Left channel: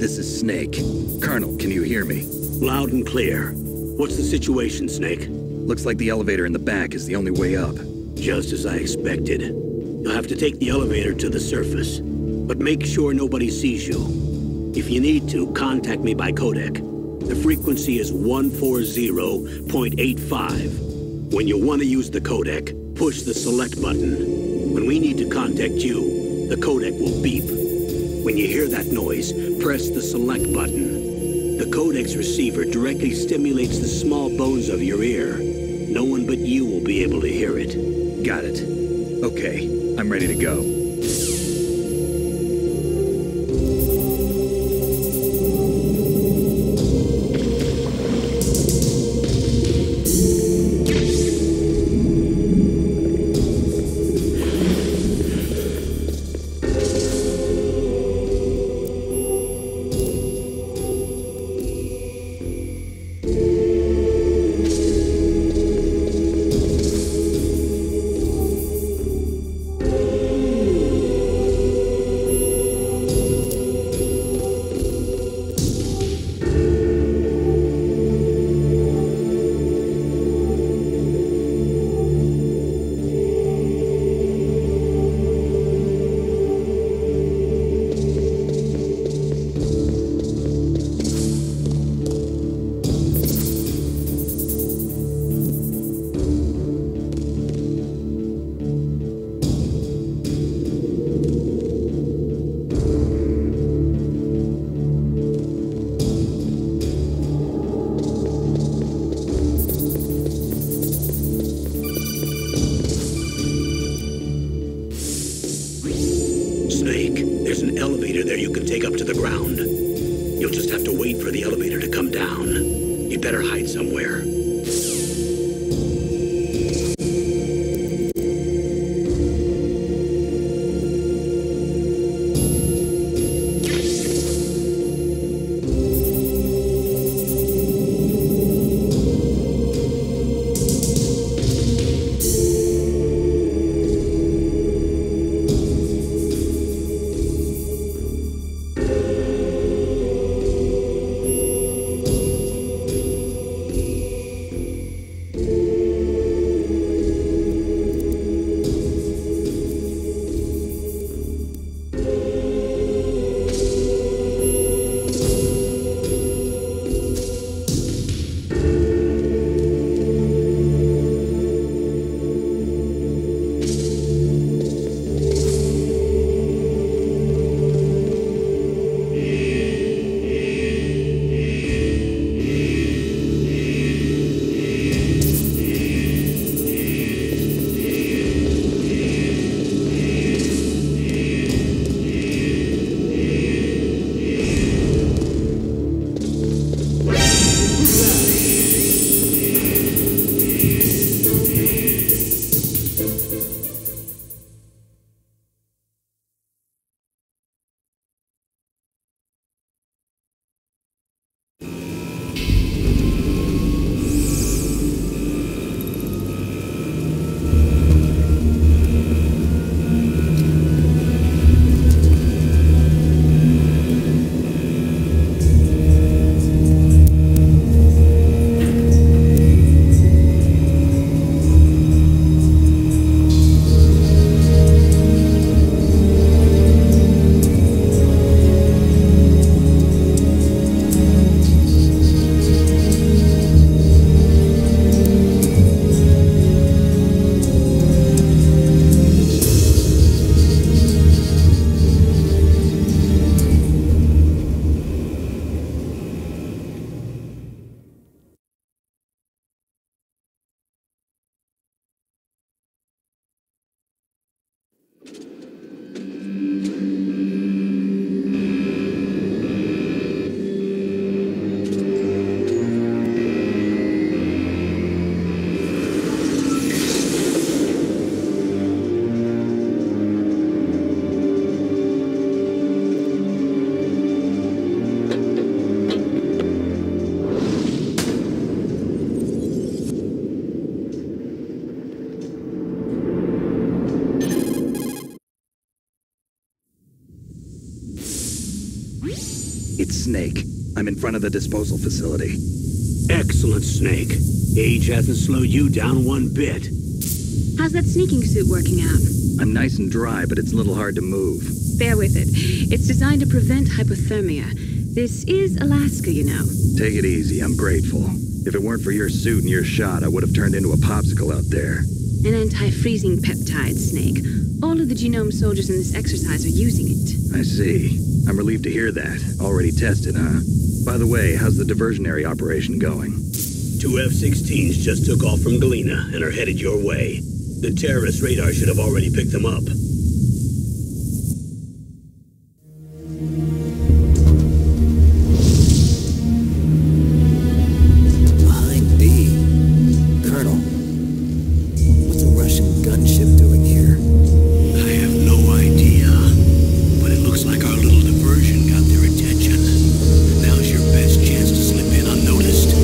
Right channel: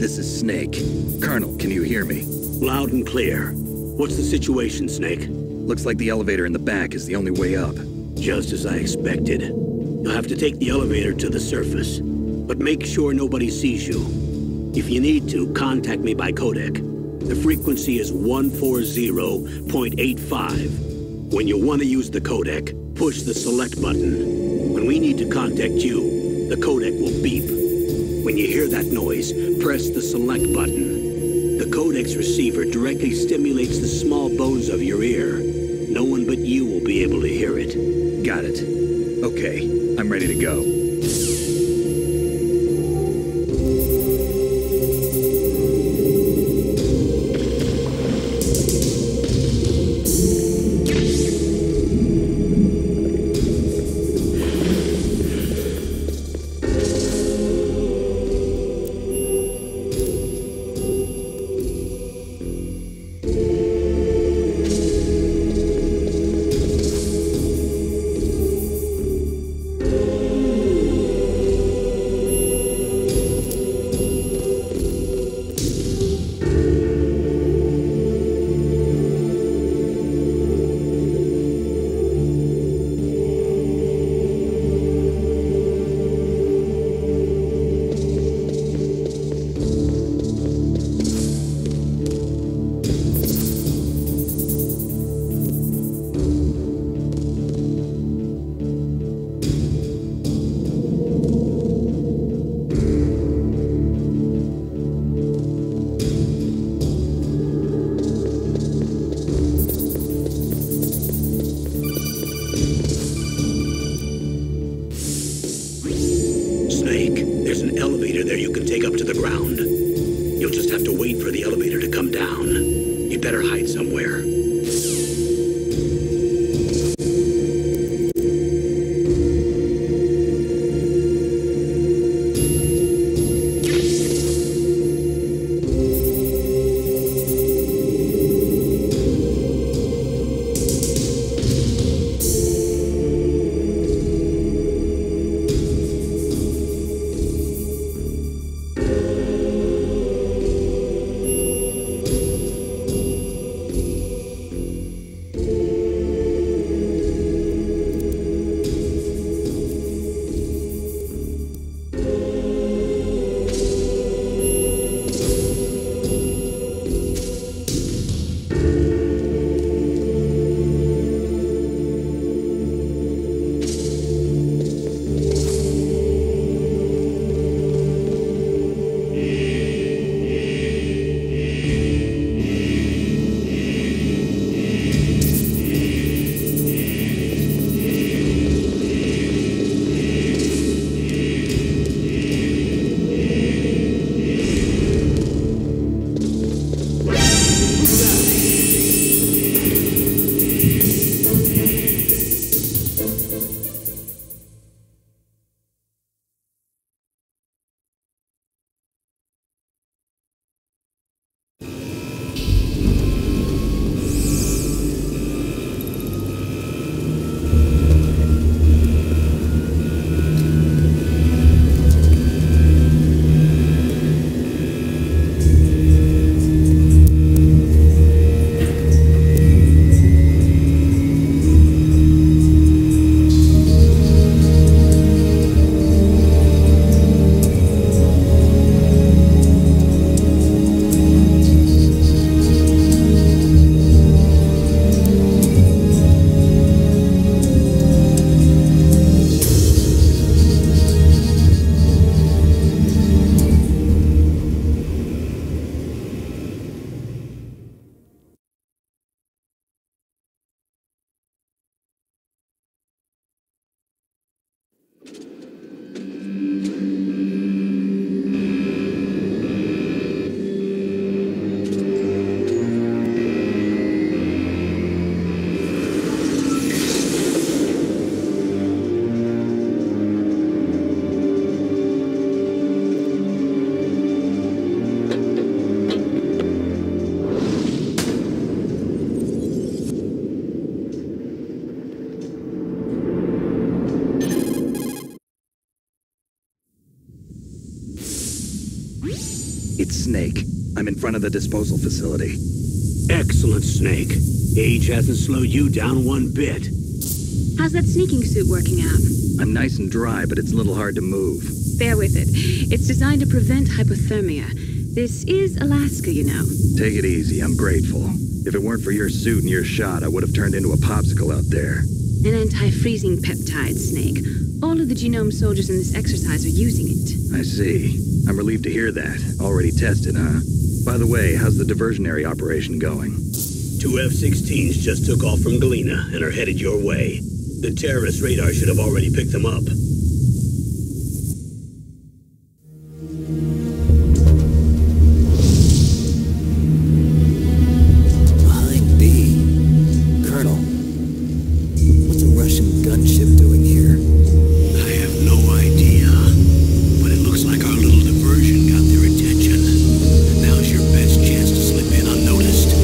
This is Snake. Colonel, can you hear me? Loud and clear. What's the situation, Snake? Looks like the elevator in the back is the only way up. Just as I expected. You'll have to take the elevator to the surface. But make sure nobody sees you. If you need to, contact me by codec. The frequency is 140.85. When you want to use the codec, push the select button. When we need to contact you, the codec will beep. When you hear that noise, press the select button. The codec's receiver directly stimulates the small bones of your ear. No one but you will be able to hear it. Got it. Okay, I'm ready to go. There's an elevator there you can take up to the ground. You'll just have to wait for the elevator to come down. You'd better hide somewhere. It's Snake. I'm in front of the disposal facility. Excellent, Snake. Age hasn't slowed you down one bit. How's that sneaking suit working out? I'm nice and dry, but it's a little hard to move. Bear with it. It's designed to prevent hypothermia. This is Alaska, you know. Take it easy, I'm grateful. If it weren't for your suit and your shot, I would have turned into a popsicle out there. An anti-freezing peptide, Snake. All of the genome soldiers in this exercise are using it. I see. I'm relieved to hear that. Already tested, huh? By the way, how's the diversionary operation going? 2 F-16s just took off from Galena and are headed your way. The terrorist radar should have already picked them up. Behind B. Colonel, what's a Russian gunship doing here? I have no idea, but it looks like our little diversion got their attention. Now's your best chance to slip in unnoticed.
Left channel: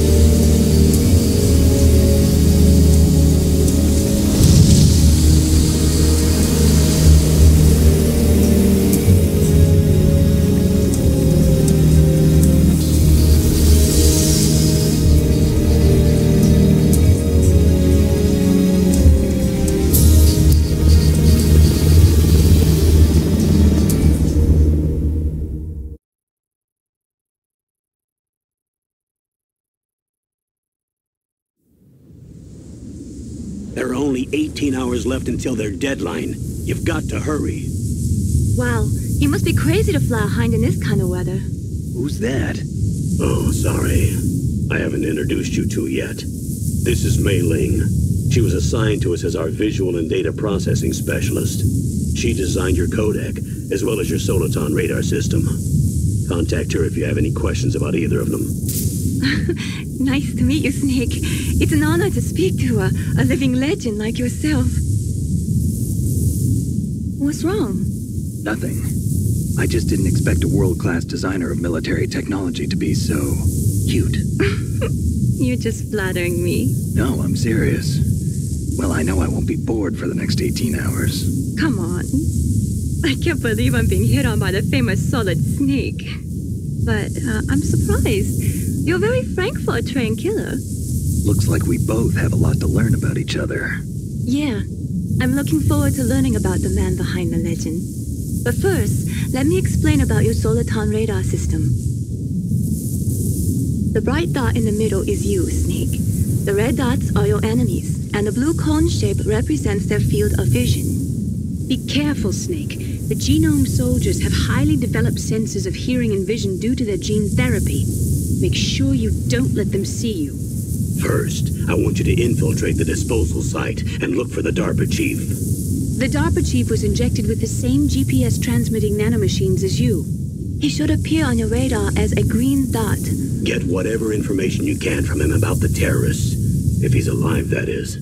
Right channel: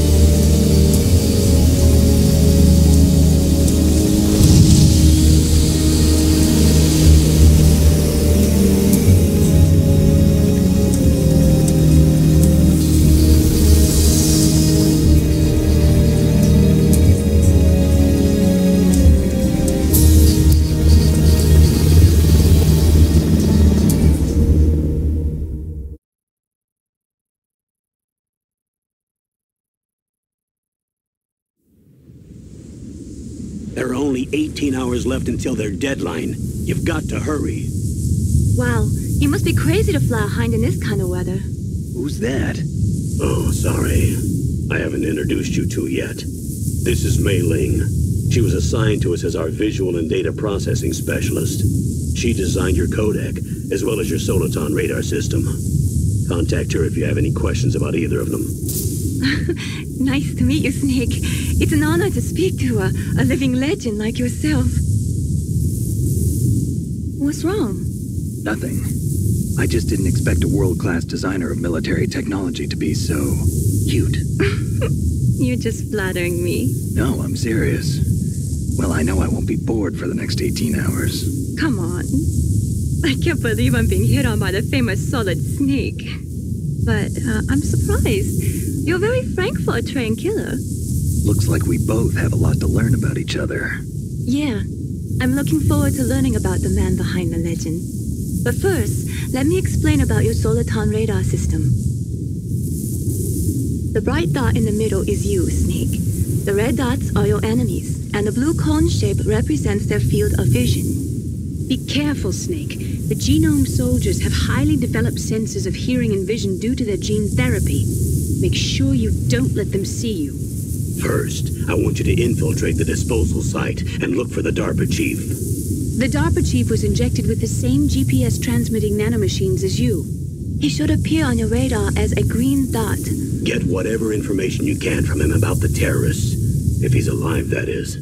There are only 18 hours left until their deadline. You've got to hurry. Wow, you must be crazy to fly a hind in this kind of weather. Who's that? Oh, sorry. I haven't introduced you to yet. This is Mei Ling. She was assigned to us as our visual and data processing specialist. She designed your codec, as well as your Soliton radar system. Contact her if you have any questions about either of them. Nice to meet you, Snake. It's an honor to speak to a living legend like yourself. What's wrong? Nothing. I just didn't expect a world-class designer of military technology to be so cute. You're just flattering me. No, I'm serious. Well, I know I won't be bored for the next 18 hours. Come on. I can't believe I'm being hit on by the famous Solid Snake. But I'm surprised. You're very frank for a trained killer. Looks like we both have a lot to learn about each other. Yeah, I'm looking forward to learning about the man behind the legend. But first, let me explain about your Soliton radar system. The bright dot in the middle is you, Snake. The red dots are your enemies, and the blue cone shape represents their field of vision. Be careful, Snake. The genome soldiers have highly developed senses of hearing and vision due to their gene therapy. Make sure you don't let them see you. First, I want you to infiltrate the disposal site and look for the DARPA chief. The DARPA chief was injected with the same GPS transmitting nanomachines as you. He should appear on your radar as a green dot. Get whatever information you can from him about the terrorists. If he's alive, that is.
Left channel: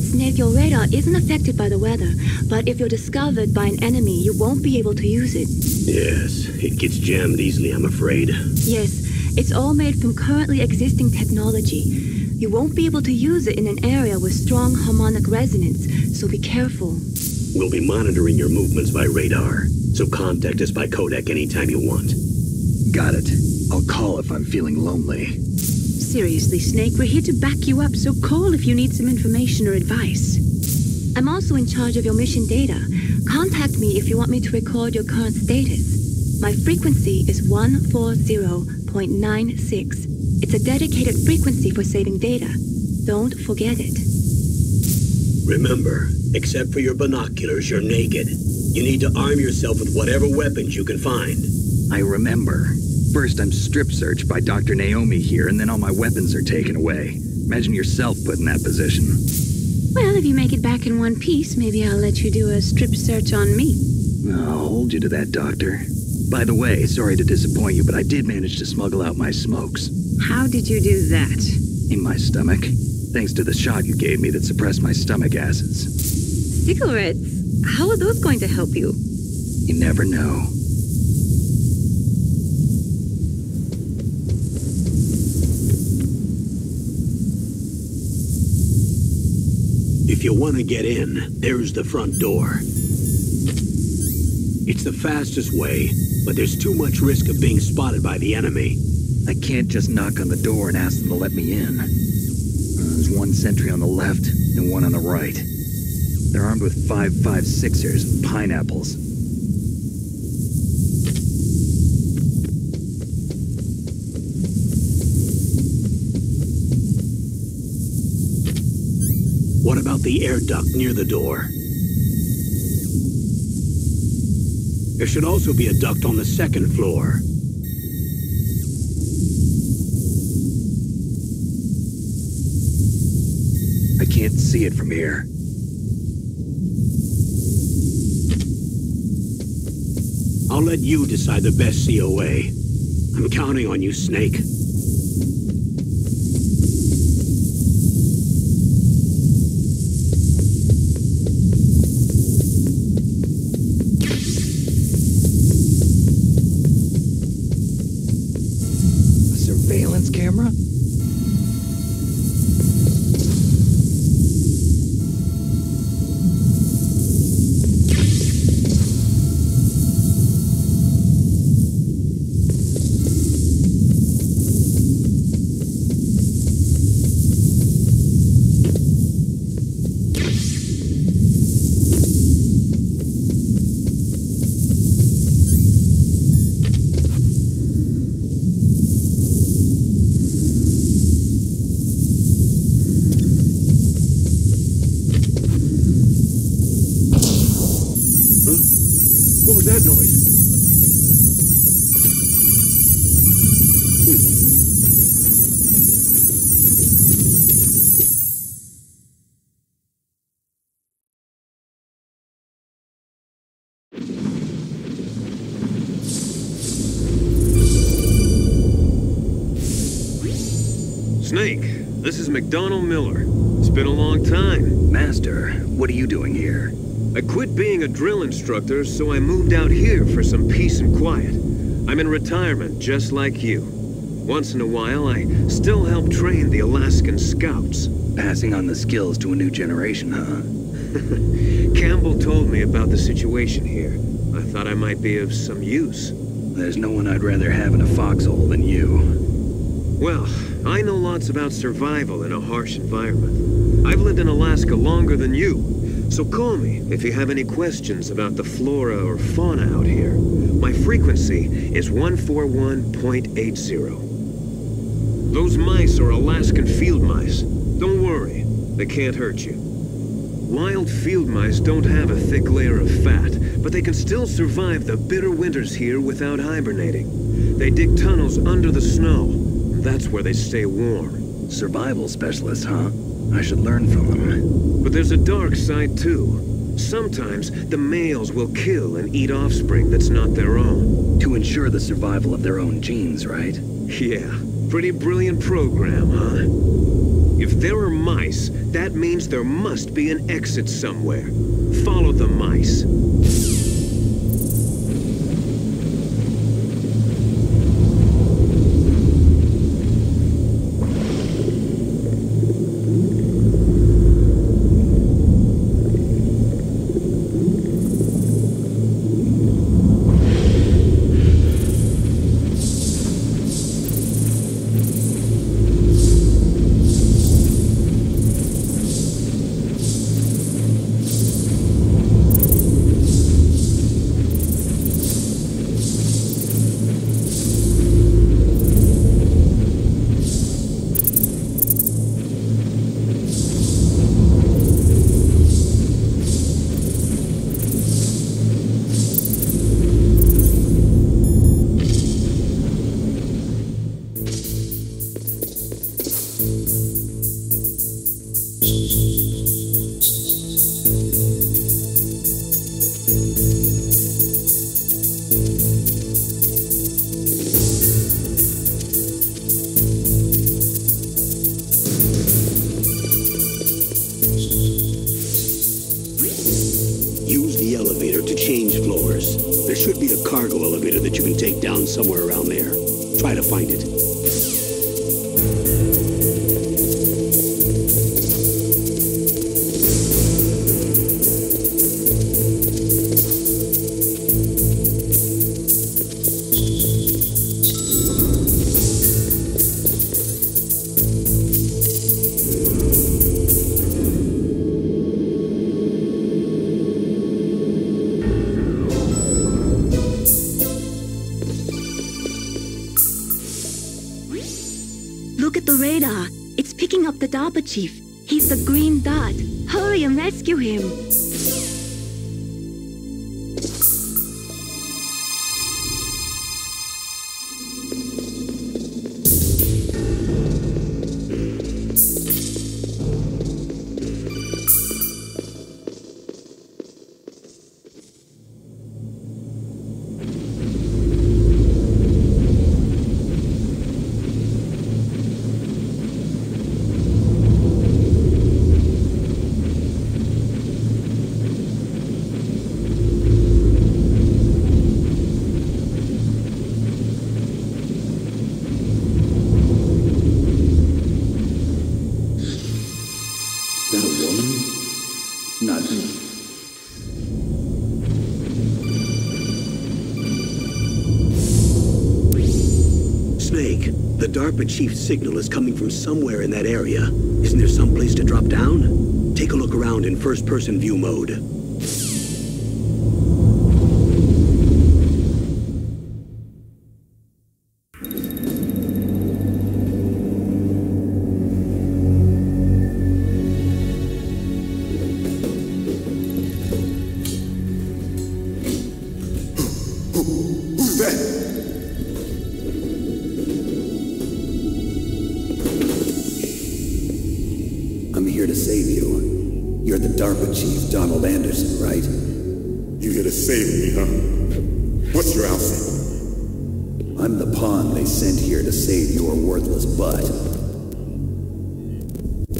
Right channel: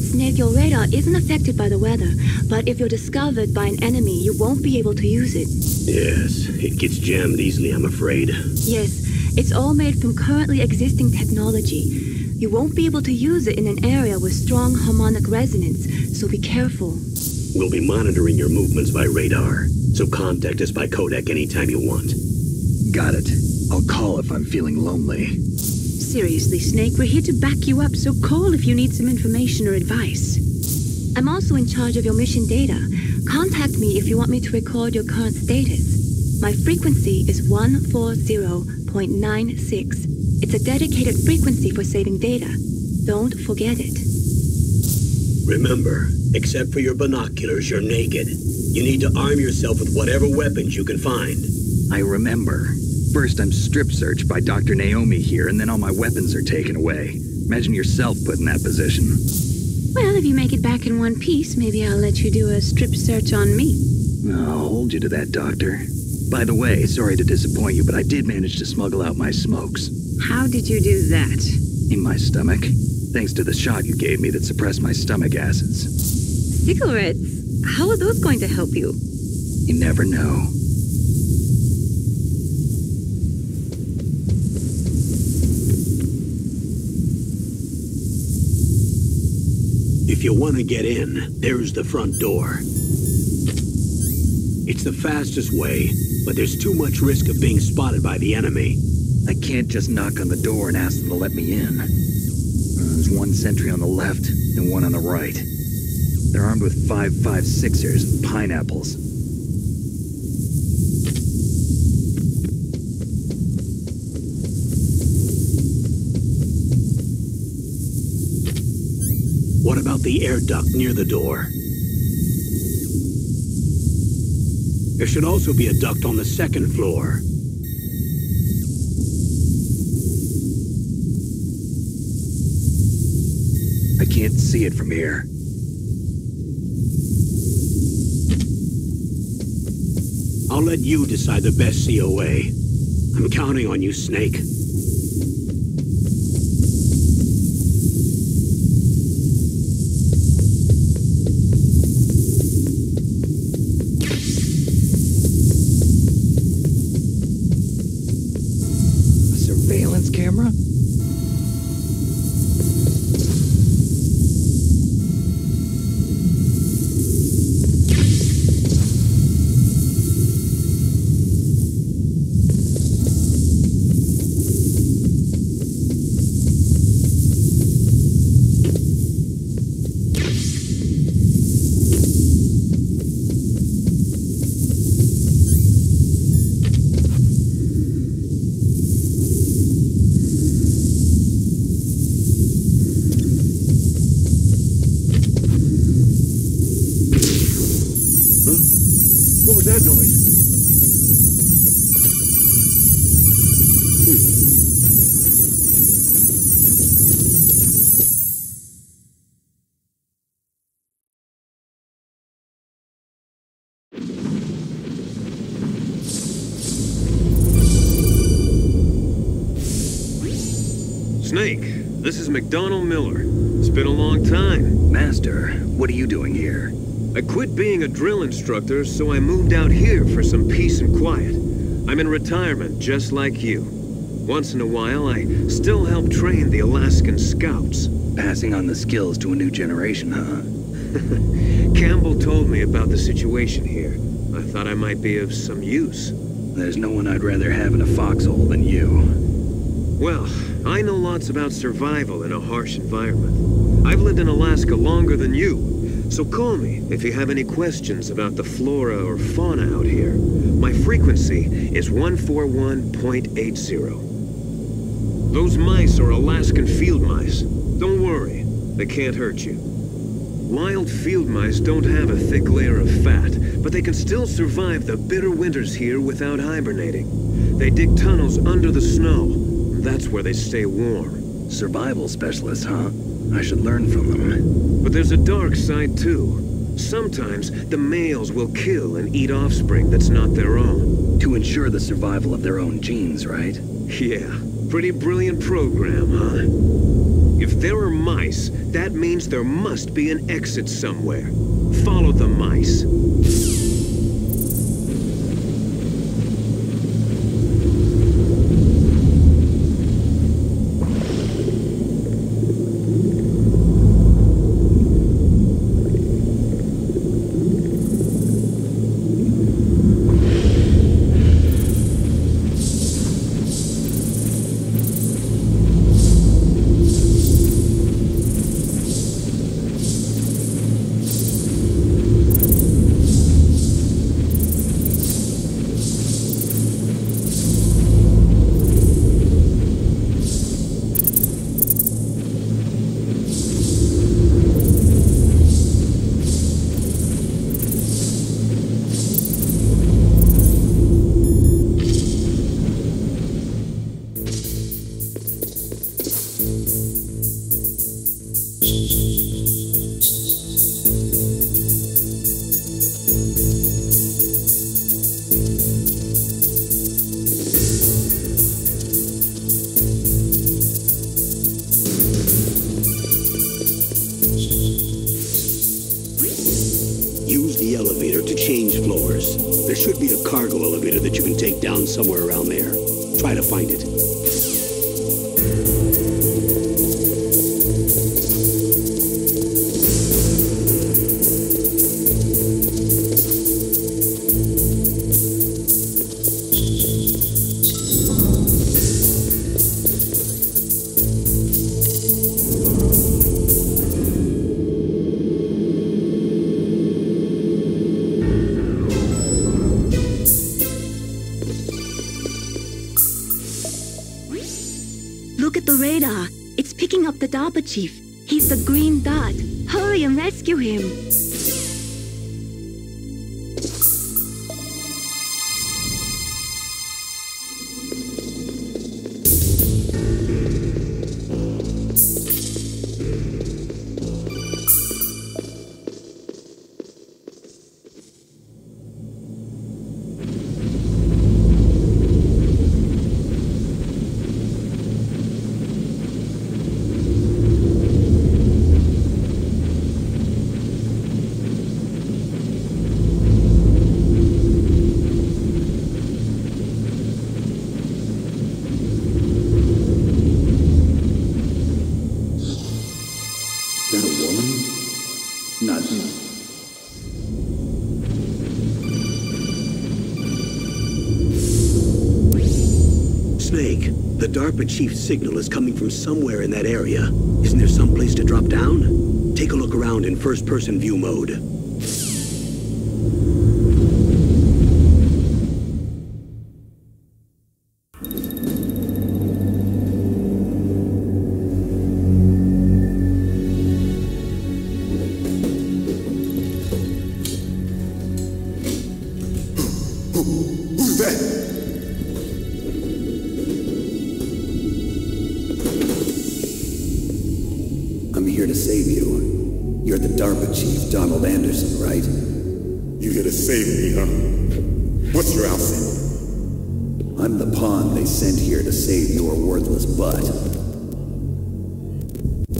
Snake, your radar isn't affected by the weather, but if you're discovered by an enemy, you won't be able to use it. Yes, it gets jammed easily, I'm afraid. Yes, it's all made from currently existing technology. You won't be able to use it in an area with strong harmonic resonance, so be careful. We'll be monitoring your movements by radar, so contact us by codec anytime you want. Got it. I'll call if I'm feeling lonely. Seriously, Snake, we're here to back you up, so call if you need some information or advice. I'm also in charge of your mission data. Contact me if you want me to record your current status. My frequency is 140.96. It's a dedicated frequency for saving data. Don't forget it. Remember, except for your binoculars, you're naked. You need to arm yourself with whatever weapons you can find. I remember. First, I'm strip searched by Dr. Naomi here, and then all my weapons are taken away. Imagine yourself put in that position. Well, if you make it back in one piece, maybe I'll let you do a strip search on me. I'll hold you to that, Doctor. By the way, sorry to disappoint you, but I did manage to smuggle out my smokes. How did you do that? In my stomach. Thanks to the shot you gave me that suppressed my stomach acids. Cigarettes? How are those going to help you? You never know. If you want to get in, there's the front door. It's the fastest way, but there's too much risk of being spotted by the enemy. I can't just knock on the door and ask them to let me in. There's one sentry on the left and one on the right. They're armed with 5.56ers and pineapples. What about the air duct near the door? There should also be a duct on the second floor. I can't see it from here. I'll let you decide the best COA. I'm counting on you, Snake. A surveillance camera? What was that noise? Snake, this is McDonald Miller. It's been a long time. Master, what are you doing here? I quit being a drill instructor, so I moved out here for some peace and quiet. I'm in retirement, just like you. Once in a while, I still help train the Alaskan Scouts. Passing on the skills to a new generation, huh? Campbell told me about the situation here. I thought I might be of some use. There's no one I'd rather have in a foxhole than you. Well, I know lots about survival in a harsh environment. I've lived in Alaska longer than you, so call me if you have any questions about the flora or fauna out here. My frequency is 141.80. Those mice are Alaskan field mice. Don't worry, they can't hurt you. Wild field mice don't have a thick layer of fat, but they can still survive the bitter winters here without hibernating. They dig tunnels under the snow. That's where they stay warm. Survival specialist, huh? I should learn from them. But there's a dark side, too. Sometimes the males will kill and eat offspring that's not their own. To ensure the survival of their own genes, right? Yeah, pretty brilliant program, huh? If there are mice, that means there must be an exit somewhere. Follow the mice. Use the elevator to change floors. There should be a cargo elevator that you can take down somewhere around there. Try to find it. radar. It's picking up the DARPA chief. He's the green dot. Hurry and rescue him. Is that a woman? Not me. Snake, the DARPA chief's signal is coming from somewhere in that area. Isn't there some place to drop down? Take a look around in first-person view mode. Who's that? I'm here to save you. You're the DARPA chief, Donald Anderson, right? You here to save me, huh? What's your outfit? I'm the pawn they sent here to save your worthless butt.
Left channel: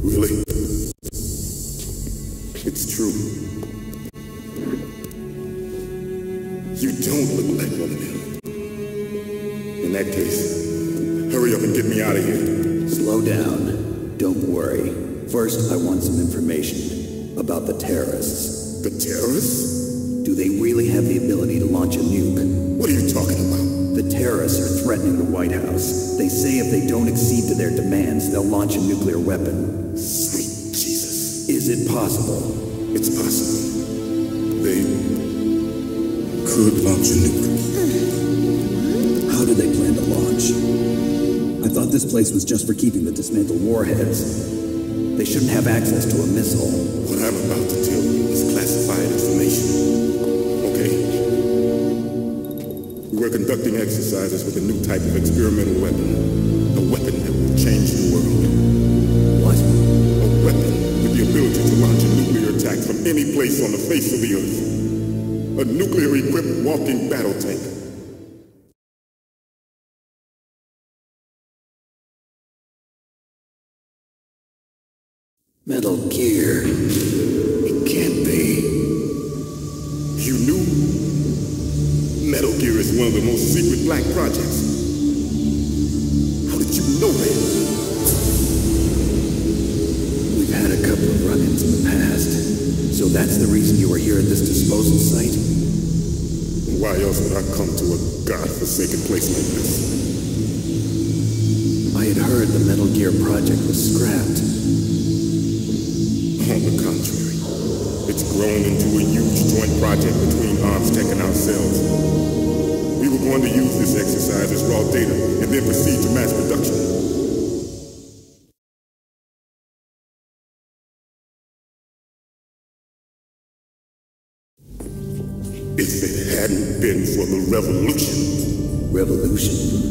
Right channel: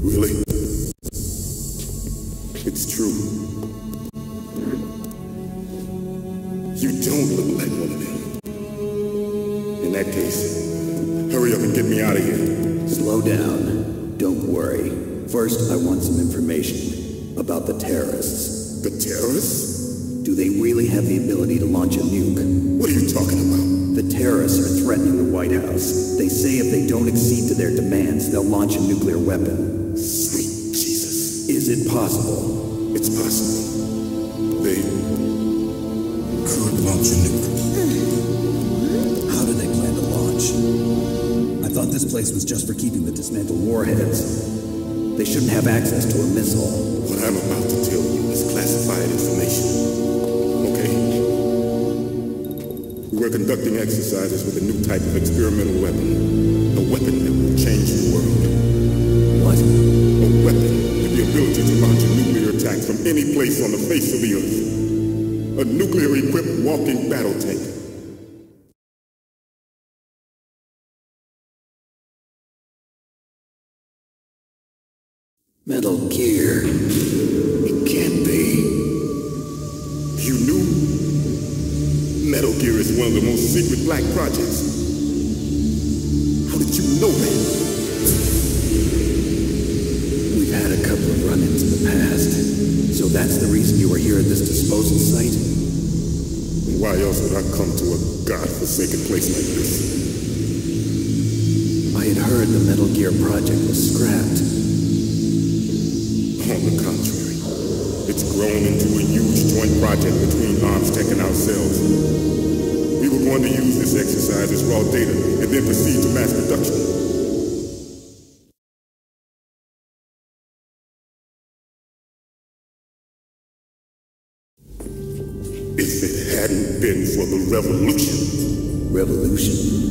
Really? It's true. You don't look like one of them. In that case, hurry up and get me out of here. Slow down. Don't worry. First, I want some information about the terrorists. The terrorists? Do they really have the ability to launch a nuke? What are you talking about? The terrorists are threatening the White House. They say if they don't accede to their demands, they'll launch a nuclear weapon. Sweet Jesus. Is it possible? It's possible. They could launch a nuke. How do they plan to launch? I thought this place was just for keeping the dismantled warheads. They shouldn't have access to a missile. What I'm about to tell you is classified information. Okay? We were conducting exercises with a new type of experimental weapon. A weapon that will change the world. What? A weapon with the ability to launch a nuclear attack from any place on the face of the earth. A nuclear-equipped walking battle tank. Metal Gear. It can't be. You knew? Metal Gear is one of the most secret black projects. How did you know that? We've had a couple of run-ins in the past. So that's the reason you were here at this disposal site? Why else would I come to a godforsaken place like this? I had heard the Metal Gear project was scrapped. On the contrary, it's grown into a huge joint project between ArmsTech and ourselves. We were going to use this exercise as raw data and then proceed to mass production. If it hadn't been for the revolution. Revolution?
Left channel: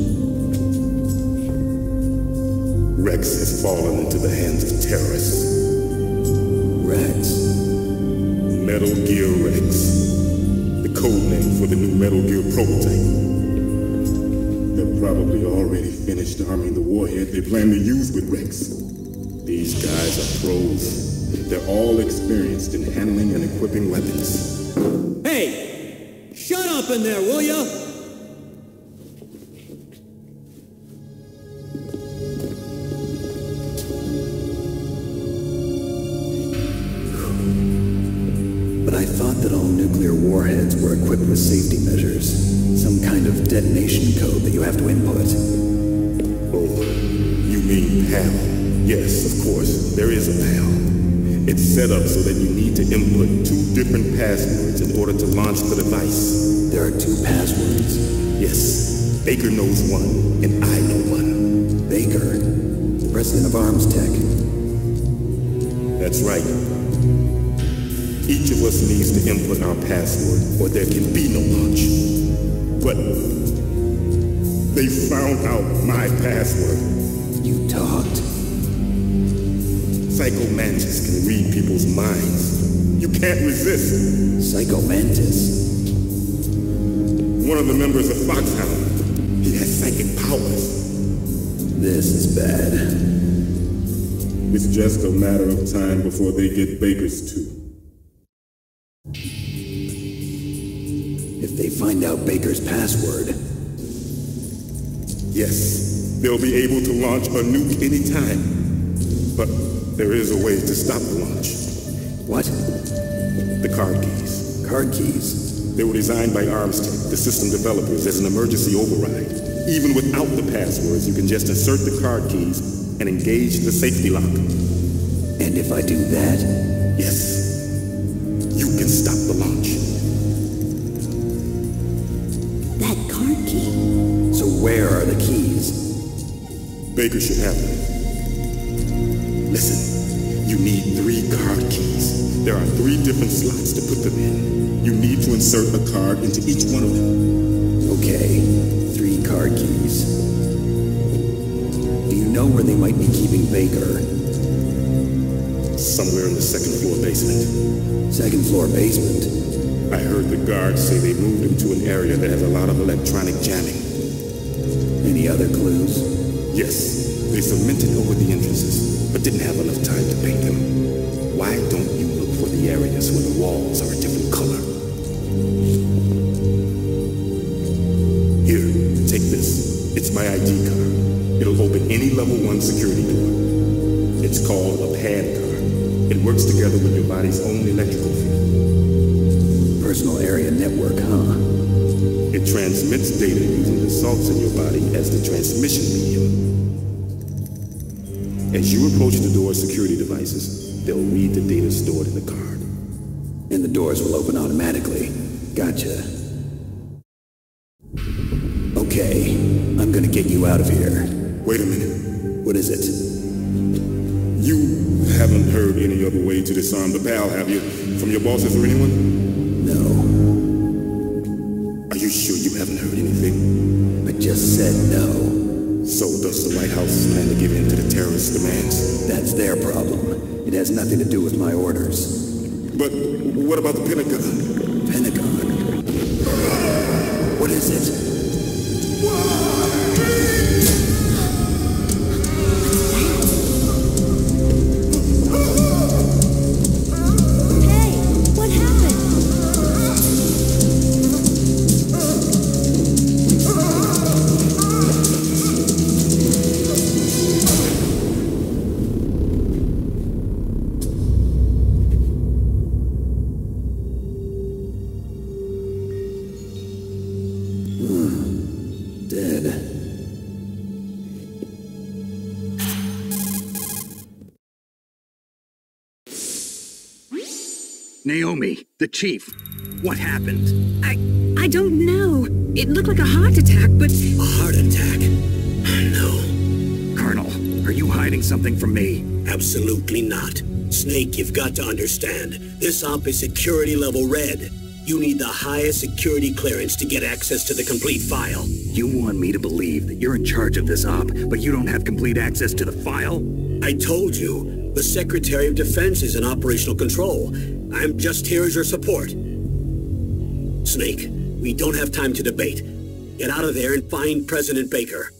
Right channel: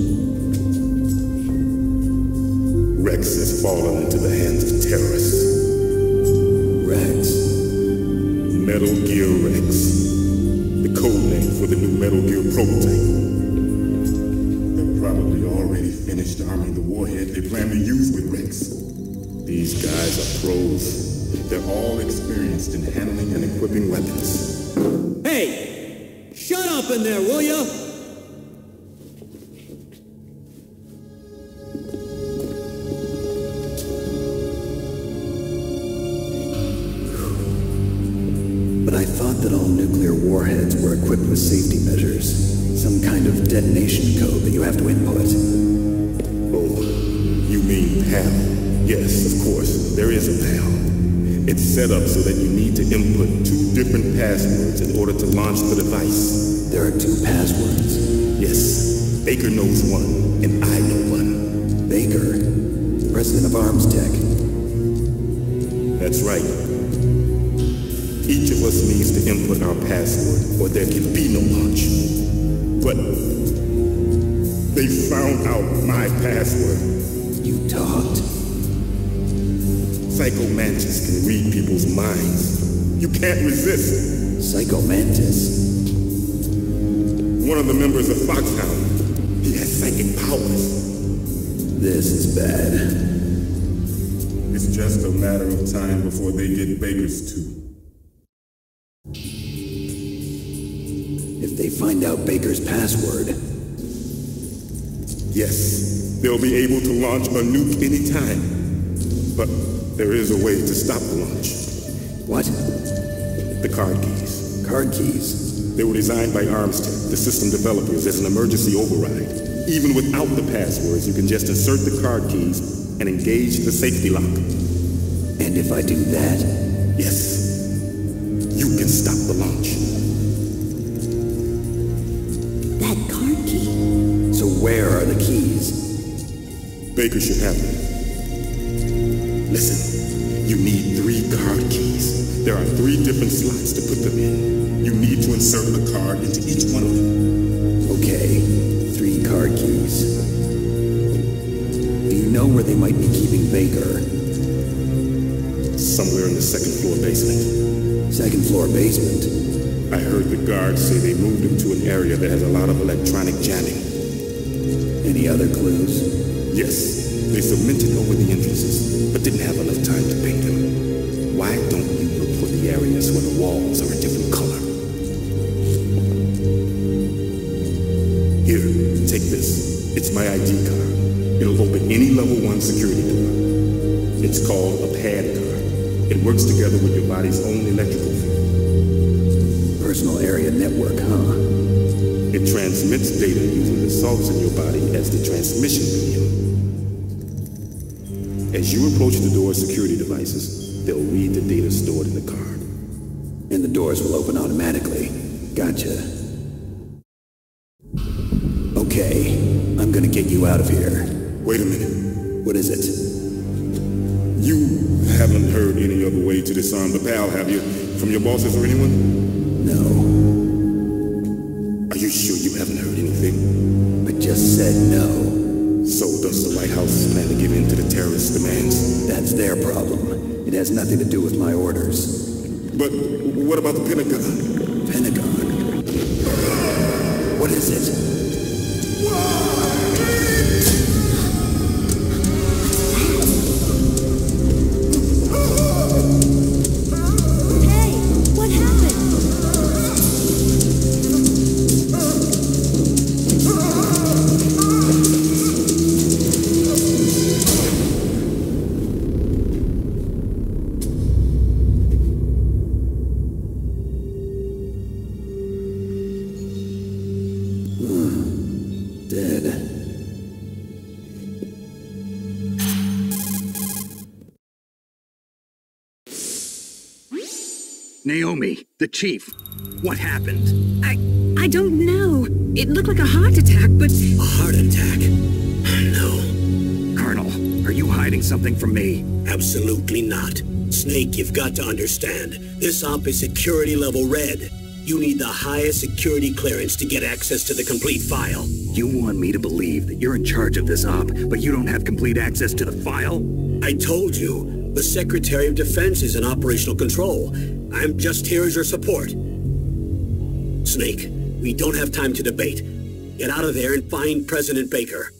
Rex has fallen into the hands of terrorists. Rex? Metal Gear Rex. The code name for the new Metal Gear prototype. They're probably already finished arming the warhead they plan to use with Rex. These guys are pros. They're all experienced in handling and equipping weapons. Hey! Shut up in there, will ya? But I thought that all nuclear warheads were equipped with safety measures. Some kind of detonation code that you have to input. Oh, you mean PAL? Yes, of course, there is a PAL. It's set up so that you need to input 2 different passwords in order to launch the device. There are 2 passwords? Yes, Baker knows one, and I know one. Baker? the president of Arms Tech. That's right. Each of us needs to input our password, or there can be no launch. But they found out my password. You talked? Psycho Mantis can read people's minds. You can't resist. Psycho Mantis? One of the members of Foxhound. He has psychic powers. This is bad. It's just a matter of time before they get Baker's too. If they find out Baker's password... Yes, they'll be able to launch a nuke anytime. But there is a way to stop the launch. What? The card keys. Card keys? They were designed by Arms Tech, the system developers, as an emergency override. Even without the passwords, you can just insert the card keys and engage the safety lock. And if I do that? Yes. You can stop the launch. That card key. So where are the keys? Baker should have them. Listen, you need 3 card keys. There are 3 different slots to put them in. You need to insert a card into each one of them. Okay, 3 card keys. Do you know where they might be keeping Baker? Somewhere in the 2nd floor basement. 2nd floor basement? I heard the guards say they moved him to an area that has a lot of electronic jamming. Any other clues? Yes, they cemented over the entrances, but didn't have enough time to paint them. Why don't you look for the areas where the walls are a different color? Here, take this. It's my ID card. It'll open any level 1 security door. It's called a PAN card. It works together with your body's own electrical field. Personal area network, huh? It transmits data using the salts in your body as the transmission medium. As you approach the door's security devices, they'll read the data stored in the card. And the doors will open automatically. Gotcha. Okay, I'm gonna get you out of here. Wait a minute. What is it? You haven't heard any other way to disarm the PAL, have you? From your bosses or anyone? No. Are you sure you haven't heard anything? I just said no. So does the White House plan to give in to the terrorists' demands? That's their problem. It has nothing to do with my orders. But what about the Pentagon? Pentagon? What is it? Hey, what happened? Dead. Naomi, the chief. What happened? I don't know. It looked like a heart attack, but... A heart attack? No. Colonel, are you hiding something from me? Absolutely not. Snake, you've got to understand. This op is security level red. You need the highest security clearance to get access to the complete file. You want me to believe that you're in charge of this op, but you don't have complete access to the file? I told you, the Secretary of Defense is in operational control. I'm just here as your support. Snake, we don't have time to debate. Get out of there and find President Baker.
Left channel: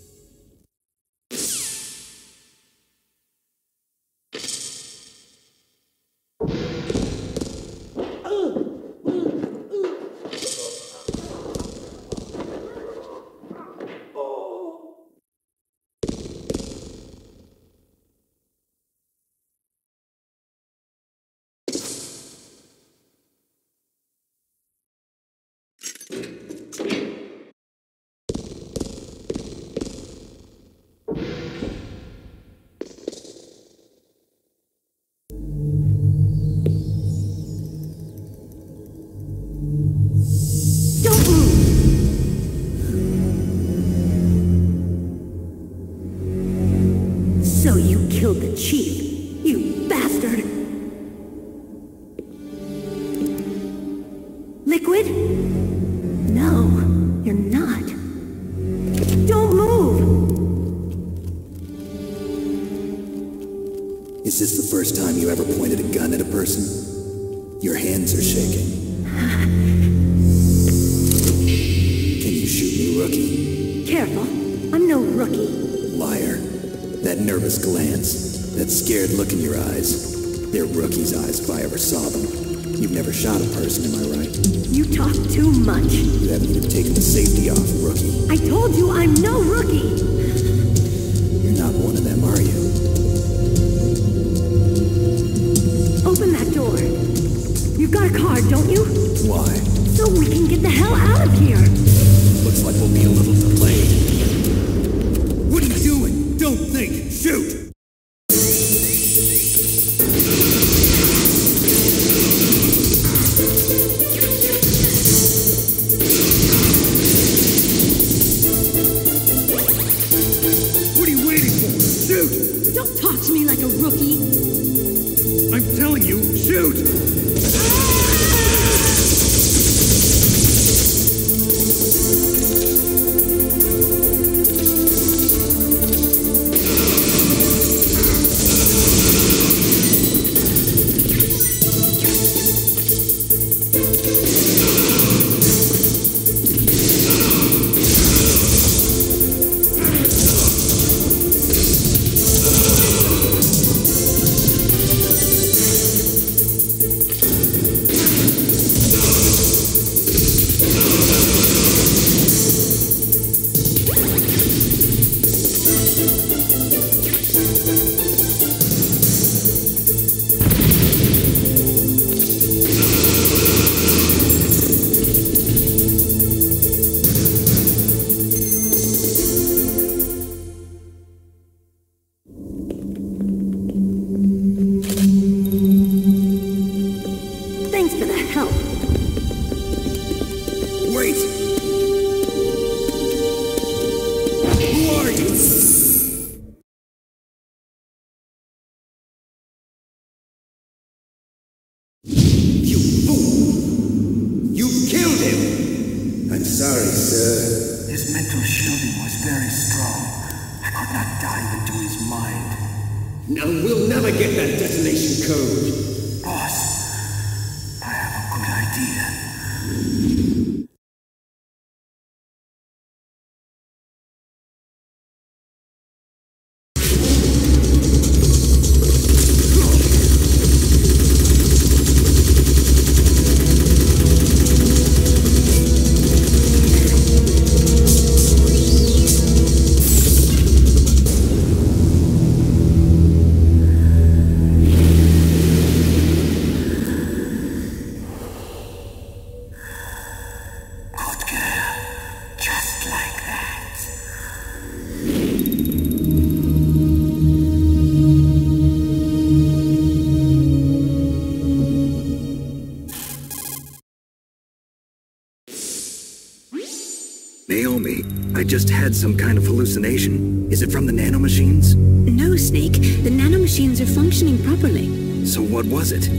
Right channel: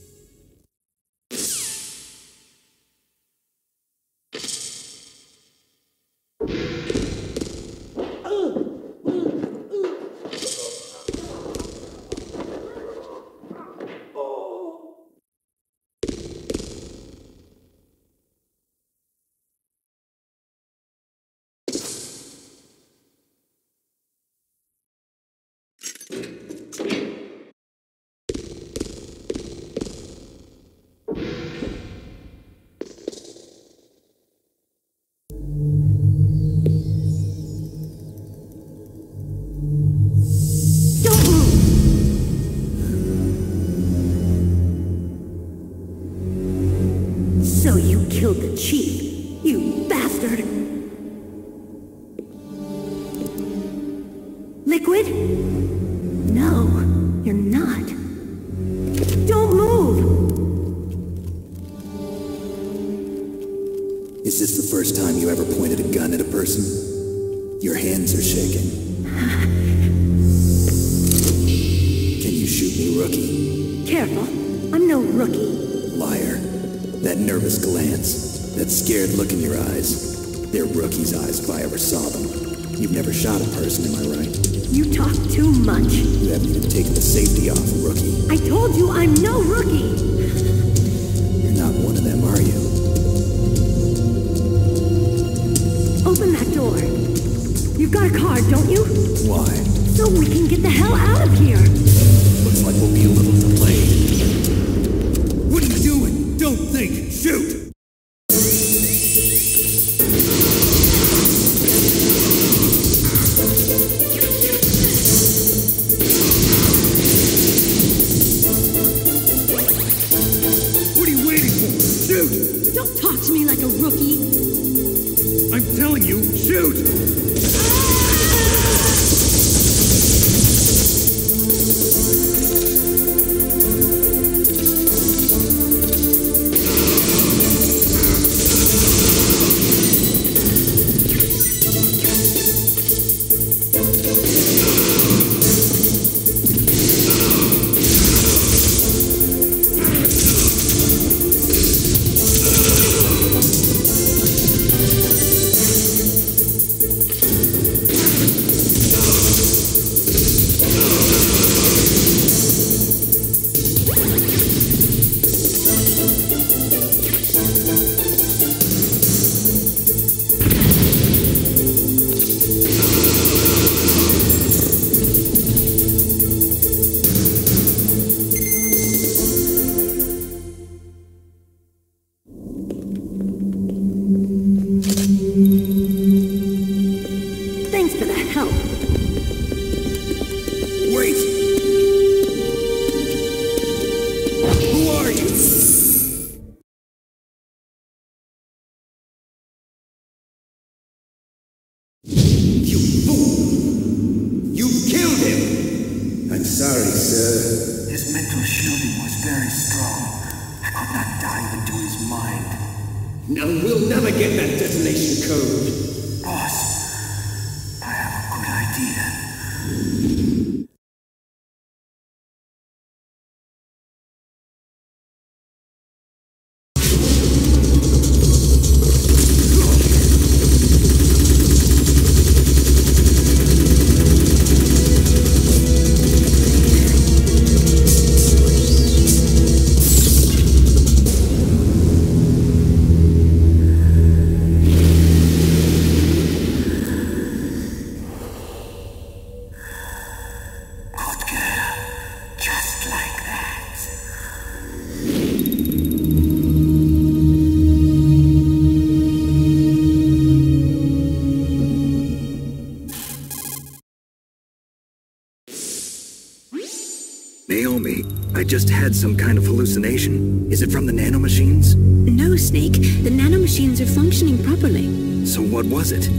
Don't move! So killed the chief. You bastard! Liquid? No, you're not. Don't move! Is this the first time you ever pointed a gun at a person? Your hands are shaking. Can you shoot me, rookie? Careful. I'm no rookie. Liar. That nervous glance, that scared look in your eyes. They're rookie's eyes if I ever saw them. You've never shot a person, am I right? You talk too much. You haven't even taken the safety off, rookie. I told you I'm no rookie! You're not one of them, are you? Open that door. You've got a card, don't you? Why? So we can get the hell out of here. Looks like we'll be a little delayed. What are you doing? Don't think! Shoot! What are you waiting for? Shoot! Don't talk to me like a rookie. I'm telling you, shoot! Thanks for the help. Wait! Who are you? You fool! You've killed him! I'm sorry, sir. His mental shielding was very strong. I could not dive into his mind. Now we'll never get that detonation code. Boss, I have a good idea. Just like that. Naomi, I just had some kind of hallucination. Is it from the nanomachines? No, Snake. The nanomachines are functioning properly. So what was it?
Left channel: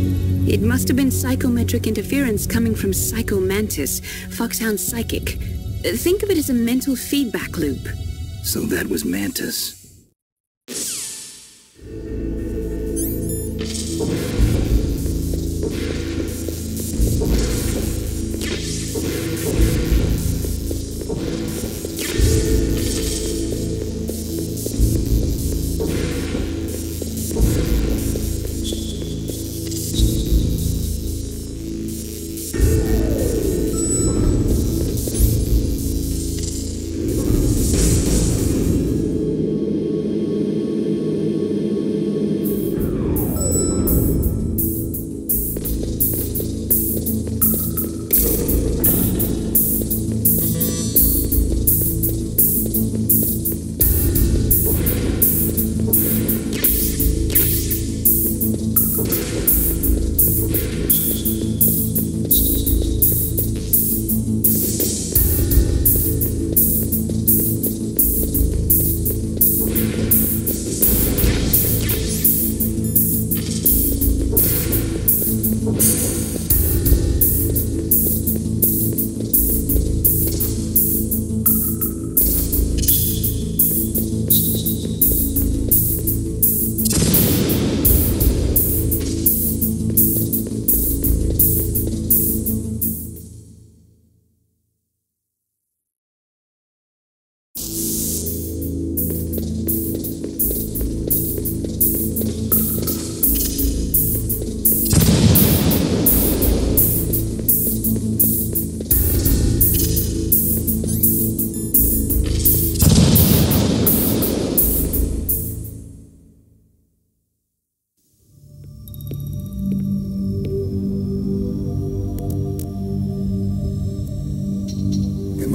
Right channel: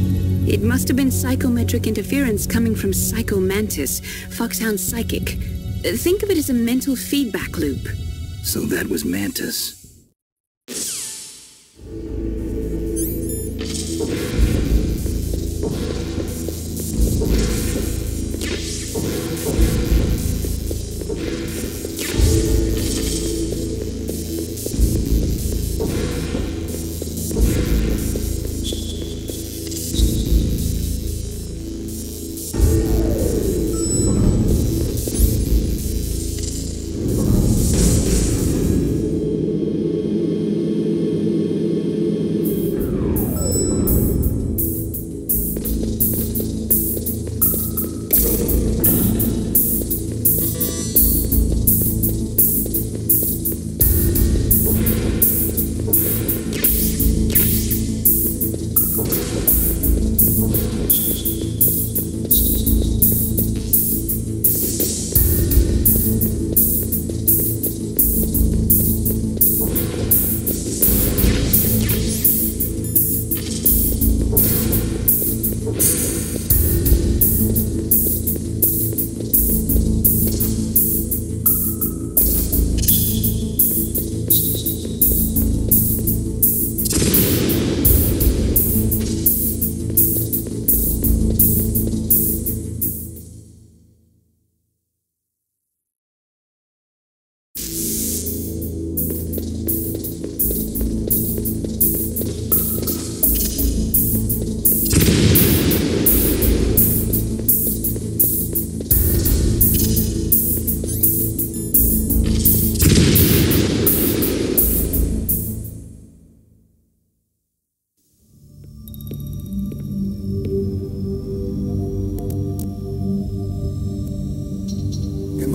It must have been psychometric interference coming from Psycho Mantis, Foxhound's psychic. Think of it as a mental feedback loop. So that was Mantis.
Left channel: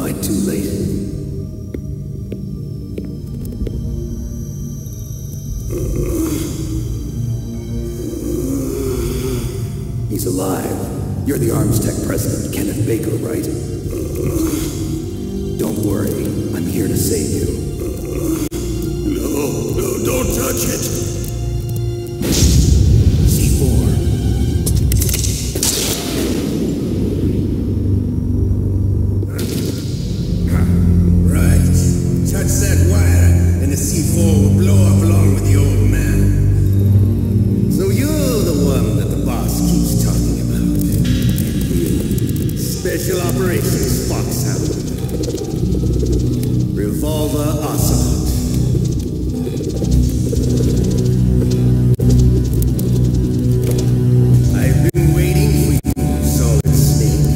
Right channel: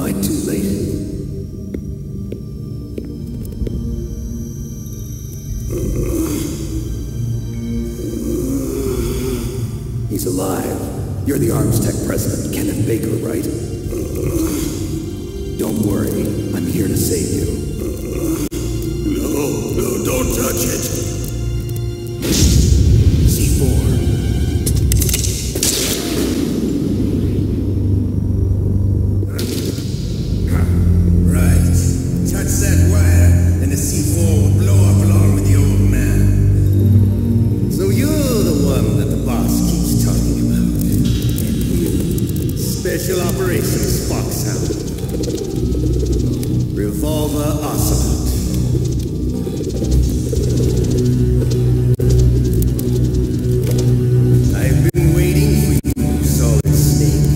I too late? He's alive. You're the Arms Tech president, Kenneth Baker, right? Don't worry. I'm here to save you. No, don't touch it. C4. Right. Touch that wire, and the C4 will blow up along with the old man. So you're the one that the boss keeps talking about. And you? Special Operations Foxhound. Revolver Ocelot. I've been waiting for you, Solid Snake.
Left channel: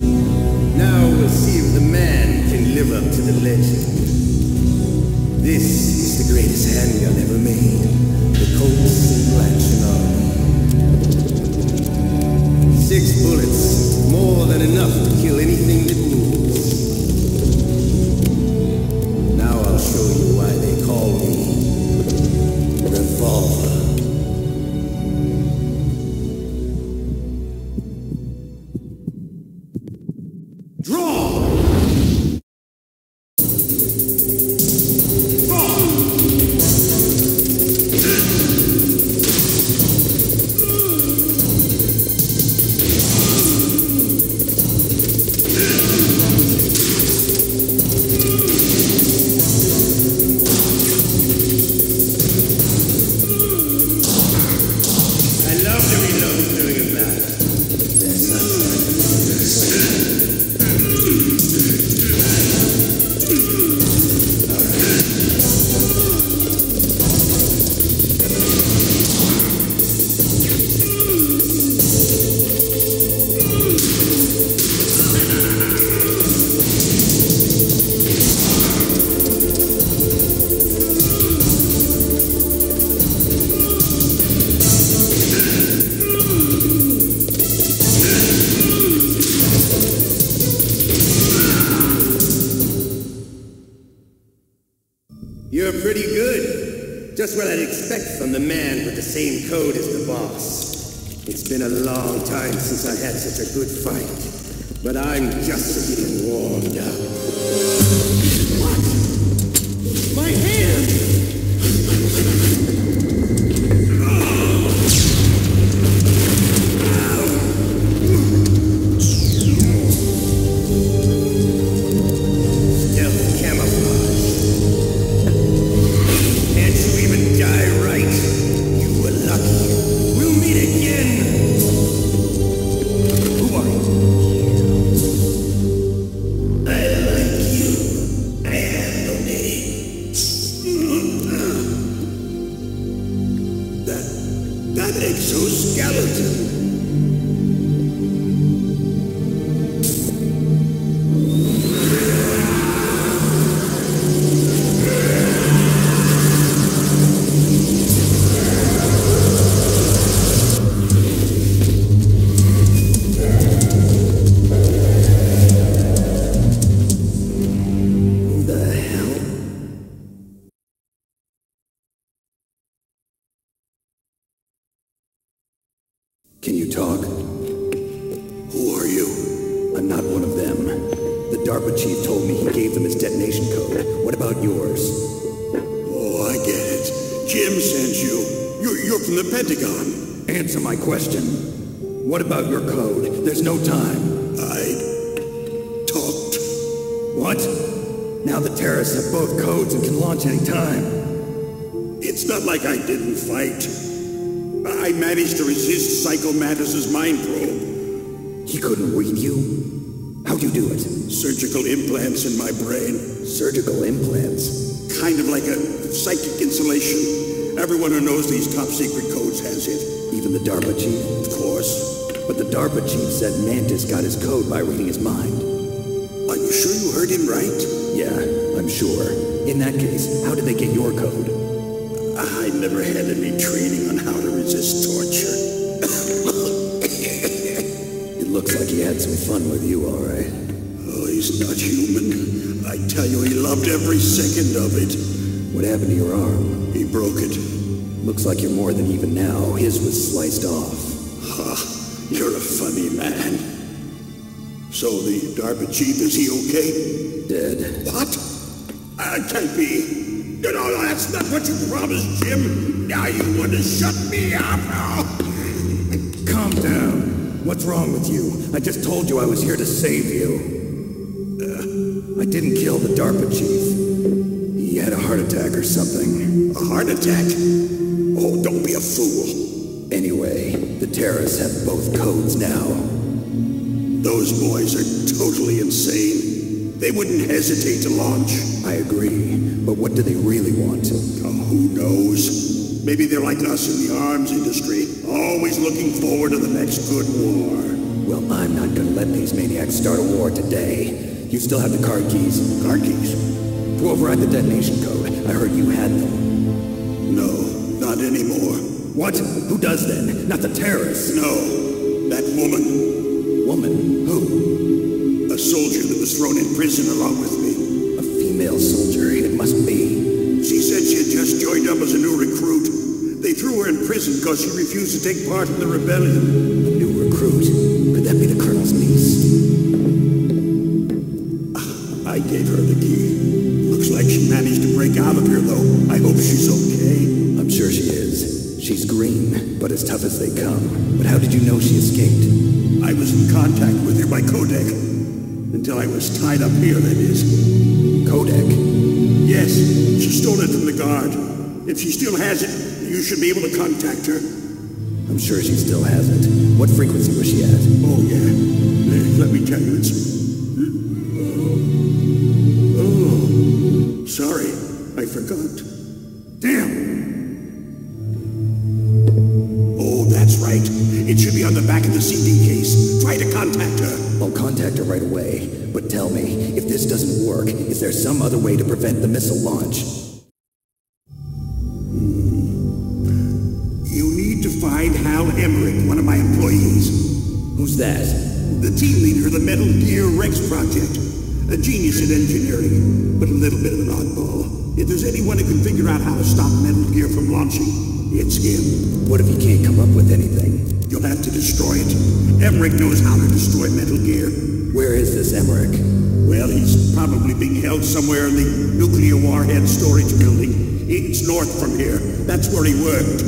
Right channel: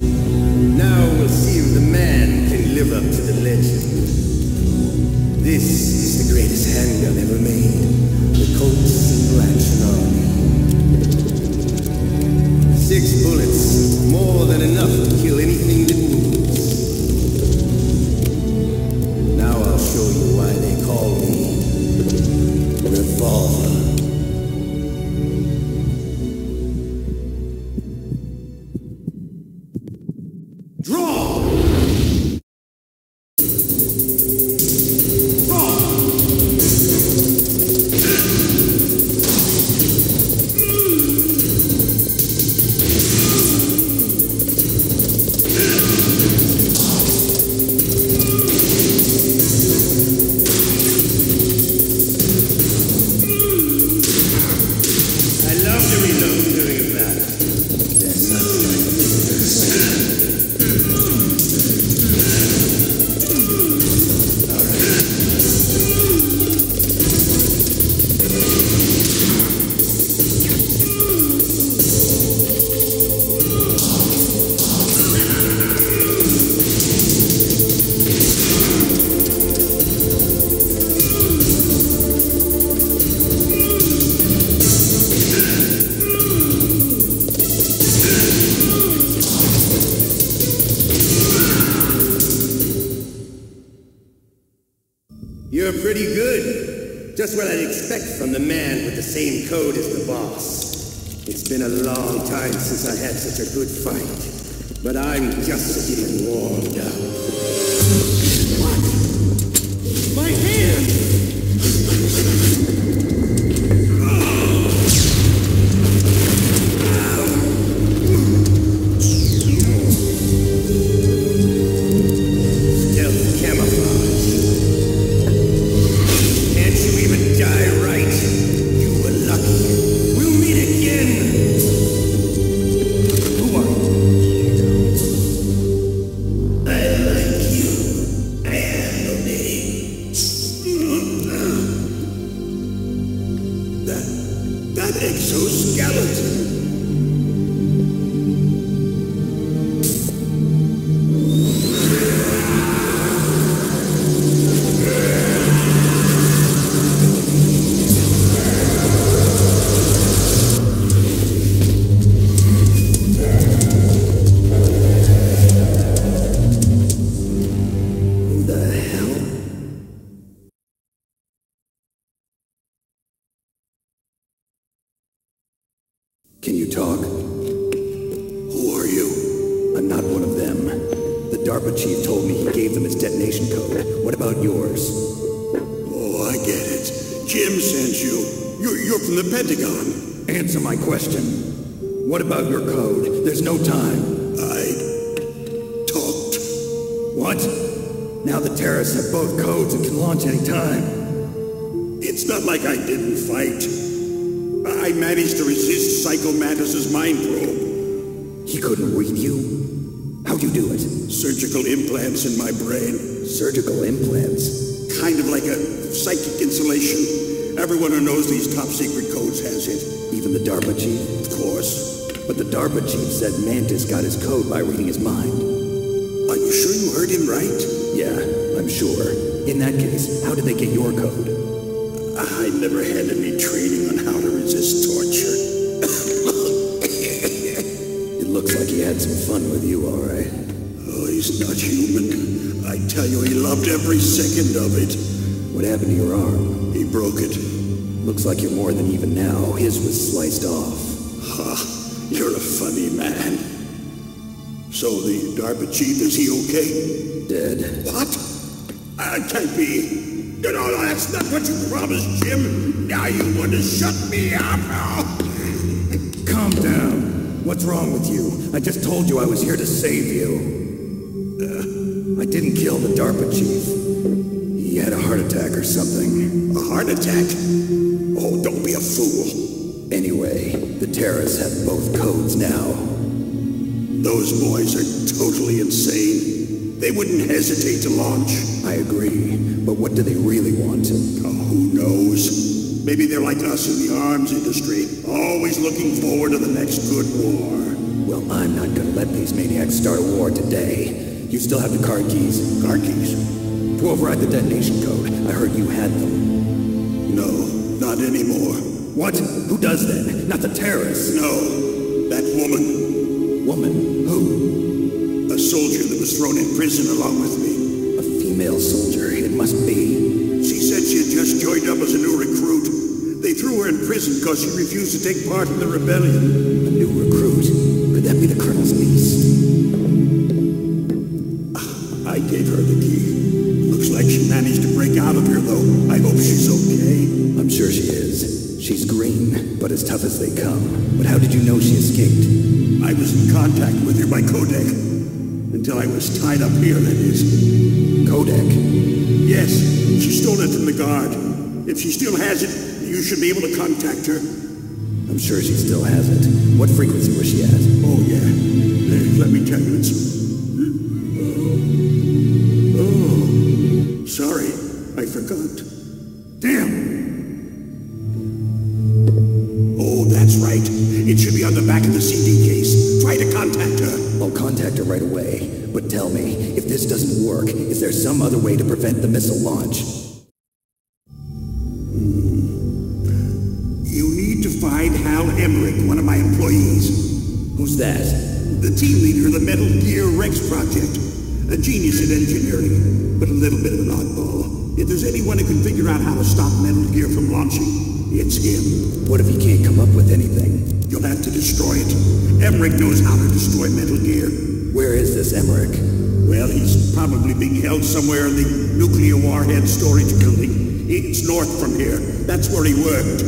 Now we'll see if the man can live up to the legend. This is the greatest handgun ever made. The Colt Single Action Army. 6 bullets, more than enough to kill anything that moves. Now I'll show you why they call me Revolver. Draw! I love to reload during a battle. There's nothing like the physical slam. All right. You're pretty good. Just what I'd expect from the man with the same code as the boss. It's been a long time since I had such a good fight. But I'm just getting warmed up. What? My hand! Stealth camouflage. Can't you even die right? You were lucky. We'll meet again! Who are you? I like you. I have no name. That exoskeleton. Can you talk? Who are you? I'm not one of them. The DARPA chief told me he gave them his detonation code. What about yours? Oh, I get it. Jim sent you. You're from the Pentagon. Answer my question. What about your code? There's no time. I talked. What? Now the terrorists have both codes and can launch any time. It's not like I didn't fight. I managed to resist Psycho Mantis's mind probe. He couldn't read you? How'd you do it? Surgical implants in my brain. Surgical implants? Kind of like a psychic insulation. Everyone who knows these top secret codes has it. Even the DARPA chief? Of course. But the DARPA chief said Mantis got his code by reading his mind. Are you sure you heard him right? Yeah, I'm sure. In that case, how did they get your code? I never had any training on how to resist torture. It looks like he had some fun with you, all right. Oh, he's not human. I tell you, he loved every second of it. What happened to your arm? He broke it. Looks like you're more than even now. His was sliced off. You're a funny man. So the DARPA chief, is he okay? Dead. What? Can't be. No, that's not what you promised, Jim. Now you want to shut me up? Calm down. What's wrong with you? I just told you I was here to save you. I didn't kill the DARPA chief. He had a heart attack or something. A heart attack? Oh, don't be a fool. Anyway, the terrorists have both codes now. Those boys are totally insane. They wouldn't hesitate to launch. I agree, but what do they really want? Oh, who knows? Maybe they're like us in the arms industry, always looking forward to the next good war. Well, I'm not gonna let these maniacs start a war today. You still have the card keys? Card keys? To override the detonation code. I heard you had them. No, not anymore. What? Who does then? Not the terrorists? No, that woman. Woman? Who? A soldier that was thrown in prison along with me. A female soldier? It must be. She said she had just joined up as a new recruit. They threw her in prison because she refused to take part in the rebellion. A new recruit? Could that be the colonel's niece? I gave her the key. Looks like she managed to break out of here, though. I hope she's okay. I'm sure she is. She's green, but as tough as they come. But how did you know she escaped? I was in contact with her by codec. Until I was tied up here, that is. Codec? Yes, she stole it from the guard. If she still has it, you should be able to contact her. I'm sure she still has it. What frequency was she at? Oh, yeah. Let me tell you, it's... Oh, sorry. I forgot. Damn! Oh, that's right. It should be on the back of the CD case. Try to contact her. I'll contact her right away. But tell me, if this doesn't work, is there some other way to prevent the missile launch? You need to find Hal Emmerich, one of my employees. Who's that? The team leader of the Metal Gear Rex project. A genius at engineering, but a little bit of an oddball. If there's anyone who can figure out how to stop Metal Gear from launching, it's him. What if he can't come up with anything? You'll have to destroy it. Emmerich knows how to destroy Metal Gear. Where is this Emmerich? Well, he's probably being held somewhere in the nuclear warhead storage building. It's north from here. That's where he worked.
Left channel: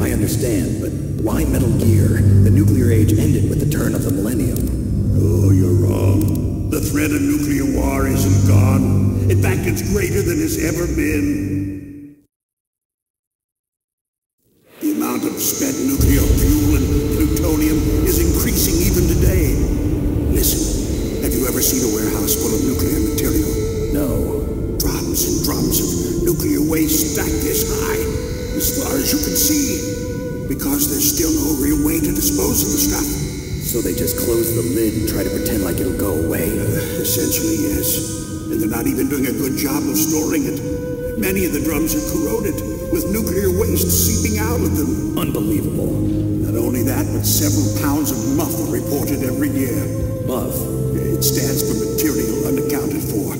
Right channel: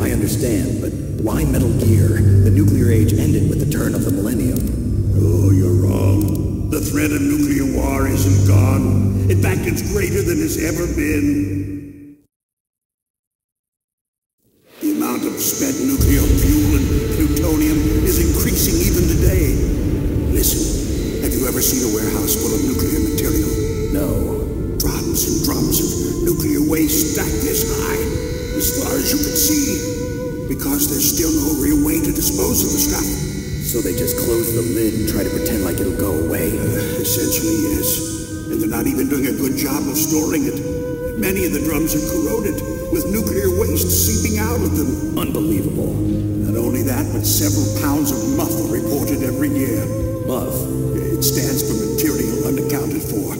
I understand, but why Metal Gear? The nuclear age ended with the turn of the millennium. Oh, you're wrong. The threat of nuclear war isn't gone. In fact, it's greater than it's ever been. The amount of spent nuclear fuel and plutonium is increasing even today. Listen, have you ever seen a warehouse full of nuclear material? No. Drums and drums of nuclear waste stacked this high, as far as you can see, because there's still no real way to dispose of the stuff. So they just close the lid and try to pretend like it'll go away? Essentially, yes. And they're not even doing a good job of storing it. Many of the drums are corroded, with nuclear waste seeping out of them. Unbelievable. Not only that, but several pounds of MUF are reported every year. MUF? It stands for material unaccounted for.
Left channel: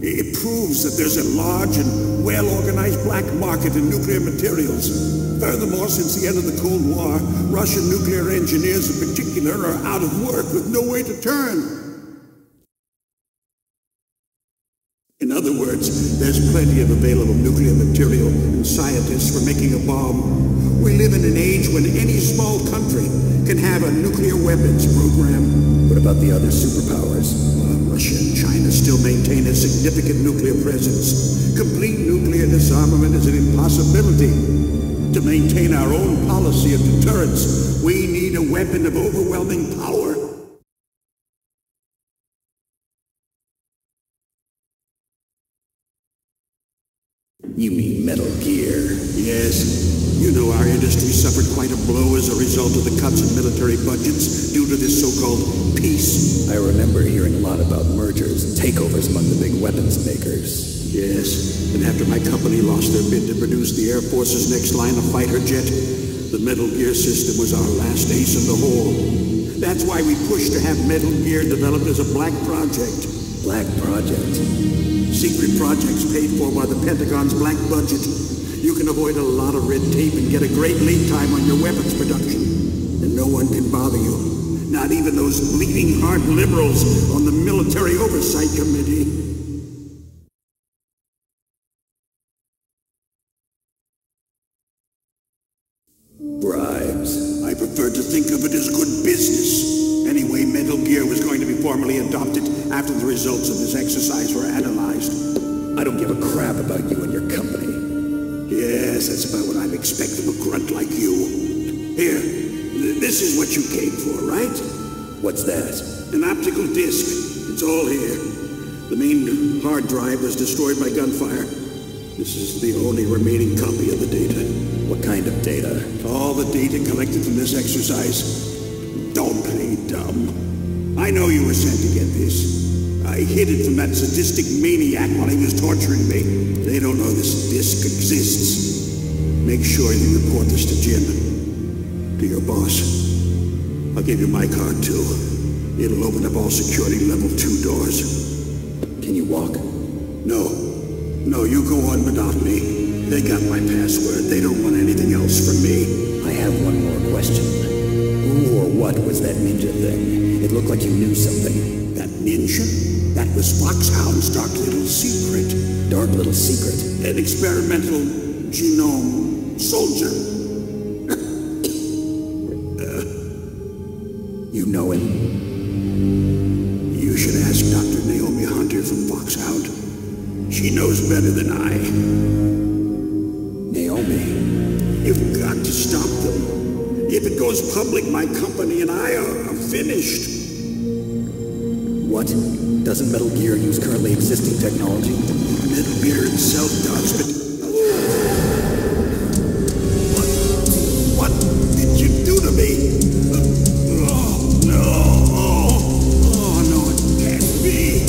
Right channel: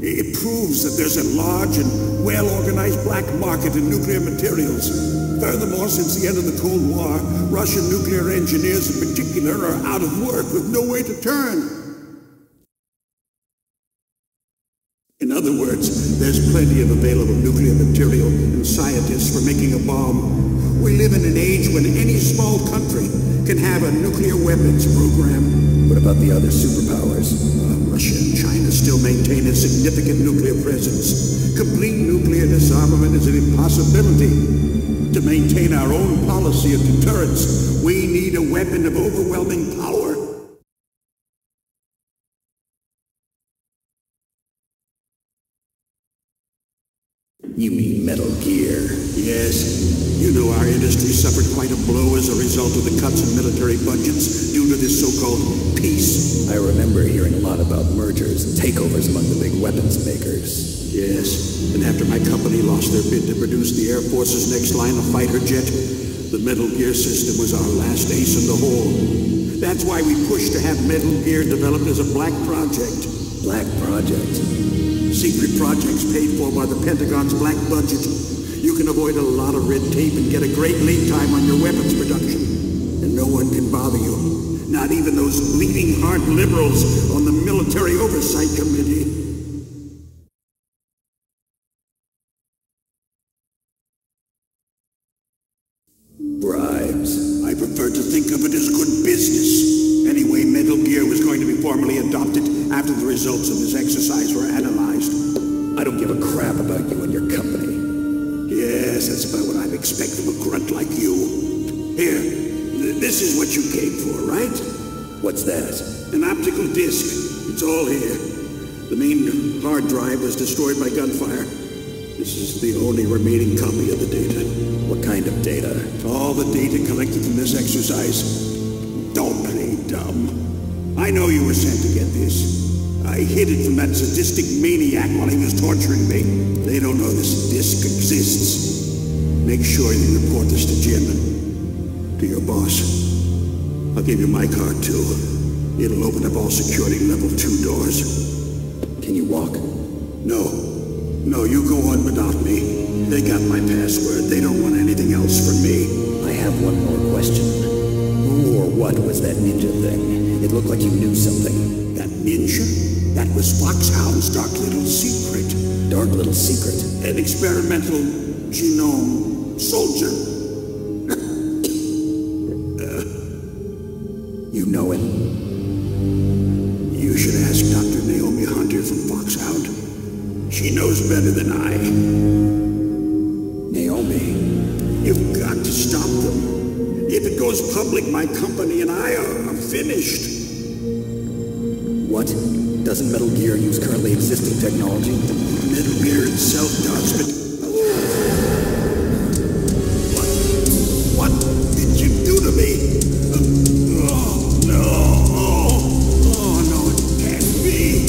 It proves that there's a large and well-organized black market in nuclear materials. Furthermore, since the end of the Cold War, Russian nuclear engineers in particular are out of work with no way to turn. In other words, there's plenty of available nuclear material and scientists for making a bomb. We live in an age when any small country can have a nuclear weapons program. What about the other superpowers? Russia and China still maintain a significant nuclear presence. Complete nuclear disarmament is an impossibility. To maintain our own policy of deterrence, we need a weapon of overwhelming power. You mean Metal Gear? Yes. You know our industry suffered quite a blow as a result of the cuts in military budgets due to this so-called peace. I remember hearing a lot about mergers and takeovers among the big weapons makers. Yes, and after my company lost their bid to produce the Air Force's next line of fighter jet, the Metal Gear system was our last ace in the hole. That's why we pushed to have Metal Gear developed as a black project. Black project? Secret projects paid for by the Pentagon's black budget. You can avoid a lot of red tape and get a great lead time on your weapons production. And no one can bother you. Not even those bleeding heart liberals on the Military Oversight Committee. Bribes. I prefer to think of it as good business. Anyway, Metal Gear was going to be formally adopted after the results of this exercise were analyzed. I don't give a crap about you and your company. Yes, that's about what I'd expect from a grunt like you. Here, this is what you came for, right? What's that? An optical disc. It's all here. The main hard drive was destroyed by gunfire. This is the only remaining copy of the data. What kind of data? All the data collected from this exercise. Don't play dumb. I know you were sent to get this. I hid it from that sadistic maniac while he was torturing me. They don't know this disc exists. Make sure you report this to Jim. To your boss. I'll give you my card, too. It'll open up all security level 2 doors. Can you walk? No. No, you go on without me. They got my password. They don't want anything else from me. I have one more question. Who or what was that ninja thing? It looked like you knew something. That ninja? That was Foxhound's dark little secret. Dark little secret? An experimental genome soldier. You know him? You should ask Dr. Naomi Hunter from Foxhound. She knows better than I. Naomi? You've got to stop them. If it goes public, my company and I are finished. What? Doesn't Metal Gear use currently existing technology? Metal Gear itself does, but... What did you do to me? No, it can't be.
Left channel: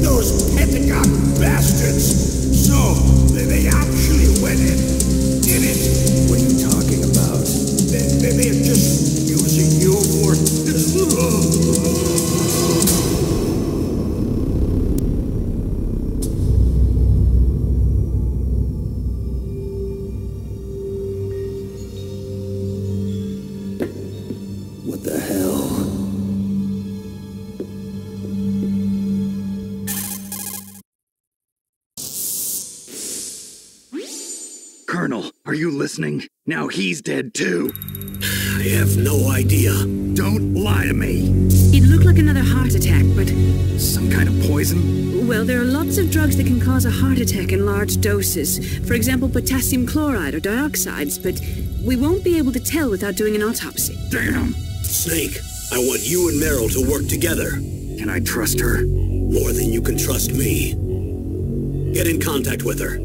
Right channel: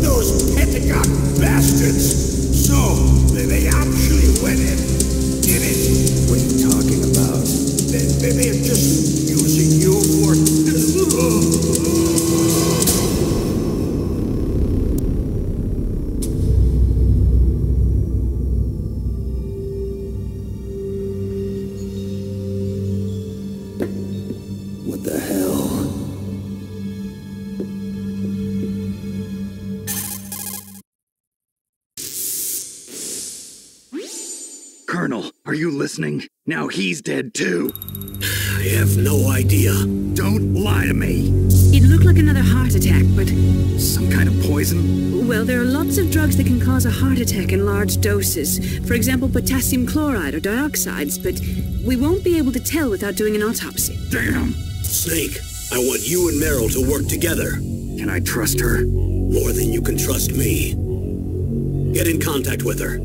Those Pentagon bastards. So, they actually went and did it. What are you talking about? They're just using you for... What the hell? Colonel, are you listening? Now he's dead too. I have no idea. Don't lie to me. It looked like another heart attack, but... Some kind of poison? Well, there are lots of drugs that can cause a heart attack in large doses. For example, potassium chloride or dioxides, but we won't be able to tell without doing an autopsy. Damn. Snake, I want you and Meryl to work together. Can I trust her? More than you can trust me. Get in contact with her.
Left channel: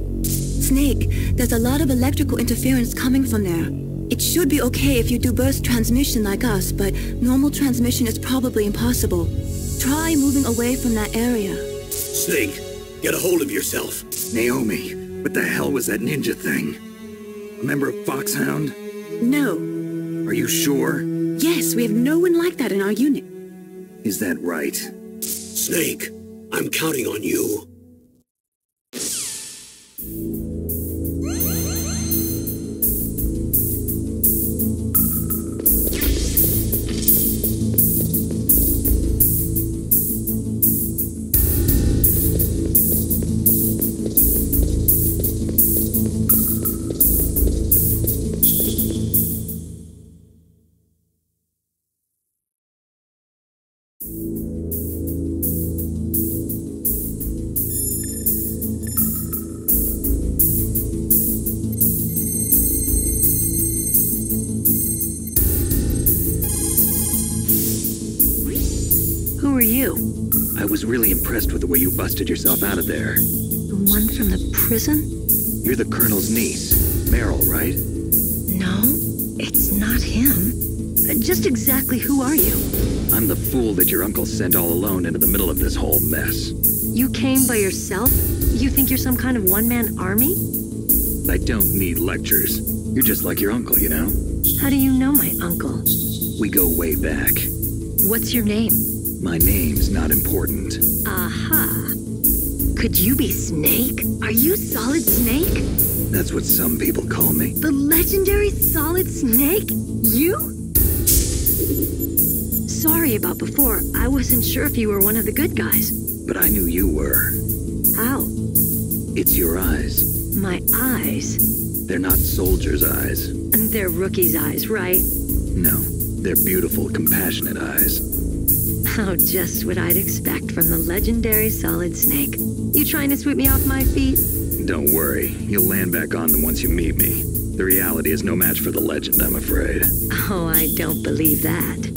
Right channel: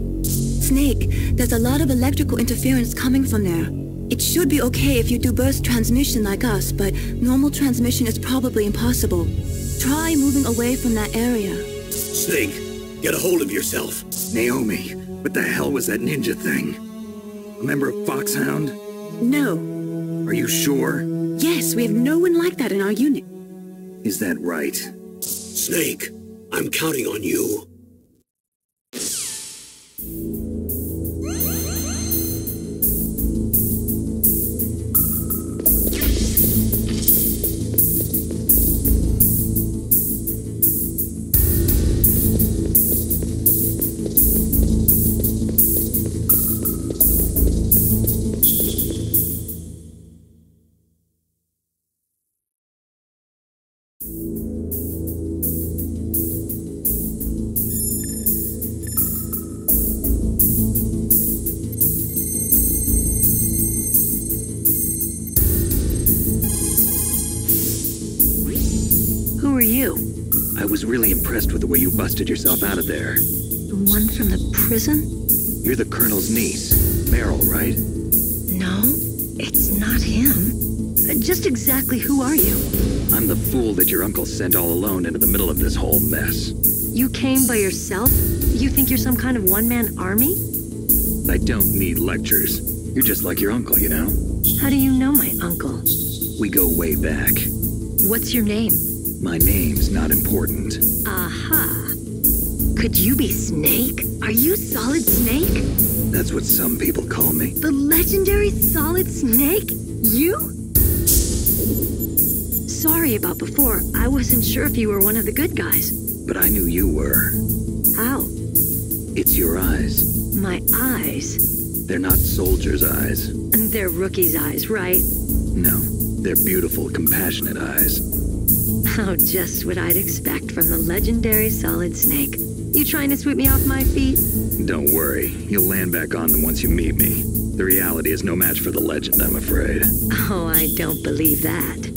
Snake, there's a lot of electrical interference coming from there. It should be okay if you do burst transmission like us, but normal transmission is probably impossible. Try moving away from that area. Snake, get a hold of yourself. Naomi, what the hell was that ninja thing? A member of Foxhound? No. Are you sure? Yes, we have no one like that in our unit. Is that right? Snake, I'm counting on you. Who are you? I was really impressed with the way you busted yourself out of there. The one from the prison? You're the Colonel's niece, Meryl, right? No, it's not him. Just exactly who are you? I'm the fool that your uncle sent all alone into the middle of this whole mess. You came by yourself? You think you're some kind of one-man army? I don't need lectures. You're just like your uncle, you know? How do you know my uncle? We go way back. What's your name? My name's not important. Aha. Could you be Snake? Are you Solid Snake? That's what some people call me. The legendary Solid Snake? You? Sorry about before. I wasn't sure if you were one of the good guys. But I knew you were. How? It's your eyes. My eyes? They're not soldiers' eyes. And they're rookies' eyes, right? No, they're beautiful, compassionate eyes. Oh, just what I'd expect from the legendary Solid Snake. You trying to sweep me off my feet? Don't worry, you'll land back on them once you meet me. The reality is no match for the legend, I'm afraid. Oh, I don't believe that.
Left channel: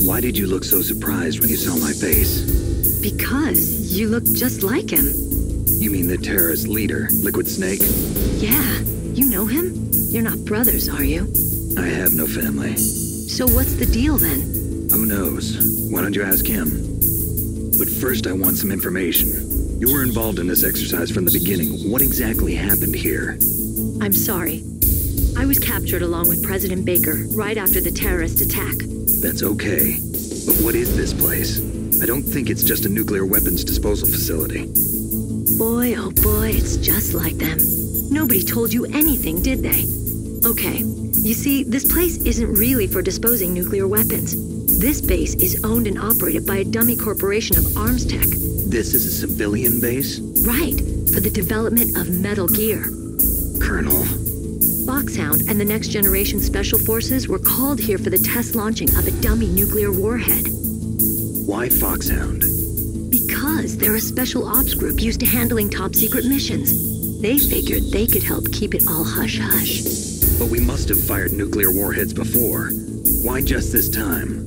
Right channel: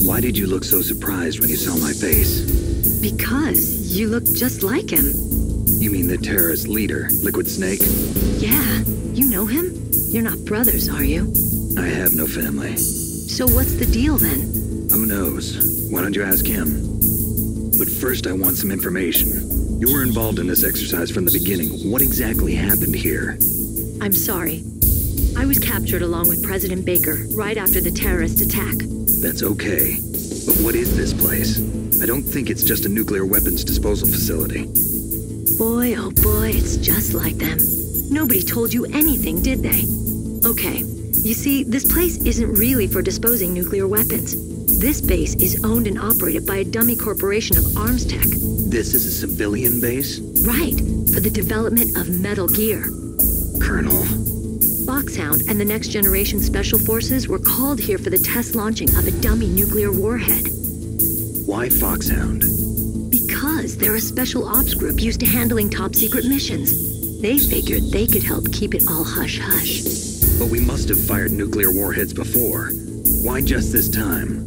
Why did you look so surprised when you saw my face? Because you look just like him. You mean the terrorist leader, Liquid Snake? Yeah, you know him? You're not brothers, are you? I have no family. So what's the deal then? Who knows? Why don't you ask him? But first I want some information. You were involved in this exercise from the beginning. What exactly happened here? I'm sorry. I was captured along with President Baker right after the terrorist attack. That's okay. But what is this place? I don't think it's just a nuclear weapons disposal facility. Boy, oh boy, it's just like them. Nobody told you anything, did they? Okay, you see, this place isn't really for disposing nuclear weapons. This base is owned and operated by a dummy corporation of arms tech. This is a civilian base? Right, for the development of Metal Gear. Colonel. Foxhound and the Next Generation Special Forces were called here for the test launching of a dummy nuclear warhead. Why Foxhound? Because they're a special ops group used to handling top-secret missions. They figured they could help keep it all hush-hush. But we must have fired nuclear warheads before. Why just this time?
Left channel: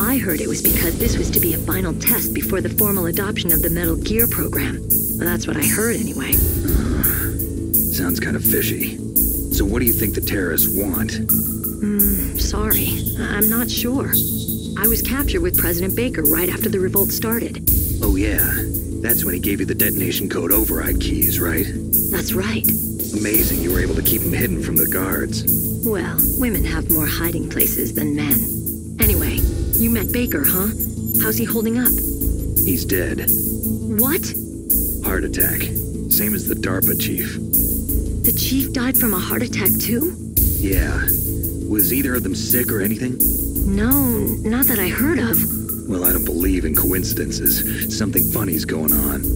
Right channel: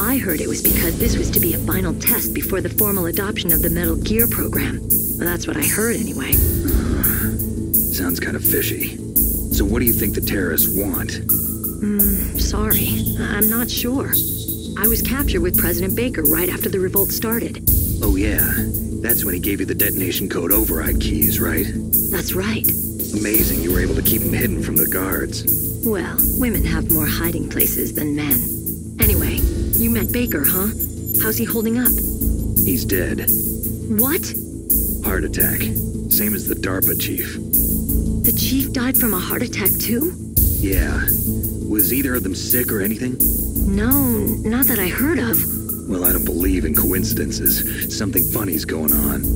I heard it was because this was to be a final test before the formal adoption of the Metal Gear program. Well, that's what I heard anyway. Sounds kind of fishy. So what do you think the terrorists want? Sorry. I'm not sure. I was captured with President Baker right after the revolt started. Oh yeah, that's when he gave you the detonation code override keys, right? That's right. Amazing you were able to keep him hidden from the guards. Well, women have more hiding places than men. Anyway, you met Baker, huh? How's he holding up? He's dead. What? Heart attack. Same as the DARPA chief. The chief died from a heart attack too? Yeah. Was either of them sick or anything? No, not that I heard of. Well, I don't believe in coincidences. Something funny's going on.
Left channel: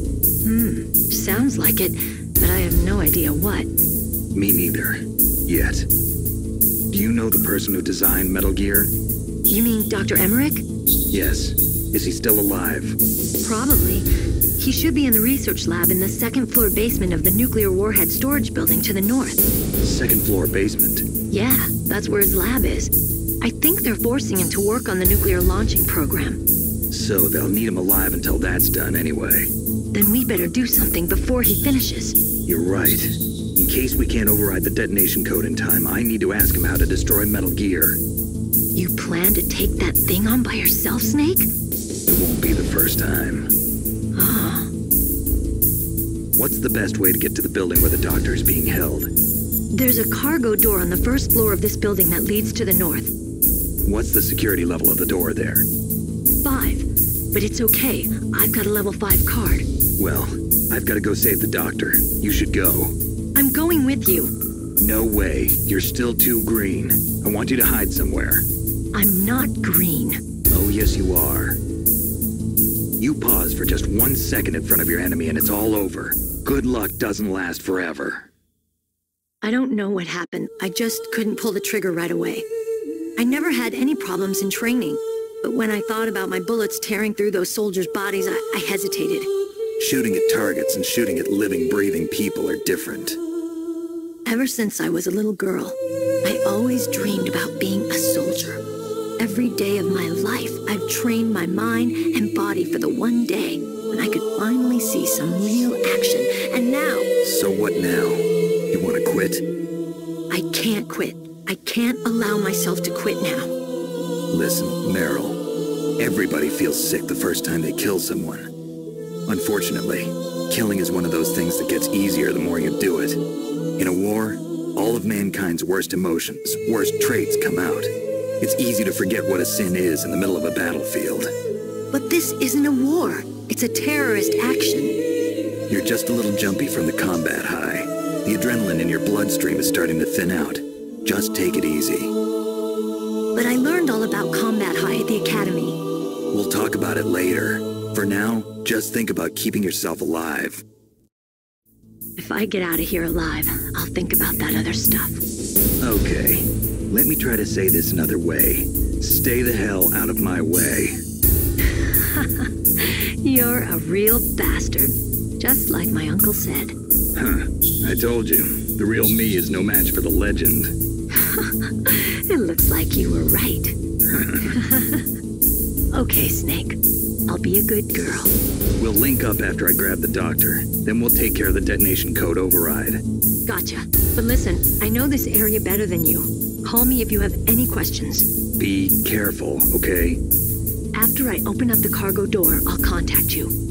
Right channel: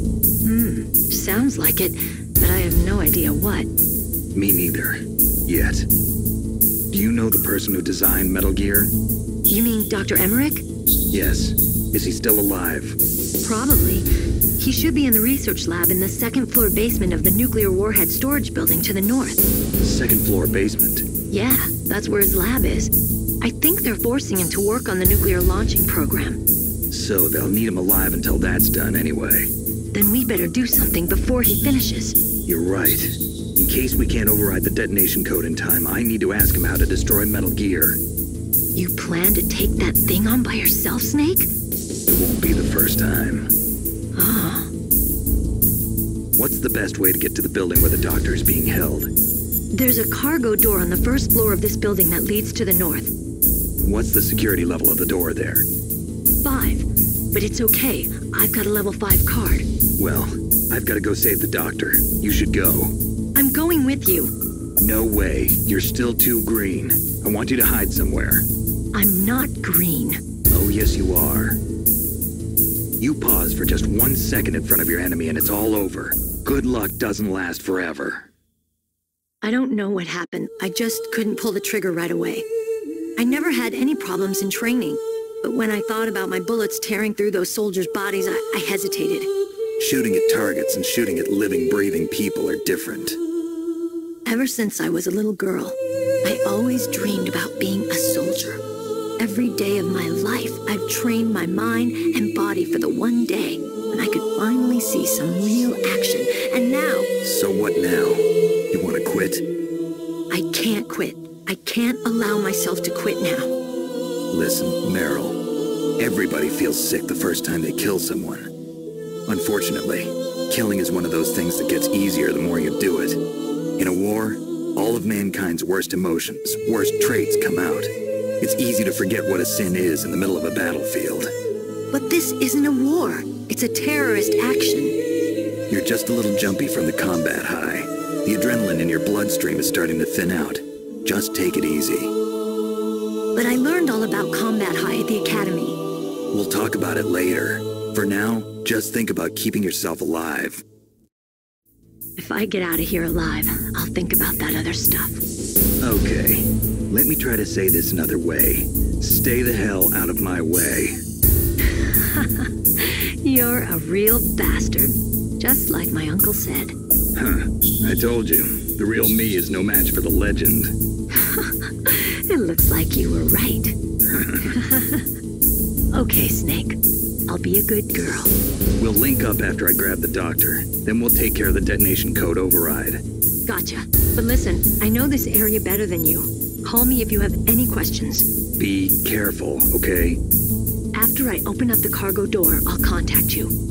Sounds like it, but I have no idea what. Me neither. Yet. Do you know the person who designed Metal Gear? You mean Dr. Emmerich? Yes. Is he still alive? Probably. He should be in the research lab in the second-floor basement of the nuclear warhead storage building to the north. Second-floor basement? Yeah, that's where his lab is. I think they're forcing him to work on the nuclear launching program. So they'll need him alive until that's done anyway. Then we better do something before he finishes. You're right. In case we can't override the detonation code in time, I need to ask him how to destroy Metal Gear. You plan to take that thing on by yourself, Snake? It won't be the first time. What's the best way to get to the building where the doctor is being held? There's a cargo door on the first floor of this building that leads to the north. What's the security level of the door there? 5. But it's okay. I've got a level 5 card. Well, I've got to go save the doctor. You should go. I'm going with you. No way. You're still too green. I want you to hide somewhere. I'm not green. Oh, yes, you are. You pause for just 1 second in front of your enemy and it's all over. Good luck doesn't last forever. I don't know what happened. I just couldn't pull the trigger right away. I never had any problems in training, but when I thought about my bullets tearing through those soldiers' bodies, I hesitated. Shooting at targets and shooting at living, breathing people are different. Ever since I was a little girl, I always dreamed about being a soldier. Every day of my life, I've trained my mind and body for the one day when I could finally see some real action, and now... So what now? You want to quit? I can't quit. I can't allow myself to quit now. Listen, Meryl, everybody feels sick the first time they kill someone. Unfortunately, killing is one of those things that gets easier the more you do it. In a war, all of mankind's worst emotions, worst traits come out. It's easy to forget what a sin is in the middle of a battlefield. But this isn't a war. It's a terrorist action. You're just a little jumpy from the combat high. The adrenaline in your bloodstream is starting to thin out. Just take it easy. But I learned all about combat high at the academy. We'll talk about it later. For now, just think about keeping yourself alive. If I get out of here alive, I'll think about that other stuff. Okay. Let me try to say this another way. Stay the hell out of my way. You're a real bastard. Just like my uncle said. Huh. I told you. The real me is no match for the legend. It looks like you were right. Okay, Snake. I'll be a good girl. We'll link up after I grab the doctor. Then we'll take care of the detonation code override. Gotcha. But listen, I know this area better than you. Call me if you have any questions. Be careful, okay? After I open up the cargo door, I'll contact you.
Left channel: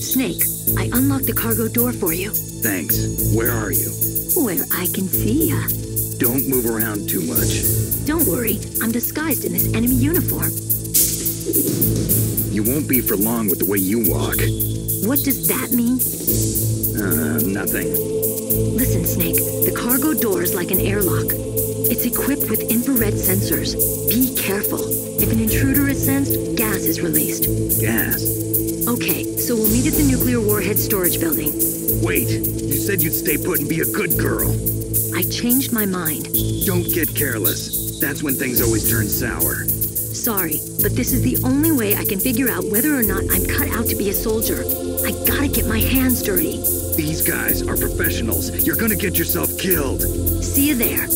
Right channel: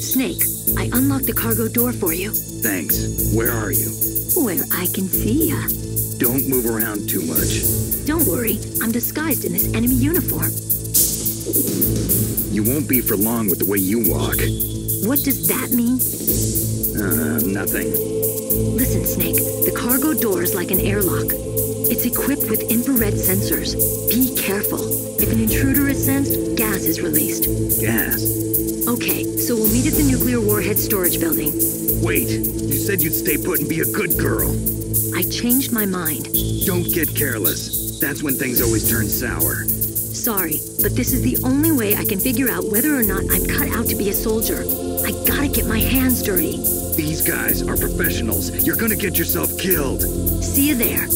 Snake, I unlocked the cargo door for you. Thanks. Where are you? Where I can see ya. Don't move around too much. Don't worry, I'm disguised in this enemy uniform. You won't be for long with the way you walk. What does that mean? Nothing. Listen, Snake, the cargo door is like an airlock. It's equipped with infrared sensors. Be careful. If an intruder is sensed, gas is released. Gas? Okay, so we'll meet at the nuclear warhead storage building. Wait, you said you'd stay put and be a good girl. I changed my mind. Don't get careless. That's when things always turn sour. Sorry, but this is the only way I can figure out whether or not I'm cut out to be a soldier. I gotta get my hands dirty. These guys are professionals. You're gonna get yourself killed. See you there.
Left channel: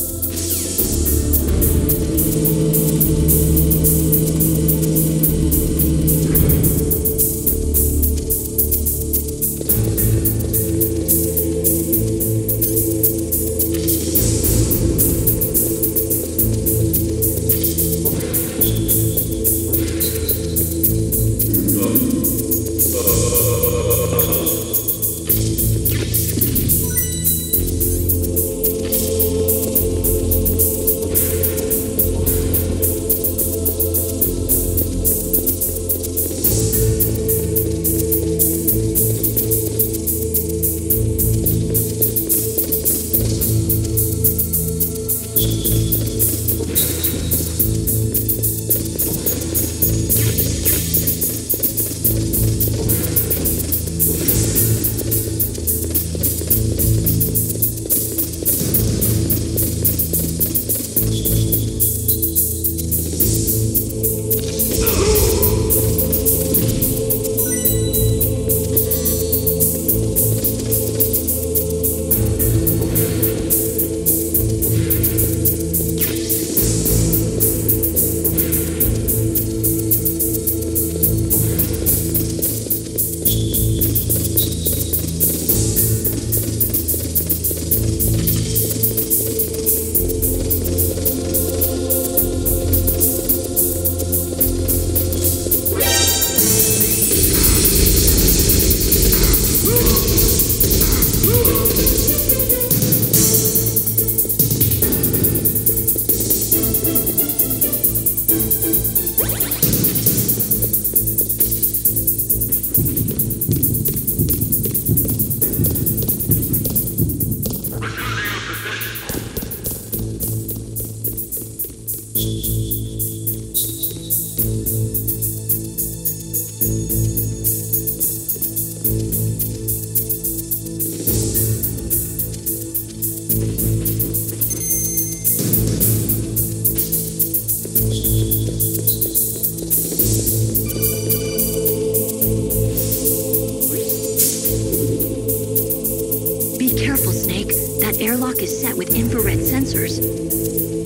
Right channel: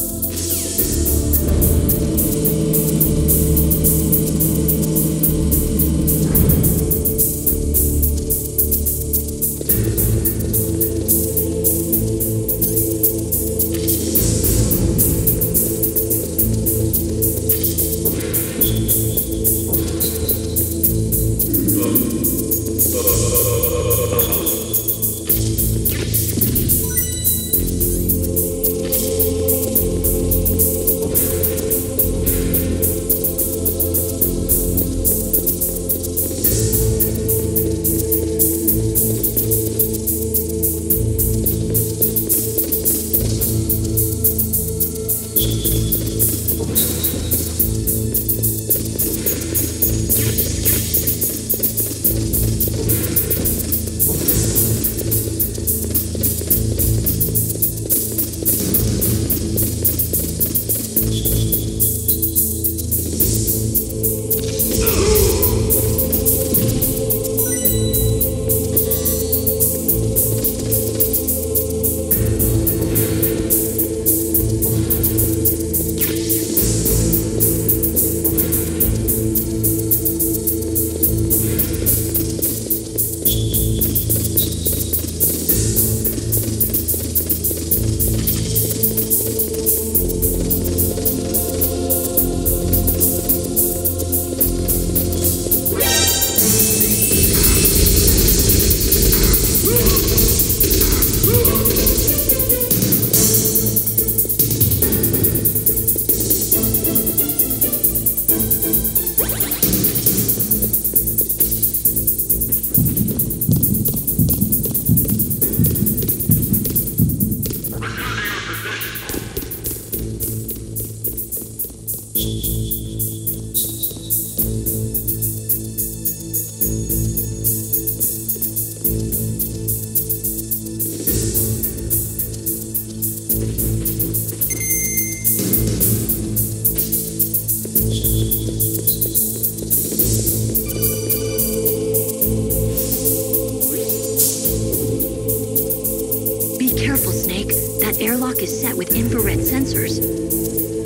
network is set with infrared sensors.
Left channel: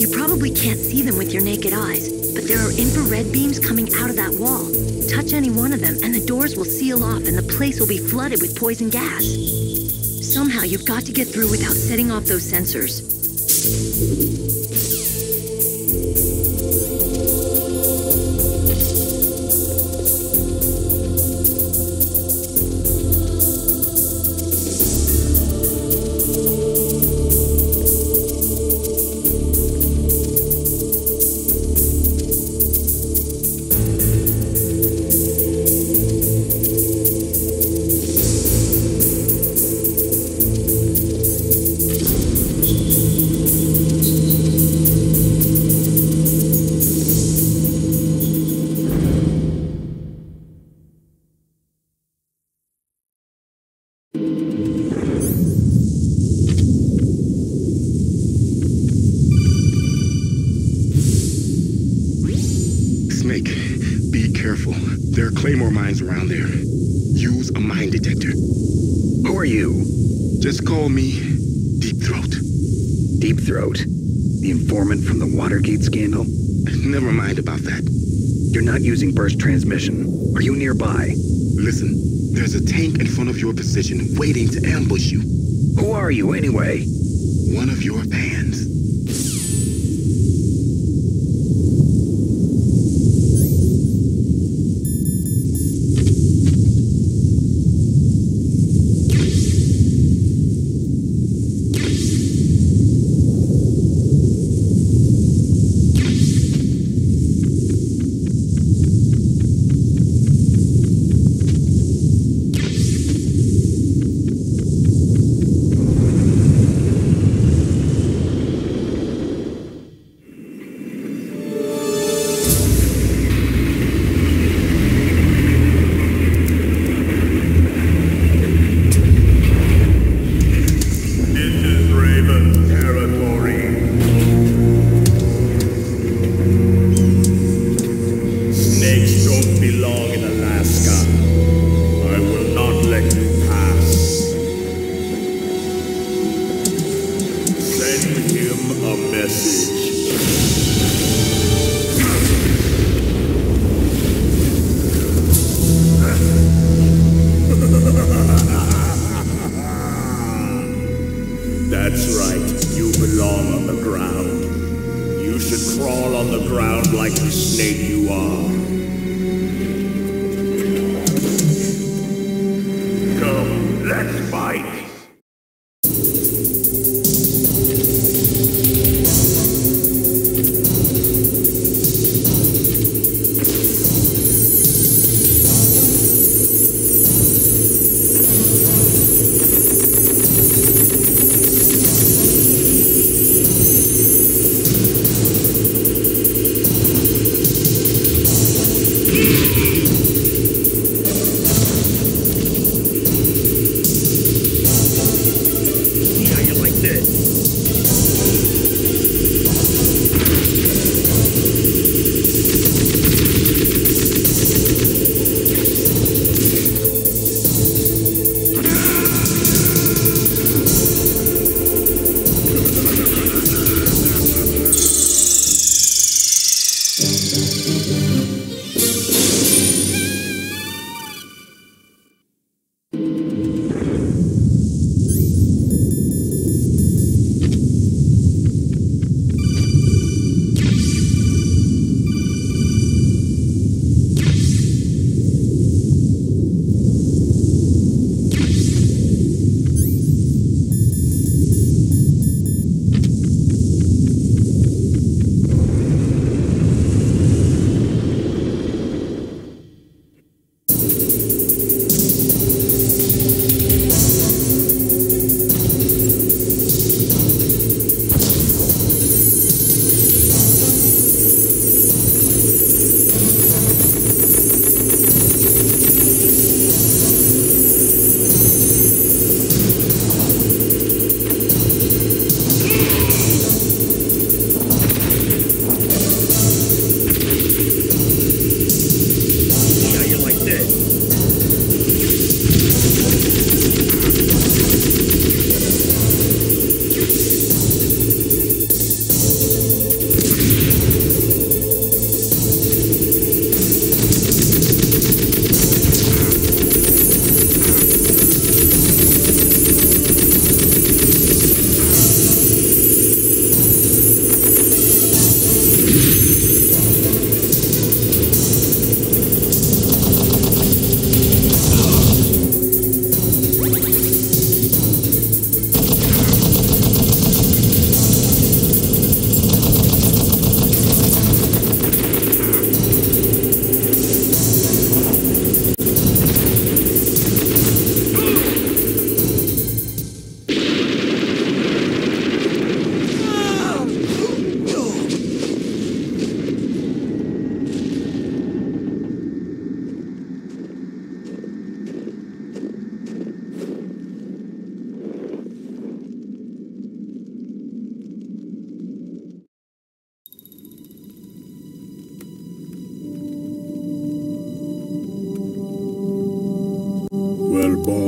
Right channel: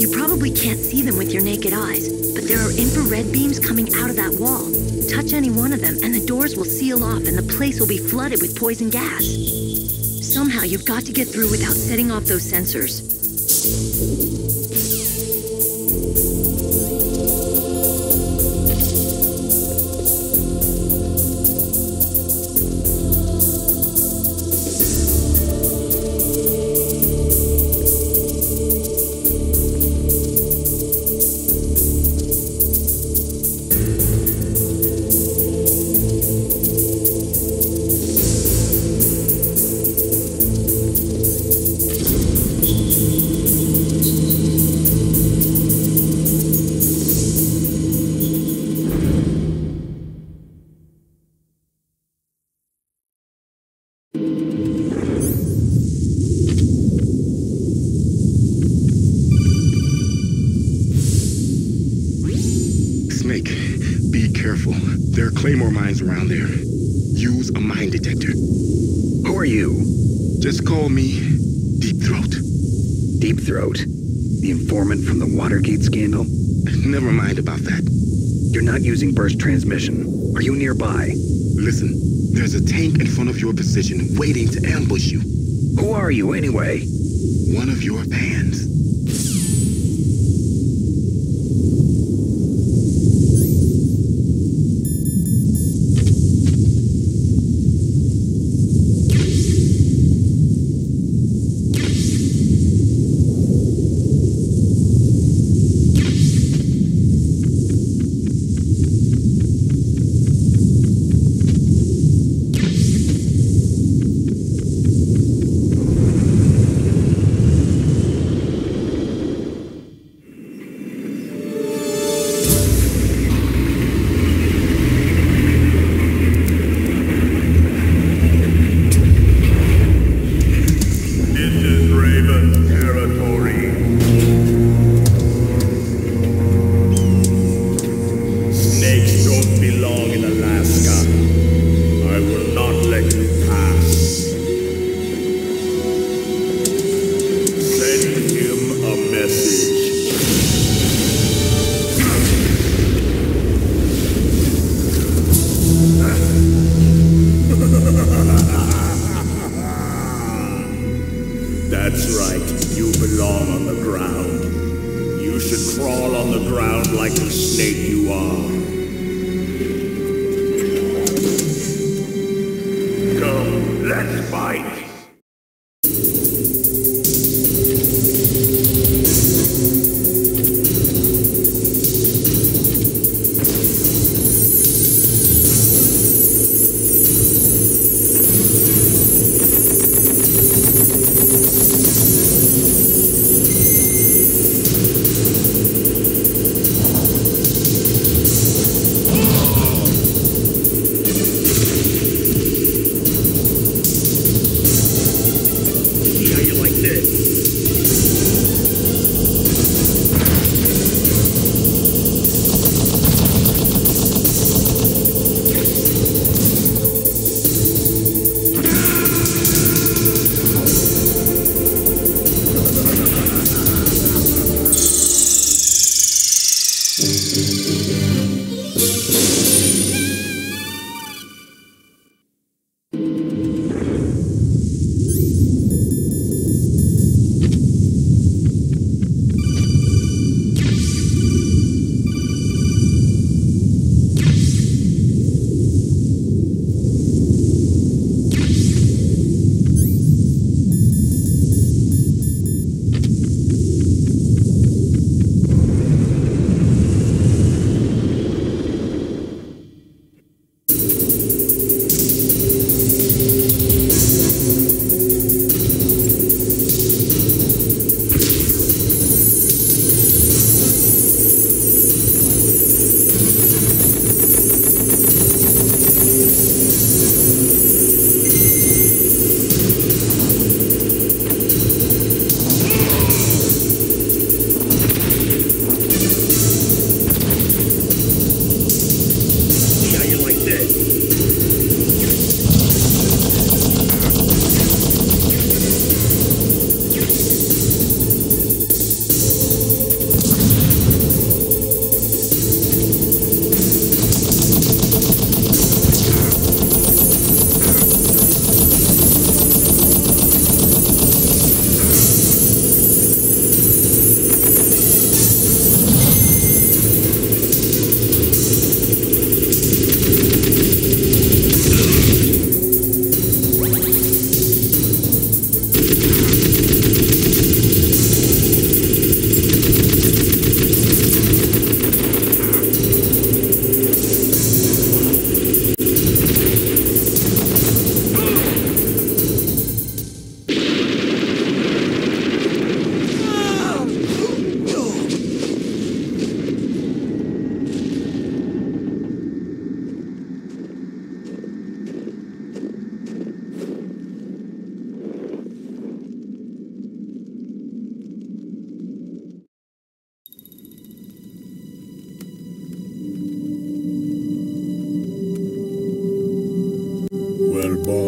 You probably can't see them with your naked eyes, but there are infrared beams coming out of that wall. Touch any one of them and the doors will seal off and the place will be flooded with poison gas. Somehow you've got to get through without setting off those sensors. Snake, be careful. There are claymore mines around there. Use a mine detector. Who are you? Just call me Deep Throat. Deep Throat? The informant from the Watergate scandal? Never mind about that. You're not using burst transmission. Are you nearby? Listen, there's a tank in front of your position waiting to ambush you. Who are you anyway? One of your fans. Snakes don't belong in Alaska. I will not let you pass. Send him a message. That's right. You belong on the ground. You should crawl on the ground like the snake you are. Come, let's fight.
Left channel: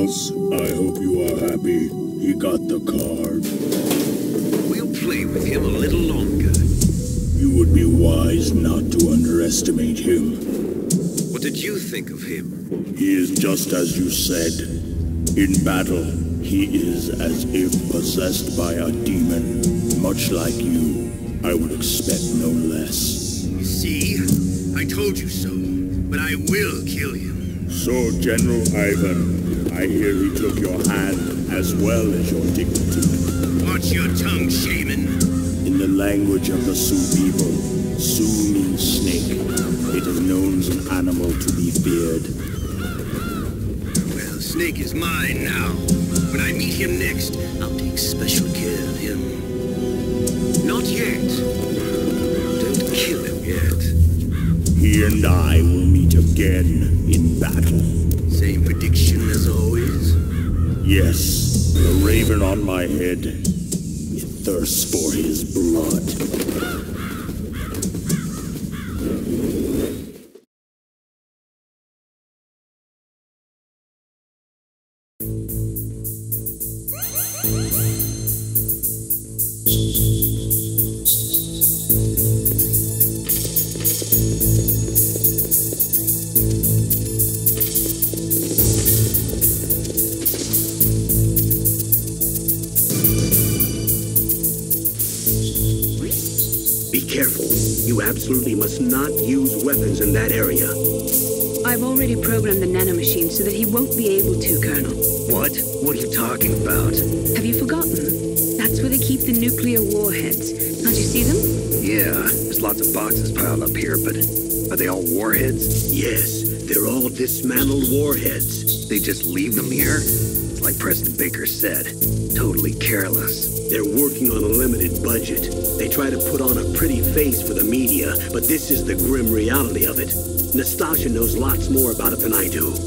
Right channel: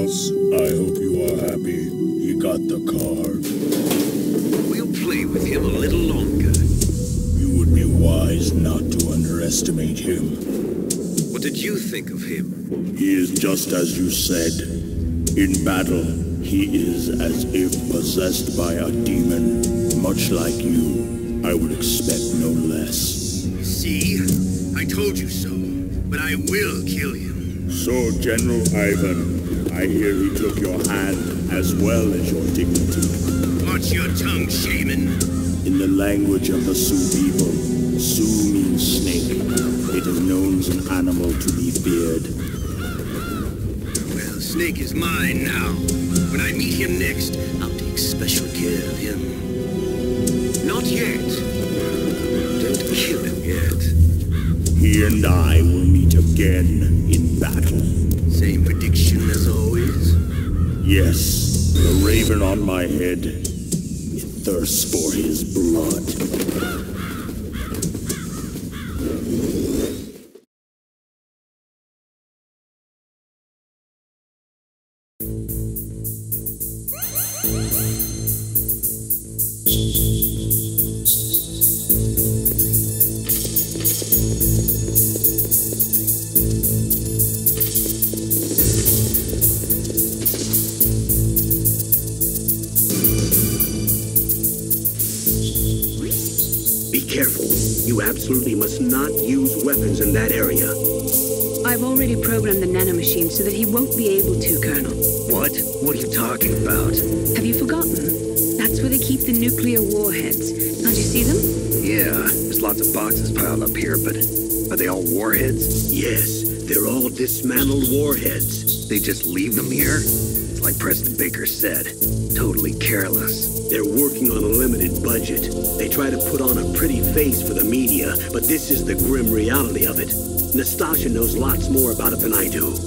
boss. I hope you are happy. He got the card. We'll play with him a little longer. You would be wise not to underestimate him. What did you think of him? He is just as you said. In battle, he is as if possessed by a demon, much like you. I would expect no less. See? I told you so, but I will kill him. So, General Ivan, I hear he took your hand as well as your dignity. Watch your tongue, shaman. In the language of the Sioux people, Sioux means snake. It is known as an animal to be feared. Well, Snake is mine now. When I meet him next, I'll take special care of him. Not yet. Don't kill him yet. He and I will meet again in battle. Same prediction as always? Yes, the raven on my head. It thirsts for his blood. Be careful. You absolutely must not use weapons in that area. I've already programmed the nanomachine so that he won't be able to, Colonel. What? What are you talking about? Have you forgotten? That's where they keep the nuclear warheads. Can't you see them? Yeah, there's lots of boxes piled up here, but are they all warheads? Yes, they're all dismantled warheads. They just leave them here? It's like President Baker said. Totally careless. They're working on a limited budget. They try to put on a pretty face for the media, but this is the grim reality of it. Nastasha knows lots more about it than I do.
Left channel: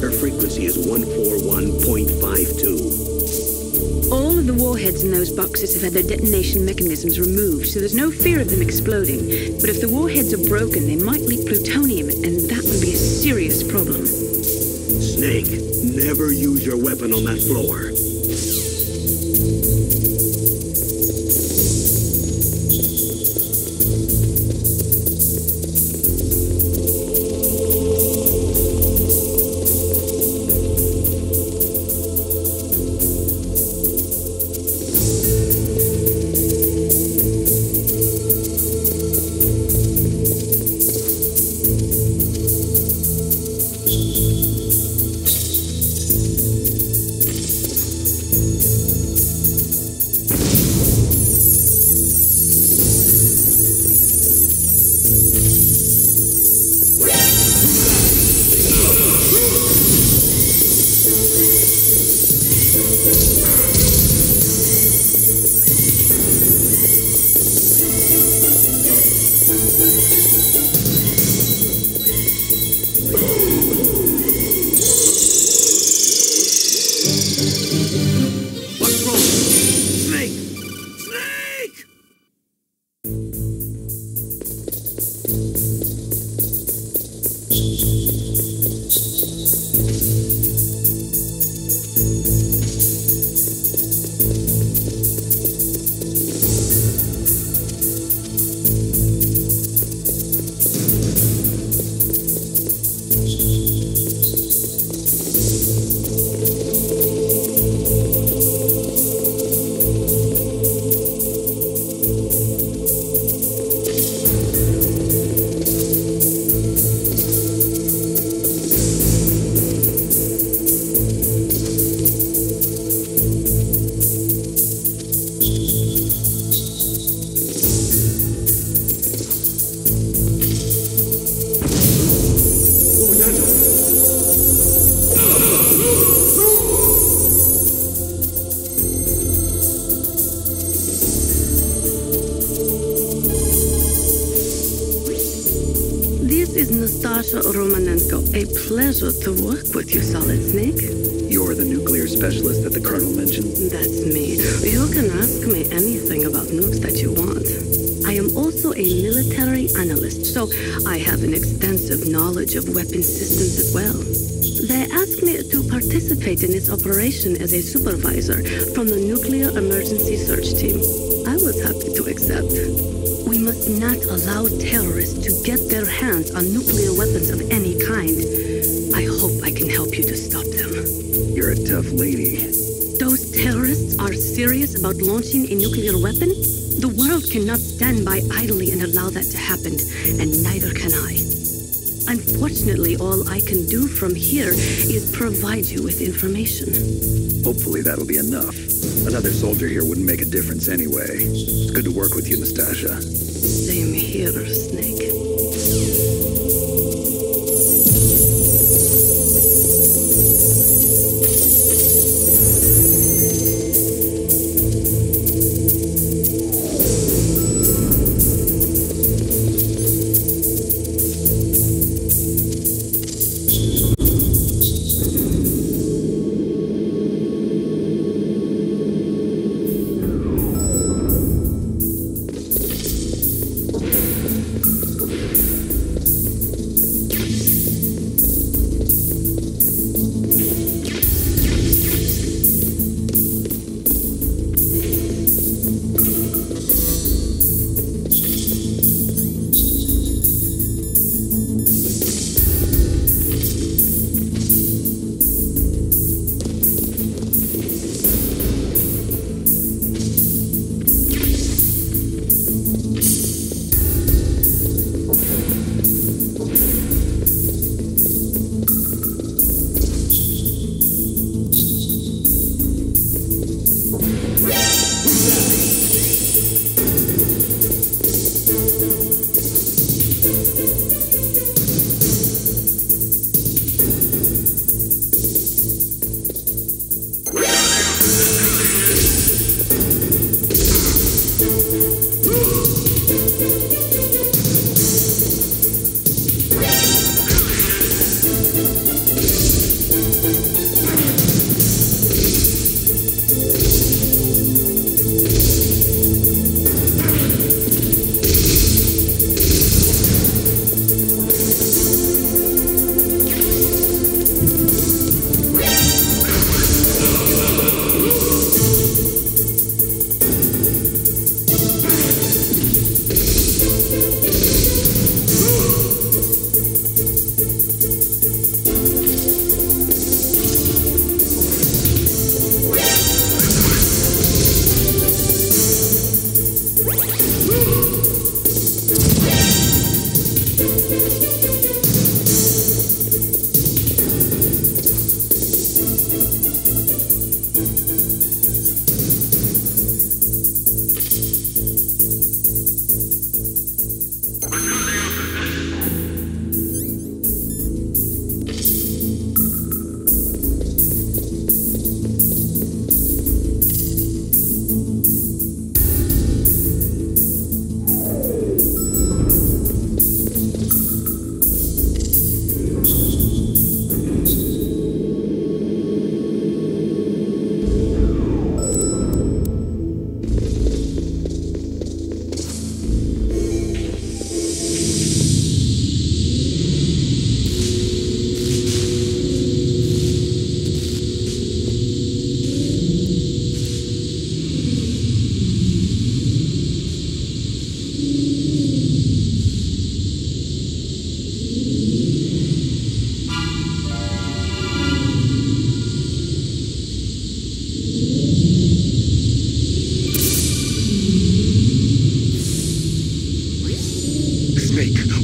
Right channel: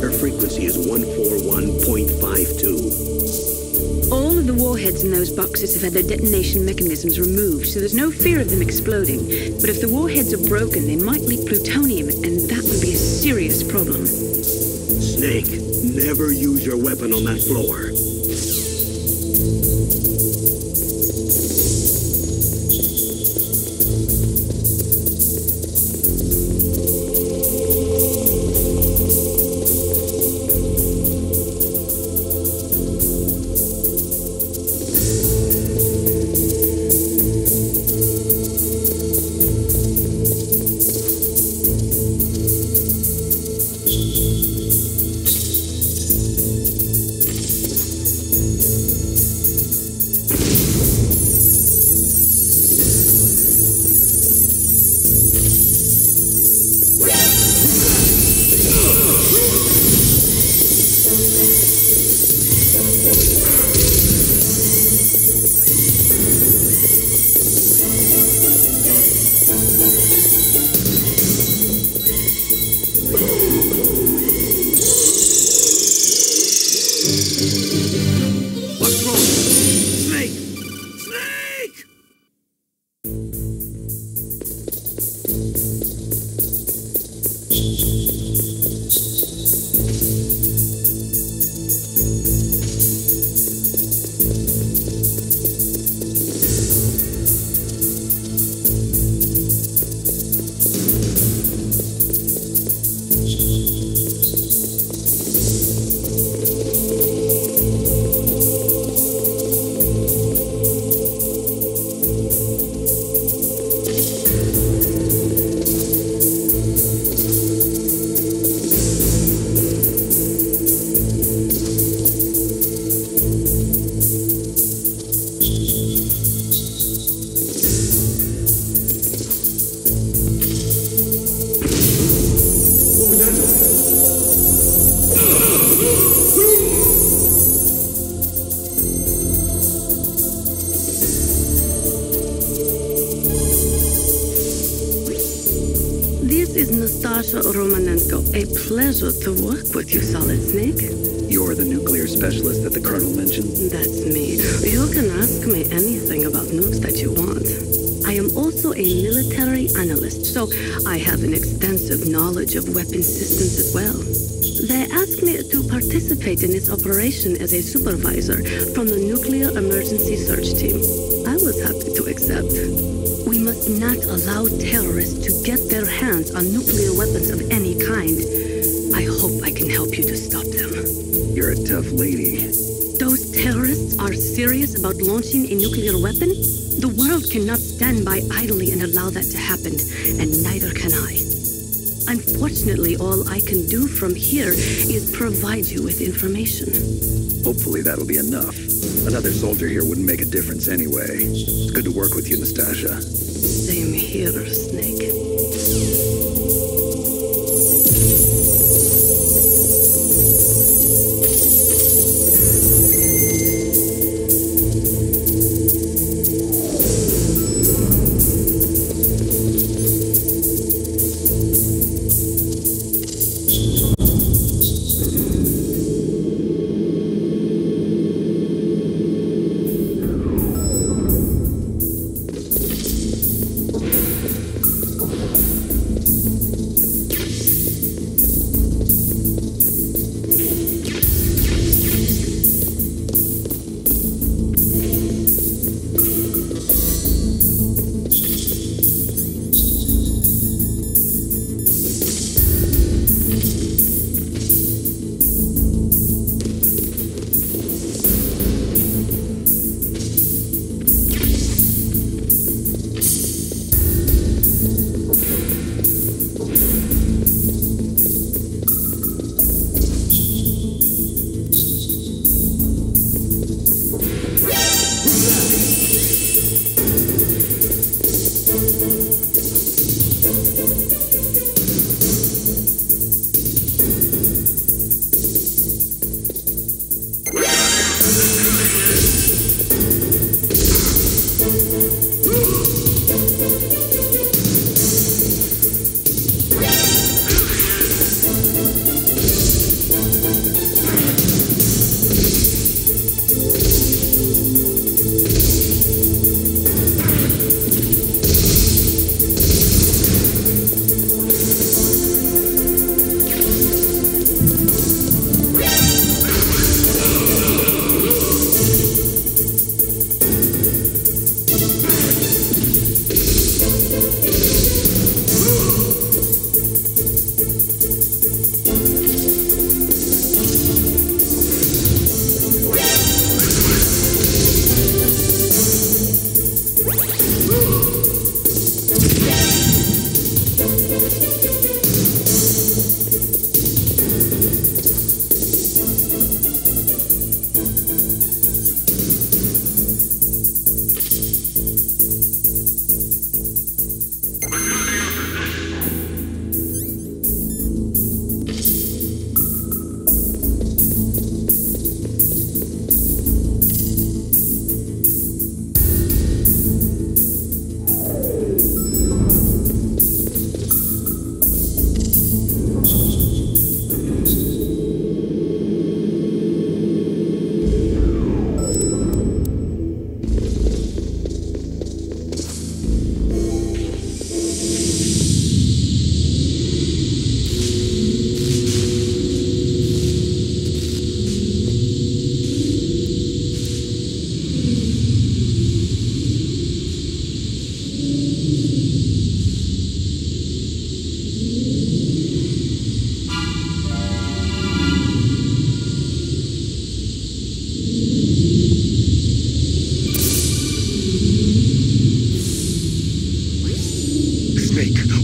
Her frequency is 141.52. All of the warheads in those boxes have had their detonation mechanisms removed, so there's no fear of them exploding. But if the warheads are broken, they might leak plutonium, and that would be a serious problem. Snake, never use your weapon on that floor. What's wrong? Snake! Snake! This is Nastasha Romanenko. A pleasure to work with you, Solid Snake. You're the nuclear specialist that the Colonel mentioned? That's me. You can ask me anything about nukes that you want. I am also a military analyst, so I have an extensive knowledge of weapon systems as well. They asked me to participate in this operation as a supervisor from the Nuclear Emergency Search Team. I was happy to accept. We must not allow terrorists to get their hands on nuclear weapons of any kind. I hope I can help you to stop them. You're a tough lady. Those terrorists are serious about launching a nuclear weapon? The world cannot stand by idly and allow that to happen, and neither can I. Unfortunately, all I can do from here is provide you with information. Hopefully that'll be enough. Another soldier here wouldn't make a difference anyway. It's good to work with you, Nastasha. Same here, Snake.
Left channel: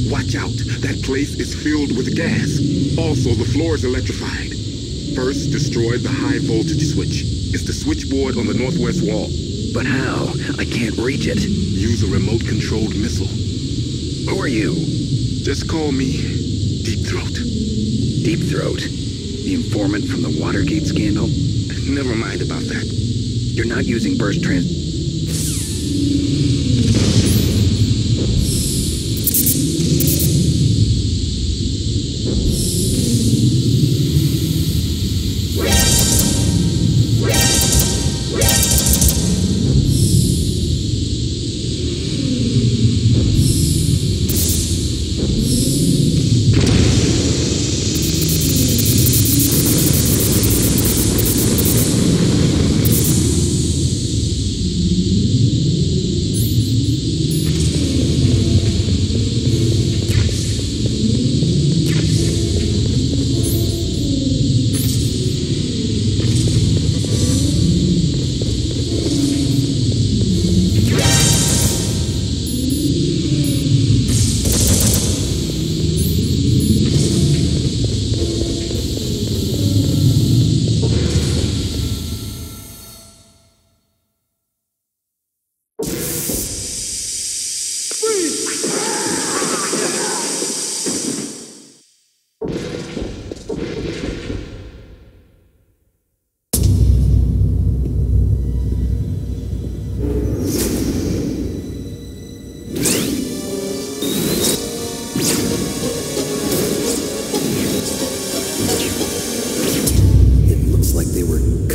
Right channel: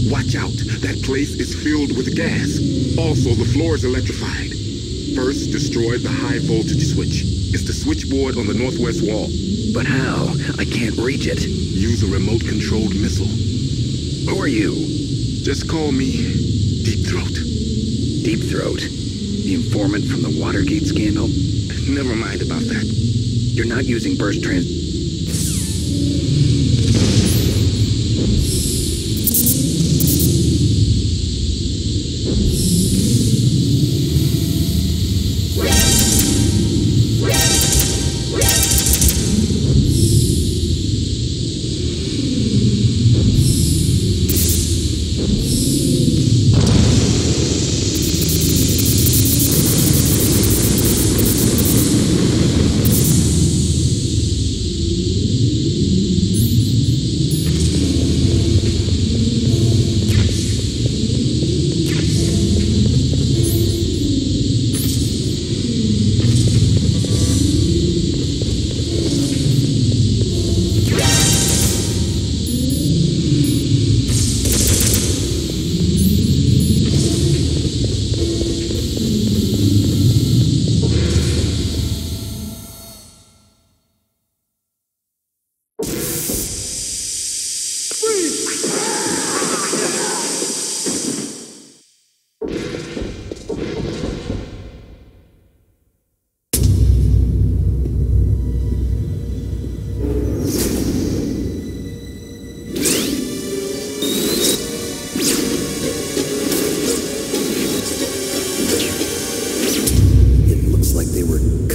Watch out. That place is filled with gas. Also, the floor is electrified. First, destroy the high voltage switch. It's the switchboard on the northwest wall. But how? I can't reach it. Use a remote-controlled missile. Who are you? Just call me Deep Throat. Deep Throat? The informant from the Watergate scandal? Never mind about that. You're not using burst trans...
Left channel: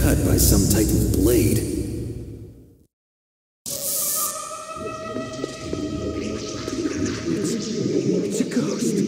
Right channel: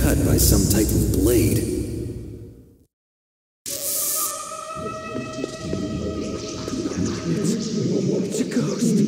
cut by some type of blade. It's a ghost.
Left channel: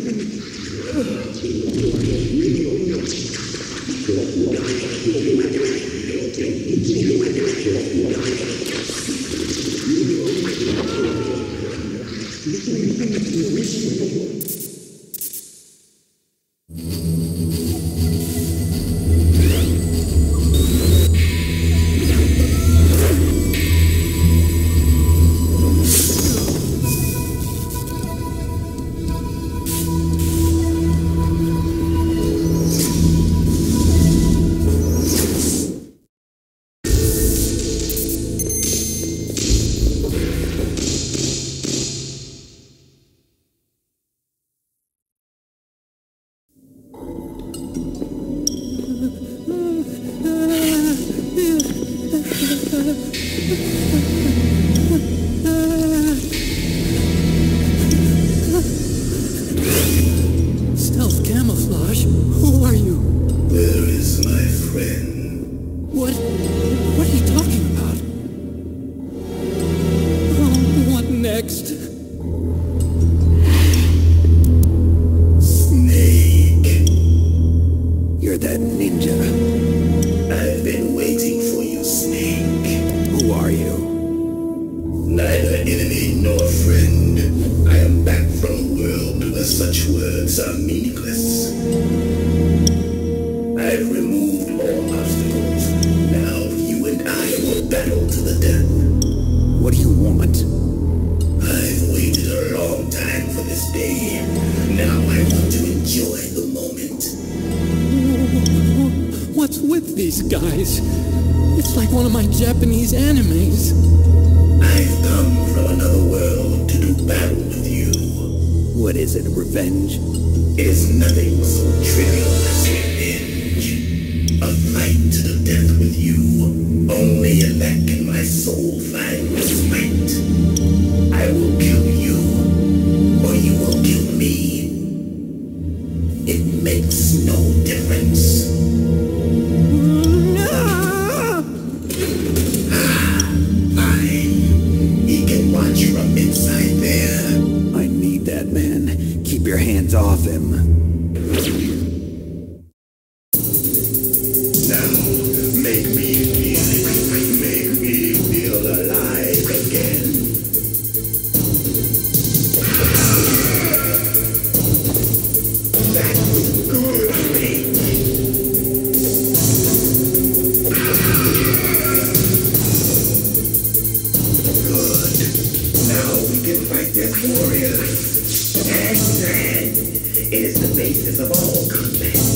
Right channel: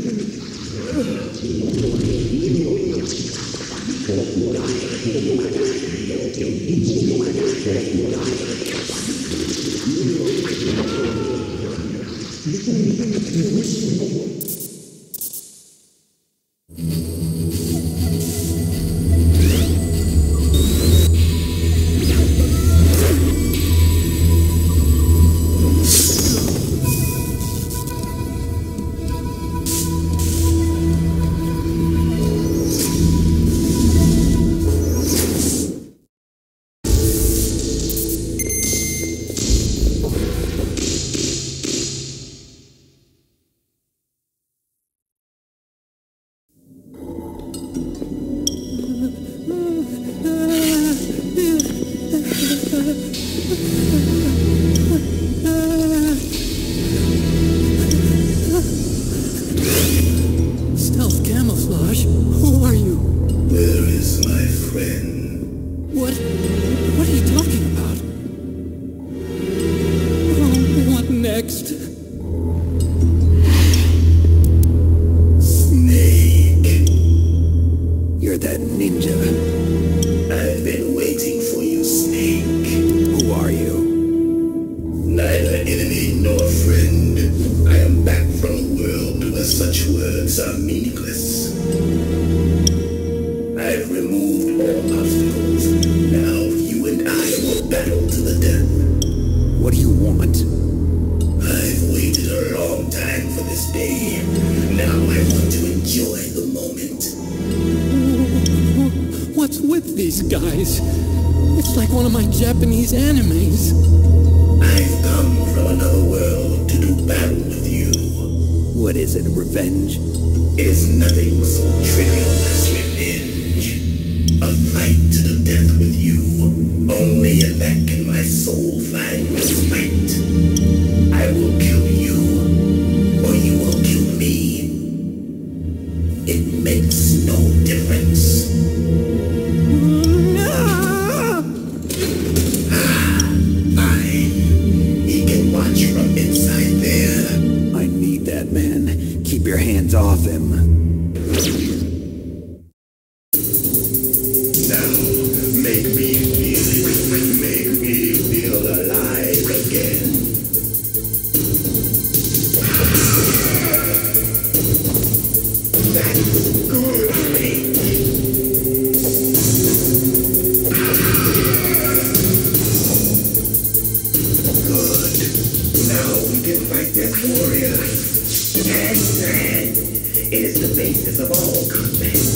Stealth camouflage? Who are you? Where is my friend? What are you talking about? Oh, what next? Snake. You're that ninja. I've been waiting for you, Snake. Who are you? Neither enemy nor friend. I am back from a world where such words are meaningless. I've removed all obstacles. Now you and I will battle to the death. What do you want? I've waited a long time for this day. Now I want to enjoy the moment. What's with these guys? It's like one of my Japanese animes. I've come from another world to do battle with you. What is it, revenge? It is nothing so trivial as revenge. A fight to the death with you. Only in that can my soul find respite. I will kill you, or you will kill me. It makes no difference. Fine. He can watch from inside there. I need that man. Keep your hands off him. Now, make me feel it. Make me feel alive again. That's good, Snake. Good. Now we can fight as warriors. Hand to hand. It is the basis of all combat.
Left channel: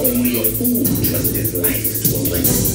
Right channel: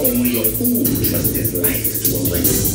Only a fool trusts his life to a weapon.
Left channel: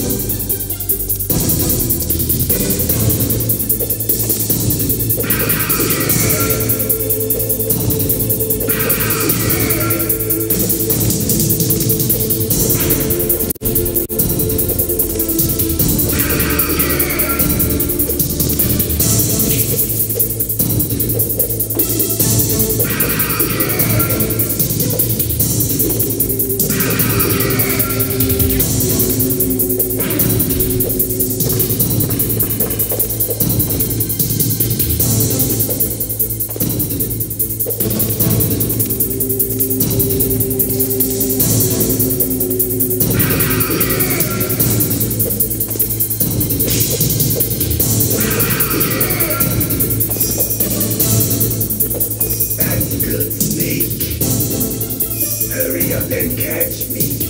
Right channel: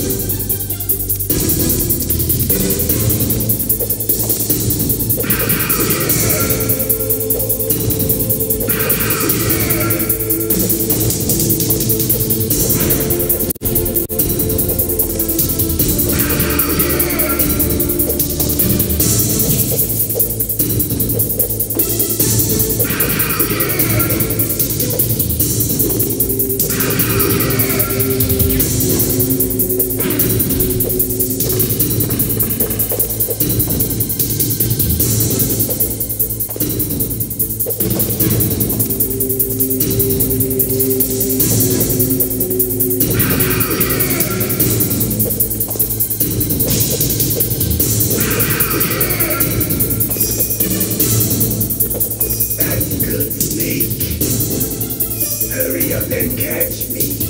And catch me.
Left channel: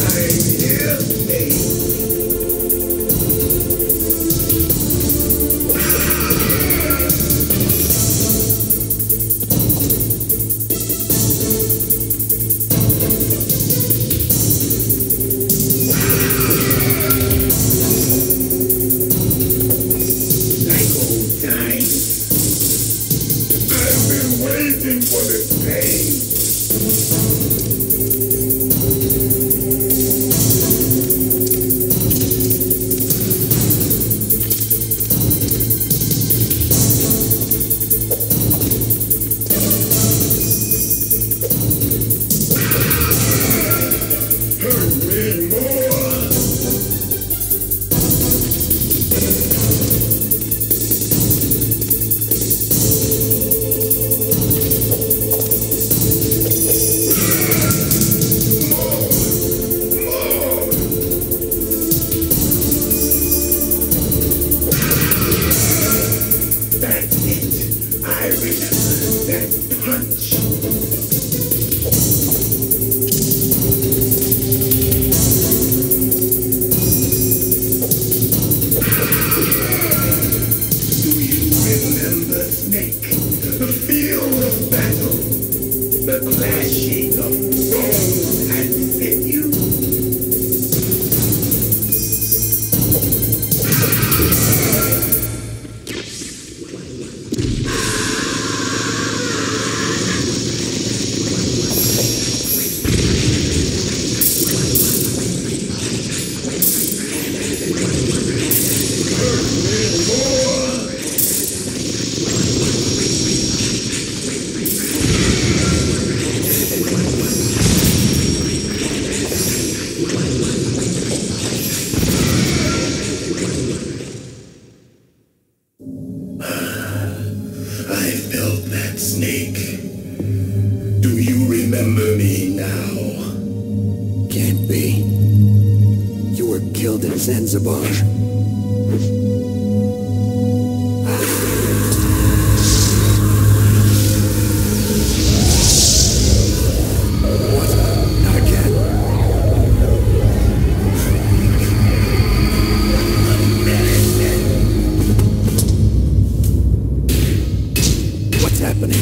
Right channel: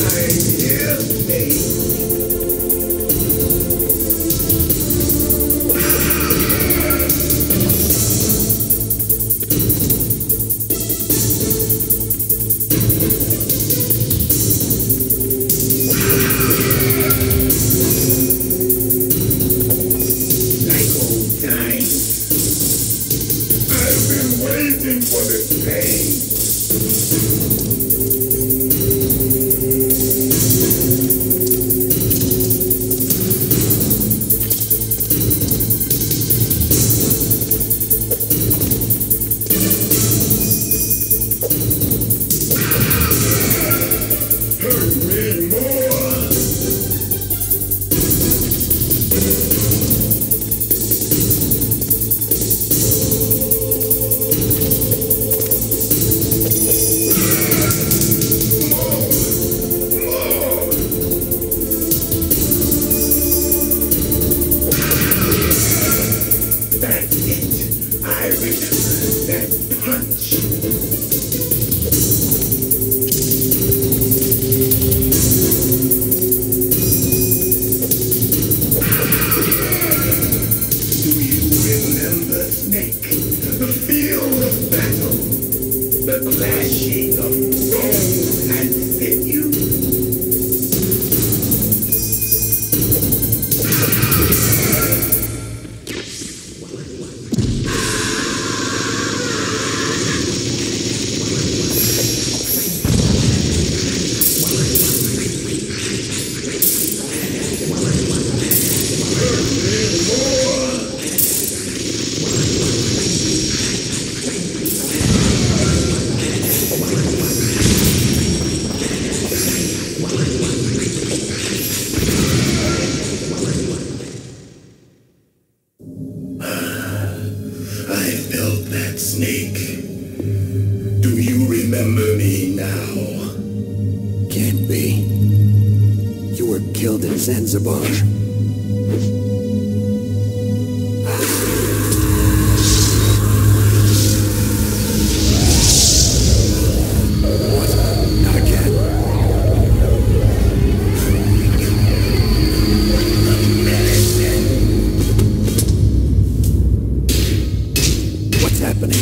I'm here, Snake. Can't be. You were killed in Zanzibar. What? Not again. What's happening?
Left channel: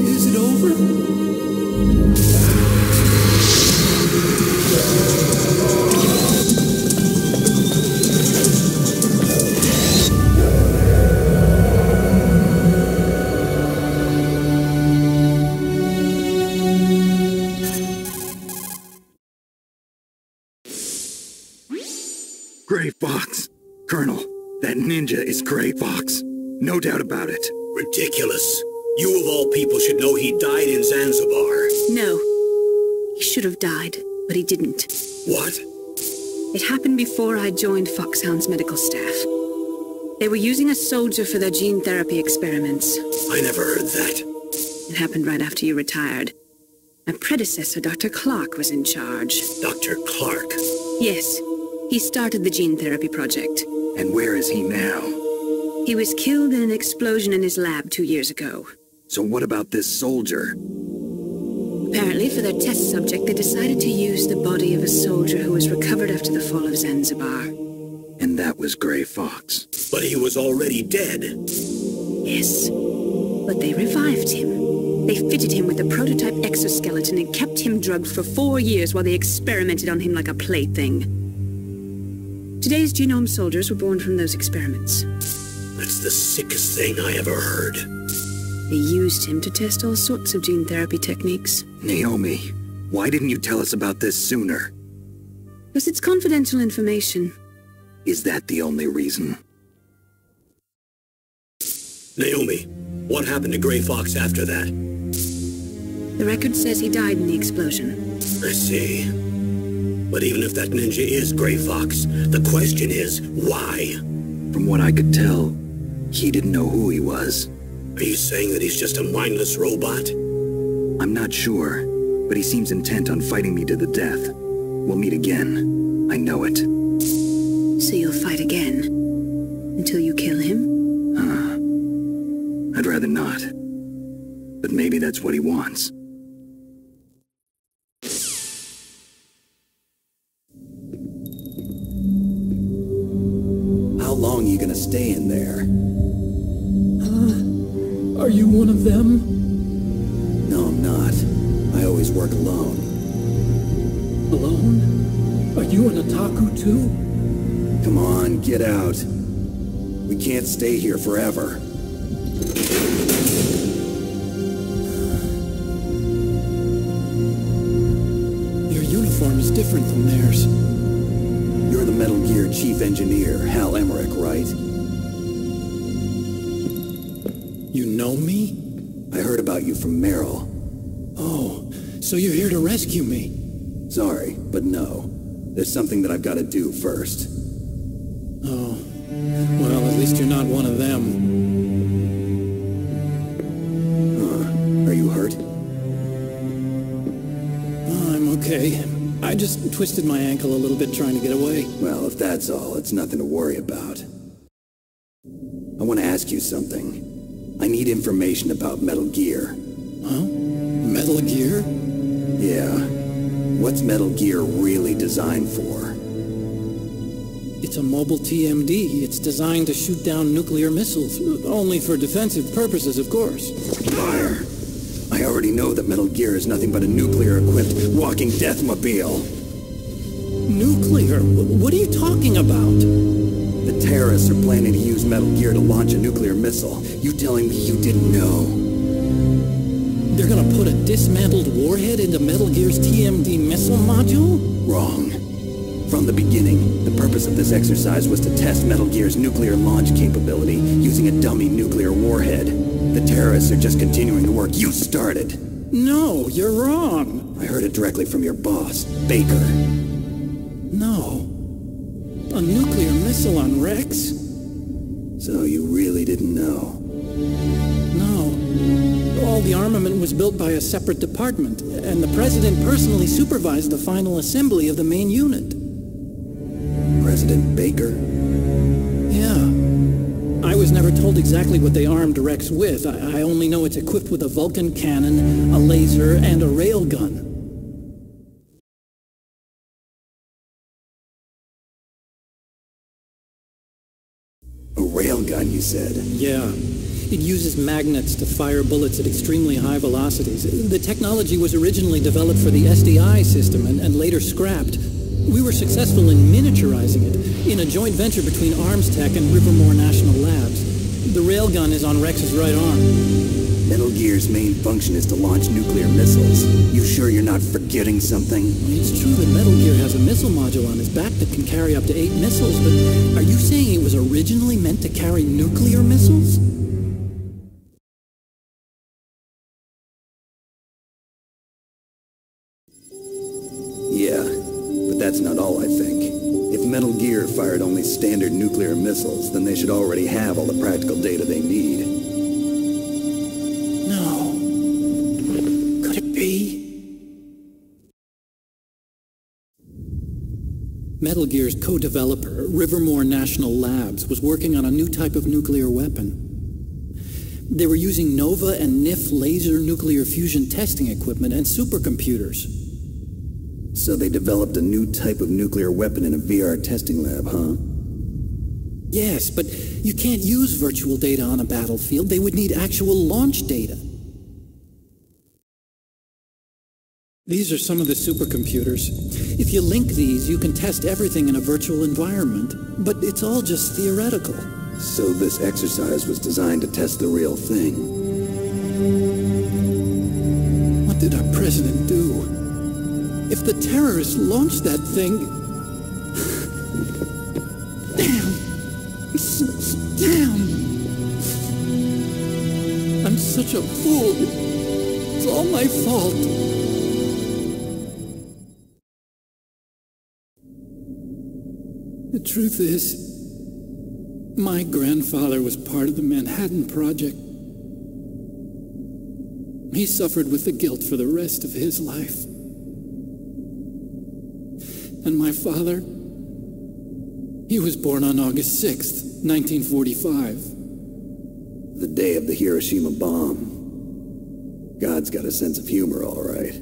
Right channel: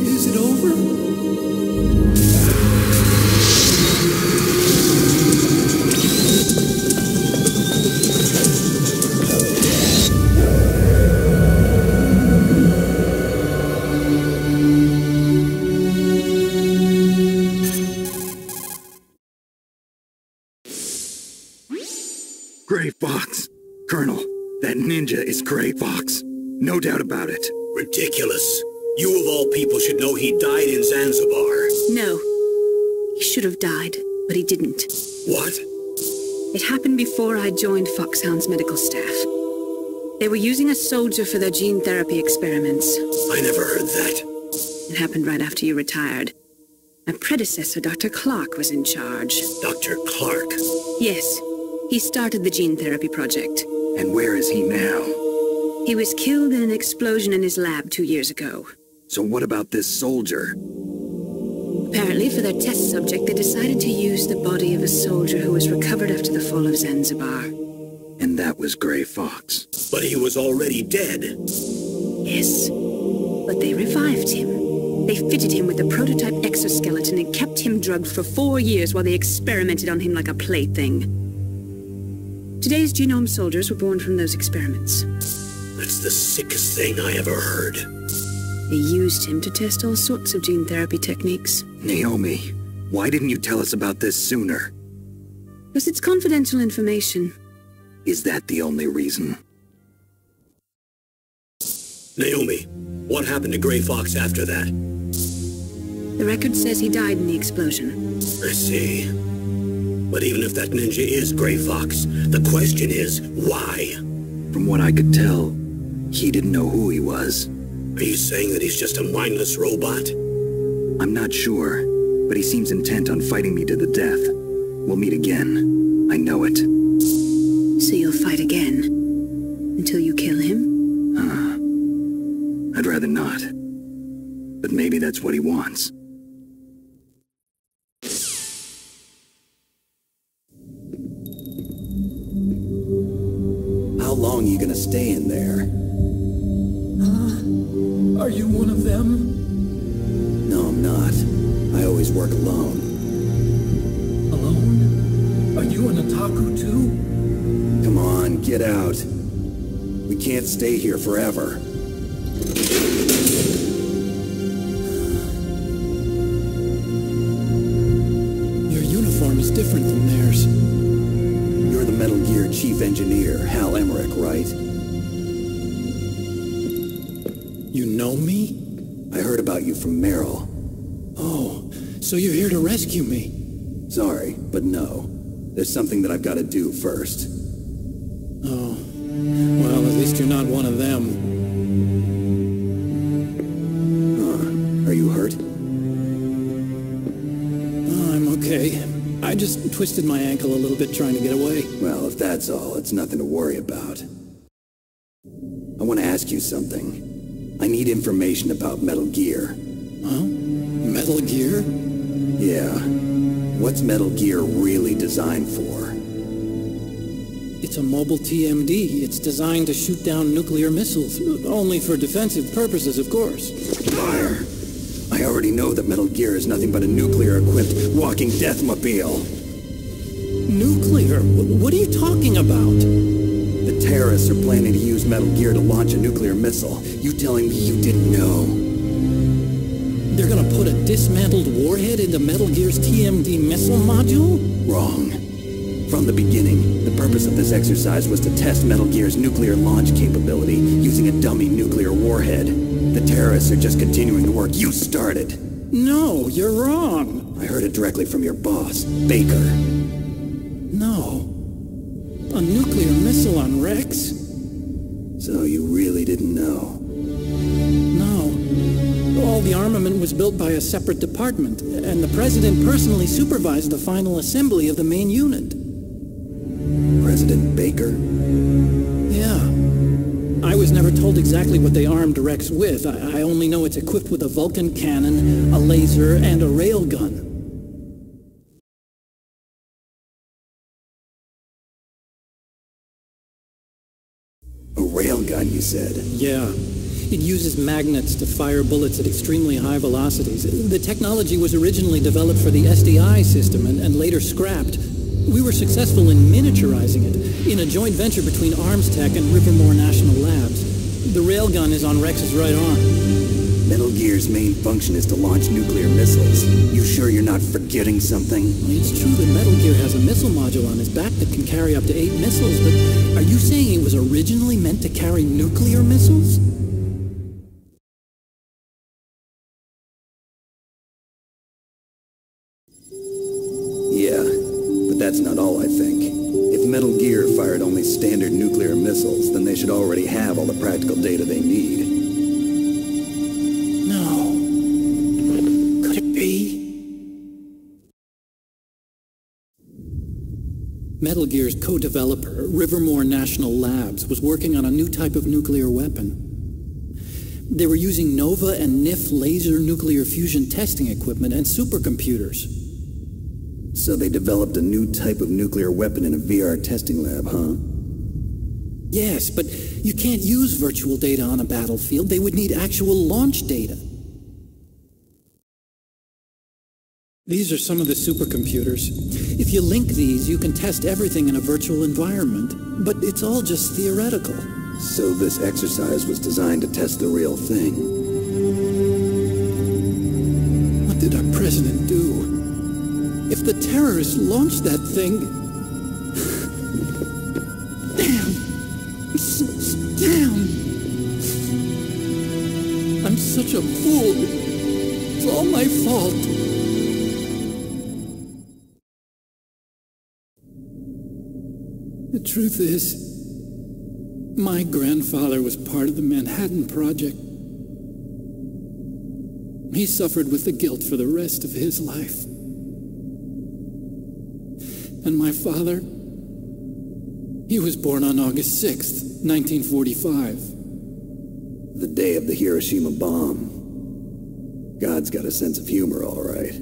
Is it over? Gray Fox. Colonel, that ninja is Gray Fox. No doubt about it. Ridiculous. You of all people should know he died in Zanzibar. No. He should have died, but he didn't. What? It happened before I joined Foxhound's medical staff. They were using a soldier for their gene therapy experiments. I never heard that. It happened right after you retired. My predecessor, Dr. Clark, was in charge. Dr. Clark? Yes. He started the gene therapy project. And where is he now? He was killed in an explosion in his lab 2 years ago. So what about this soldier? Apparently, for their test subject, they decided to use the body of a soldier who was recovered after the fall of Zanzibar. And that was Gray Fox. But he was already dead. Yes. But they revived him. They fitted him with a prototype exoskeleton and kept him drugged for 4 years while they experimented on him like a plaything. Today's genome soldiers were born from those experiments. That's the sickest thing I ever heard. They used him to test all sorts of gene therapy techniques. Naomi, why didn't you tell us about this sooner? Because it's confidential information. Is that the only reason? Naomi, what happened to Gray Fox after that? The record says he died in the explosion. I see. But even if that ninja is Gray Fox, the question is, why? From what I could tell, he didn't know who he was. Are you saying that he's just a mindless robot? I'm not sure, but he seems intent on fighting me to the death. We'll meet again. I know it. So you'll fight again? Until you kill him? I'd rather not. But maybe that's what he wants. How long are you gonna stay in there? Are you one of them? No, I'm not. I always work alone. Alone? Are you an otaku too? Come on, get out. We can't stay here forever. Your uniform is different from theirs. You're the Metal Gear Chief Engineer, Hal Emmerich, right? You know me? I heard about you from Meryl. Oh, so you're here to rescue me? Sorry, but no. There's something that I've got to do first. Oh. Well, at least you're not one of them. Huh. Are you hurt? Oh, I'm okay. I just twisted my ankle a little bit trying to get away. Well, if that's all, it's nothing to worry about. I want to ask you something. I need information about Metal Gear. Huh? Metal Gear? Yeah. What's Metal Gear really designed for? It's a mobile TMD. It's designed to shoot down nuclear missiles. Only for defensive purposes, of course. Liar! I already know that Metal Gear is nothing but a nuclear-equipped walking deathmobile. Nuclear? What are you talking about? The terrorists are planning to use Metal Gear to launch a nuclear missile. You telling me you didn't know? They're gonna put a dismantled warhead into Metal Gear's TMD missile module? Wrong. From the beginning, the purpose of this exercise was to test Metal Gear's nuclear launch capability using a dummy nuclear warhead. The terrorists are just continuing the work you started. No, you're wrong. I heard it directly from your boss, Baker. No. A nuclear missile on Rex? So you really didn't know? No. All the armament was built by a separate department, and the President personally supervised the final assembly of the main unit. President Baker? Yeah. I was never told exactly what they armed Rex with. I only know it's equipped with a Vulcan cannon, a laser, and a railgun. A railgun, you said? Yeah. It uses magnets to fire bullets at extremely high velocities. The technology was originally developed for the SDI system and later scrapped. We were successful in miniaturizing it in a joint venture between Arms Tech and Rivermore National Labs. The railgun is on Rex's right arm. Metal Gear's main function is to launch nuclear missiles. You sure you're not forgetting something? It's true that Metal Gear has a missile module on his back that can carry up to 8 missiles, but are you saying it was originally meant to carry nuclear missiles? Yeah, but that's not all I think. If Metal Gear fired only standard nuclear missiles, then they should already have all the practical data they need. No. Could it be? Metal Gear's co-developer, Rivermore National Labs, was working on a new type of nuclear weapon. They were using NOVA and NIF laser nuclear fusion testing equipment and supercomputers. So they developed a new type of nuclear weapon in a VR testing lab, huh? Yes, but you can't use virtual data on a battlefield. They would need actual launch data. These are some of the supercomputers. If you link these, you can test everything in a virtual environment. But it's all just theoretical. So this exercise was designed to test the real thing. What did our president do? If the terrorists launched that thing... Damn! I'm such a fool. It's all my fault. The truth is, my grandfather was part of the Manhattan Project. He suffered with the guilt for the rest of his life. And my father, he was born on August 6th, 1945. The day of the Hiroshima bomb. God's got a sense of humor, all right.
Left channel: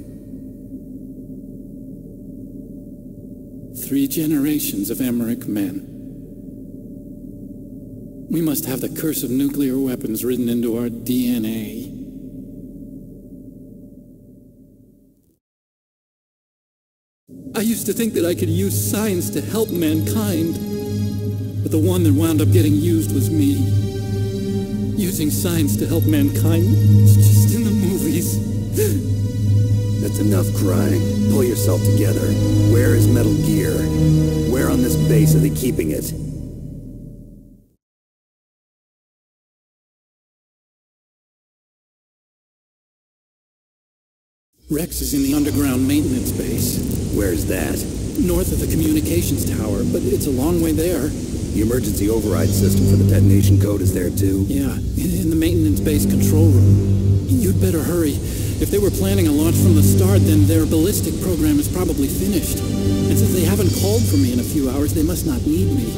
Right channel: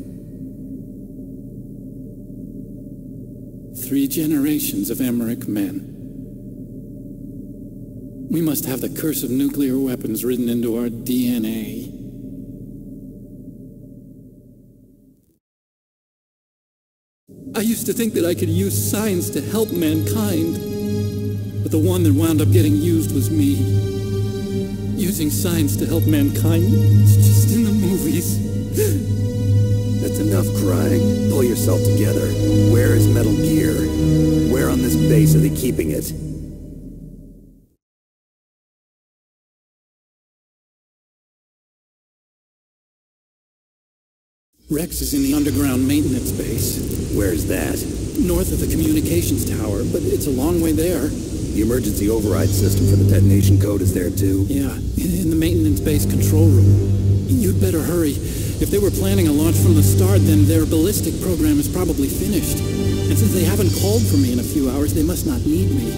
3 generations of Emmerich men. We must have the curse of nuclear weapons written into our DNA. I used to think that I could use science to help mankind, but the one that wound up getting used was me. Using science to help mankind, it's just in the movies. That's enough crying. Pull yourself together. Where is Metal Gear? Where on this base are they keeping it? Rex is in the underground maintenance base. Where's that? North of the communications tower, but it's a long way there. The emergency override system for the detonation code is there too? Yeah, in the maintenance base control room. You'd better hurry. If they were planning a launch from the start, then their ballistic program is probably finished. And since they haven't called for me in a few hours, they must not need me.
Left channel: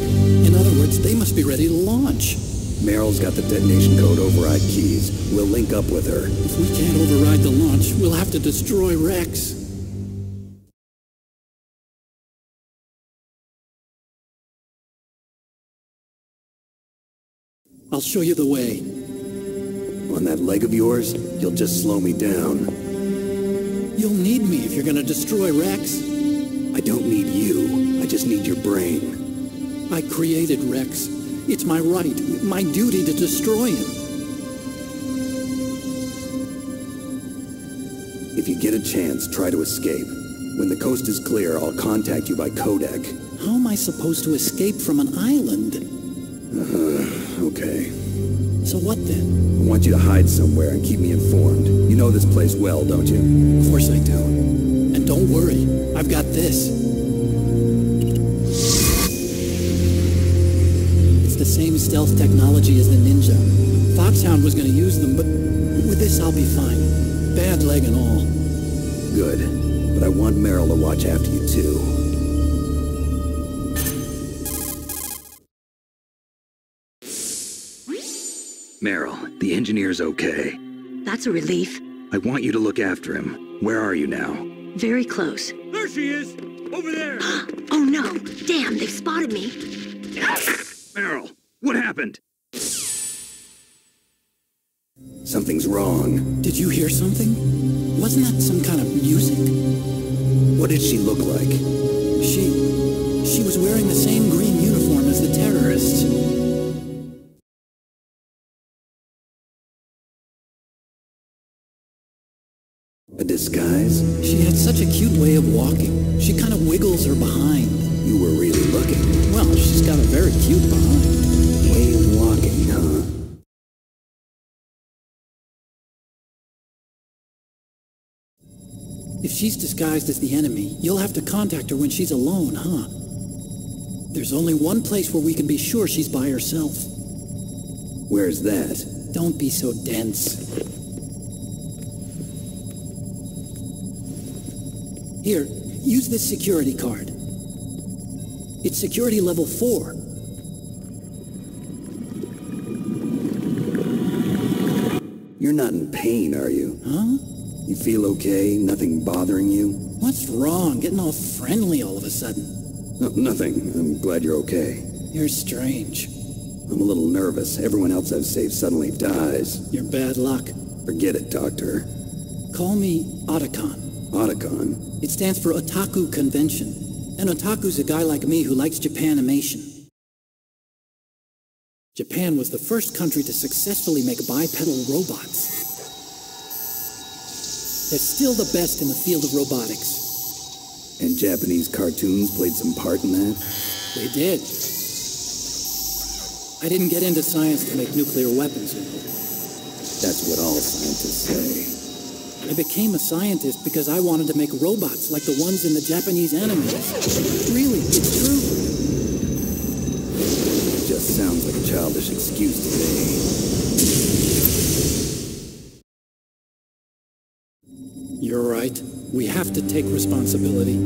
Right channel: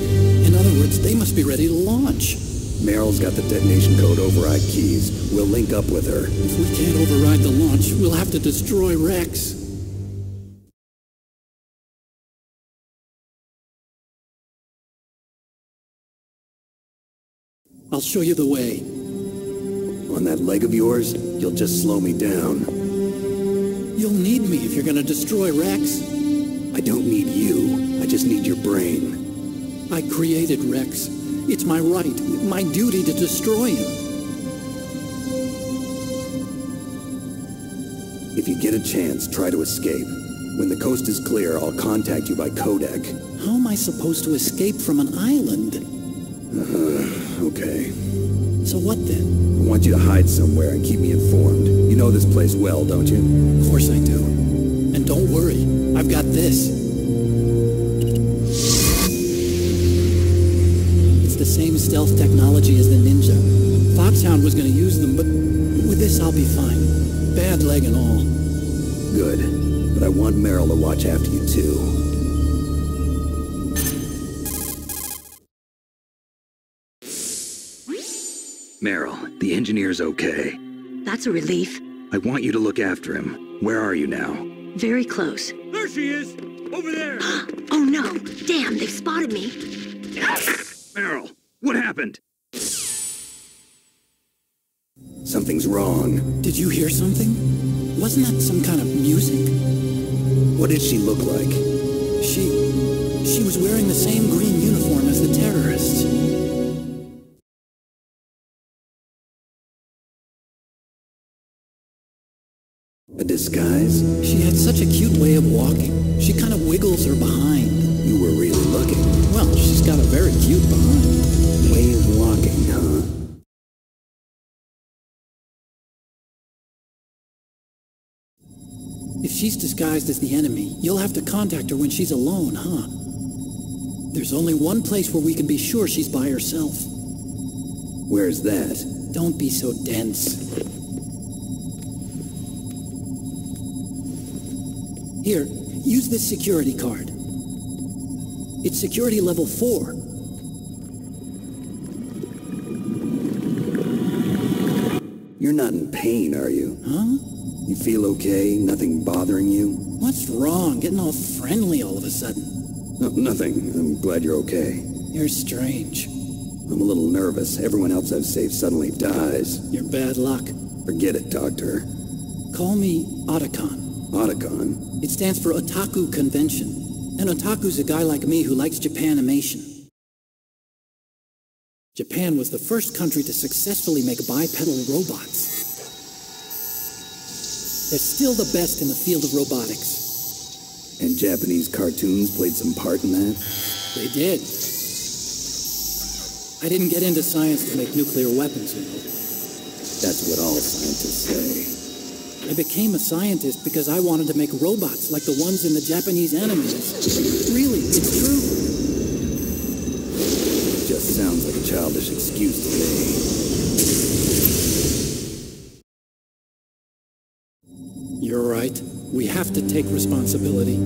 In other words, they must be ready to launch. Meryl's got the detonation code override keys. We'll link up with her. If we can't override the launch, we'll have to destroy Rex. I'll show you the way. On that leg of yours, you'll just slow me down. You'll need me if you're gonna destroy Rex. I don't need you. I just need your brain. I created Rex. It's my right, my duty to destroy him. If you get a chance, try to escape. When the coast is clear, I'll contact you by codec. How am I supposed to escape from an island? Okay. So what then? I want you to hide somewhere and keep me informed. You know this place well, don't you? Of course I do. And don't worry, I've got this. It's the same stealth technology as the Ninja. Foxhound was going to use them, but with this I'll be fine. Bad leg and all. Good. But I want Meryl to watch after you, too. Meryl, the engineer's okay. That's a relief. I want you to look after him. Where are you now? Very close. There she is! Over there! Oh no! Damn, they've spotted me! Meryl, what happened? Something's wrong. Did you hear something? Wasn't that some kind of music? What did she look like? She was wearing the same green uniform as the terrorists. A disguise? She had such a cute way of walking. She kind of wiggles her behind. You were really looking. Well, she's got a very cute behind. Way of walking, huh? If she's disguised as the enemy, you'll have to contact her when she's alone, huh? There's only one place where we can be sure she's by herself. Where's that? Don't be so dense. Here, use this security card. It's security level 4. You're not in pain, are you? Huh? You feel okay? Nothing bothering you? What's wrong? Getting all friendly all of a sudden. No, nothing. I'm glad you're okay. You're strange. I'm a little nervous. Everyone else I've saved suddenly dies. You're bad luck. Forget it, Doctor. Call me Otacon. Otacon? It stands for Otaku Convention. An otaku's a guy like me who likes Japanimation. Japan was the first country to successfully make bipedal robots. They're still the best in the field of robotics. And Japanese cartoons played some part in that? They did. I didn't get into science to make nuclear weapons, you know. That's what all scientists say. I became a scientist because I wanted to make robots like the ones in the Japanese animes. Really, it's true. Just sounds like a childish excuse to me. You're right. We have to take responsibility.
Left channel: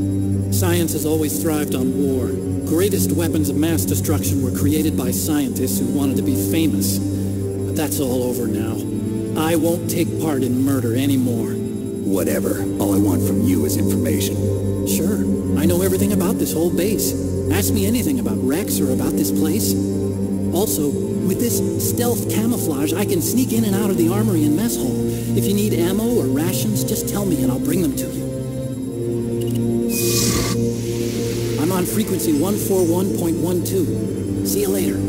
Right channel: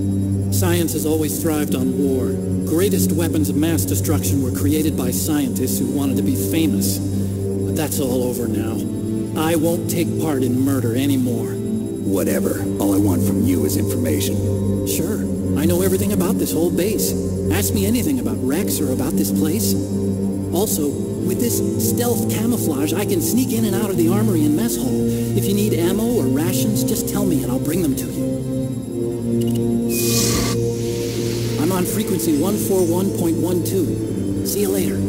Science has always thrived on war. Greatest weapons of mass destruction were created by scientists who wanted to be famous. But that's all over now. I won't take part in murder anymore. Whatever. All I want from you is information. Sure. I know everything about this whole base. Ask me anything about Rex or about this place. Also, with this stealth camouflage, I can sneak in and out of the armory and mess hall. If you need ammo or rations, just tell me and I'll bring them to you. I'm on frequency 141.12. See you later.